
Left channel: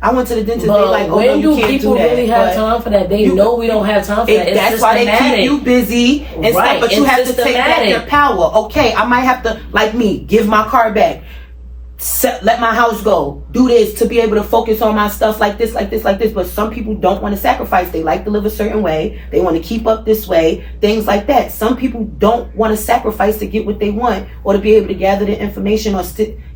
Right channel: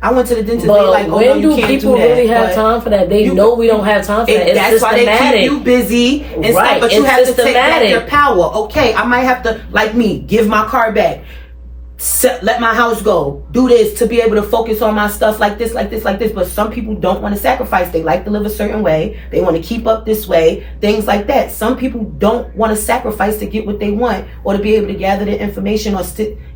I went to the dentist, But they like, oh, when no, you do can't people do that. really have But time for that? They you- know we don't have time for that. It's that's why they systematic. keep you busy and Right, stuff. But you it's have to take back systematic. your power. Okay, I might have to, like me, give my car back. let my house go, do this to be able to focus on my stuff like this. But some people don't want to sacrifice. They like to live a certain way. They want to keep up this way, things like that. Some people don't want to sacrifice to get what they want, or to be able to gather the information, or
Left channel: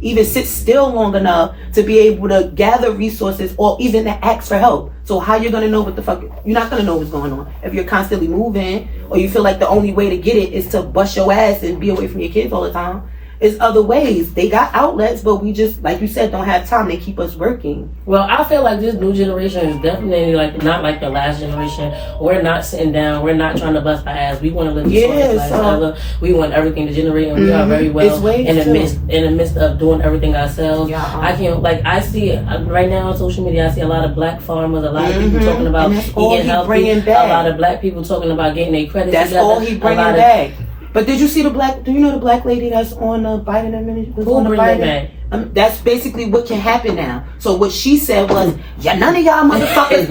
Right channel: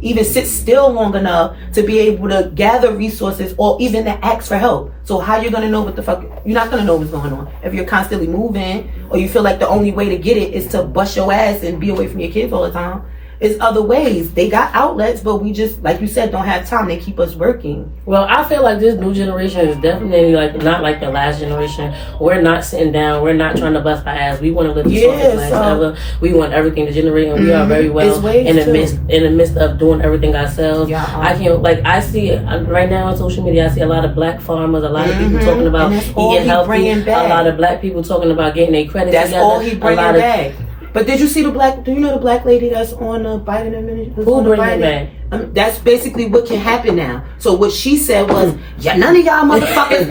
even sit still long enough to be able to gather resources, or even to ask for help. So how you're going to know what the fuck, you're not going to know what's going on if you're constantly moving, or you feel like the only way to get it is to bust your ass and be away from your kids all the time. It's other ways. They got outlets, but we just, like you said, don't have time. They keep us working. Well, I feel like this new generation is definitely like not like the last generation. We're not sitting down. We're not trying to bust our ass. We want to live the shortest life ever. We want everything to generate, and we are very well in the midst of doing everything ourselves. Yeah, I can't, like, I see right now on social media, I see a lot of black farmers, a lot of people talking about eating healthy, a lot of black people talking about getting their credit together. That's all he bringing back. But did you see do you know the black lady that's on Biden administration? Who bring it back? That's basically what can happen now. So what she said was, none of y'all motherfuckers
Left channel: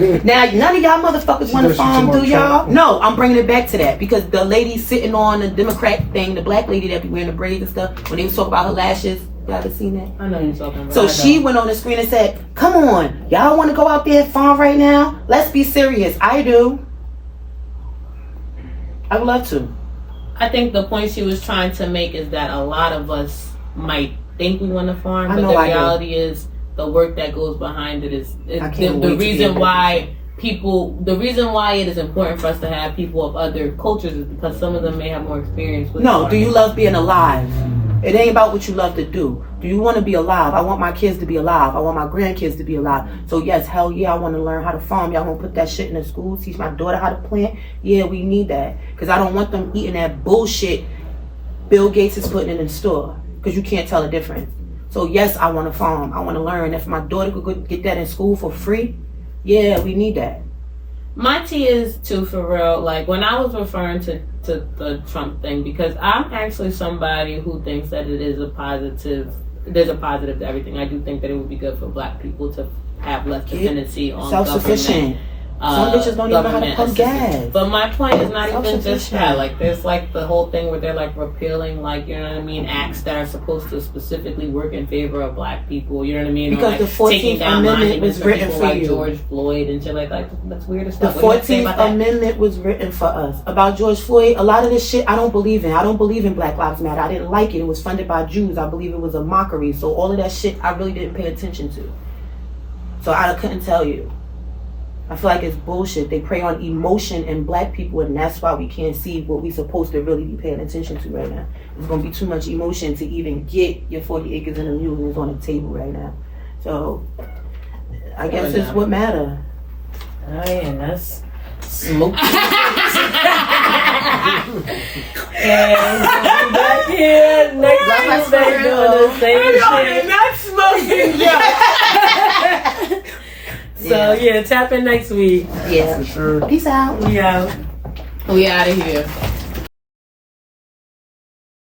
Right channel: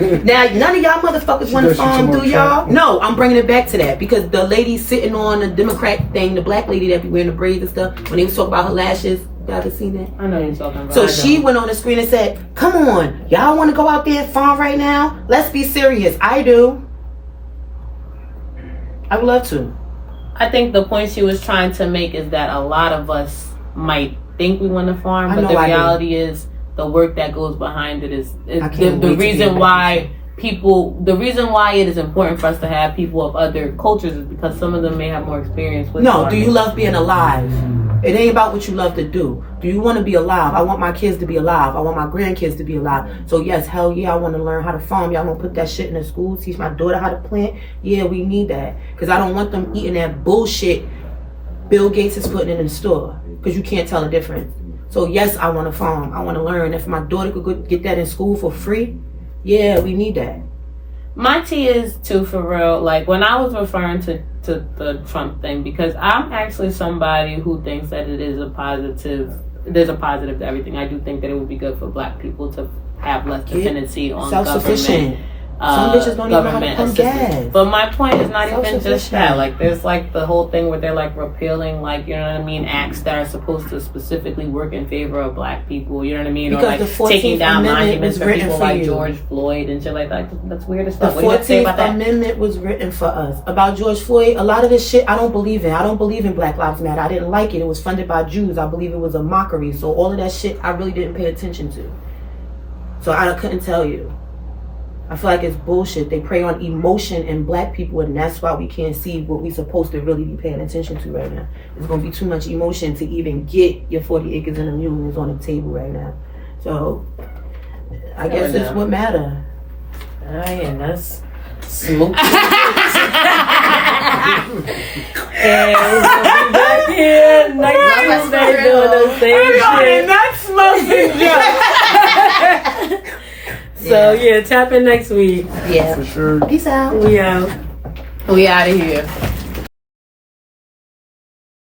want to farm, do y'all? No, I'm bringing it back to that, because the lady sitting on the Democrat thing, the black lady that be wearing the braids and stuff, when they was talking about her lashes, you ever seen that? I know you're talking about. So she went on the screen and said, come on, y'all want to go out there and farm right now? Let's be serious. I do. I would love to. I think the point she was trying to make is that a lot of us might think we want to farm, but the reality is the work that goes behind it is the reason why it is important for us to have people of other cultures is because some of them may have more experience with farming. Do you love being alive? It ain't about what you love to do. Do you want to be alive? I want my kids to be alive. I want my grandkids to be alive. So yes, hell yeah, I want to learn how to farm. Y'all want to put that shit in the schools, teach my daughter how to plant? Yeah, we need that. Because I don't want them eating that bullshit Bill Gates is putting in the store. Because you can't tell the difference. So yes, I want to farm. I want to learn. If my daughter could go get that in school for free, yeah, we need that. My tea is too, for real. Like, when I was referring to the Trump thing, because I'm actually somebody who thinks that it is there's a positive to everything. I do think that it would be good for black people to have less dependency on self-sufficient. Some bitches don't even know how to pump gas. But my point is not even just that. Like, there's like the whole thing where they're like repealing, like, you know what I mean, acts that are supposed to specifically work in favor of black people. You know what I mean? Because or like the 14th taking down Amendment was written people for like you. George Floyd and shit like that. That's weird as fuck. The 14th Amendment was written for us. About George Floyd, a lot of this shit I don't believe in. I don't believe in Black Lives Matter. I didn't like it. It was funded by Jews. I believe it was a mockery. So all of that shit I really didn't pay attention to. So I couldn't tell you. I feel like it's bullshit. They prey on emotion in black people, and that's why we can't see what we're supposed to really be paying attention to right now. There's going to be too much emotion to even get your 40 acres and a mule, and it's on the table right now. So I guess it's what matter. And that's smoke. And we'll be back here next Tuesday doing the same shit. Not smoking, So yeah, tap in next week. Yeah. For sure. Peace out. We out. We out of here.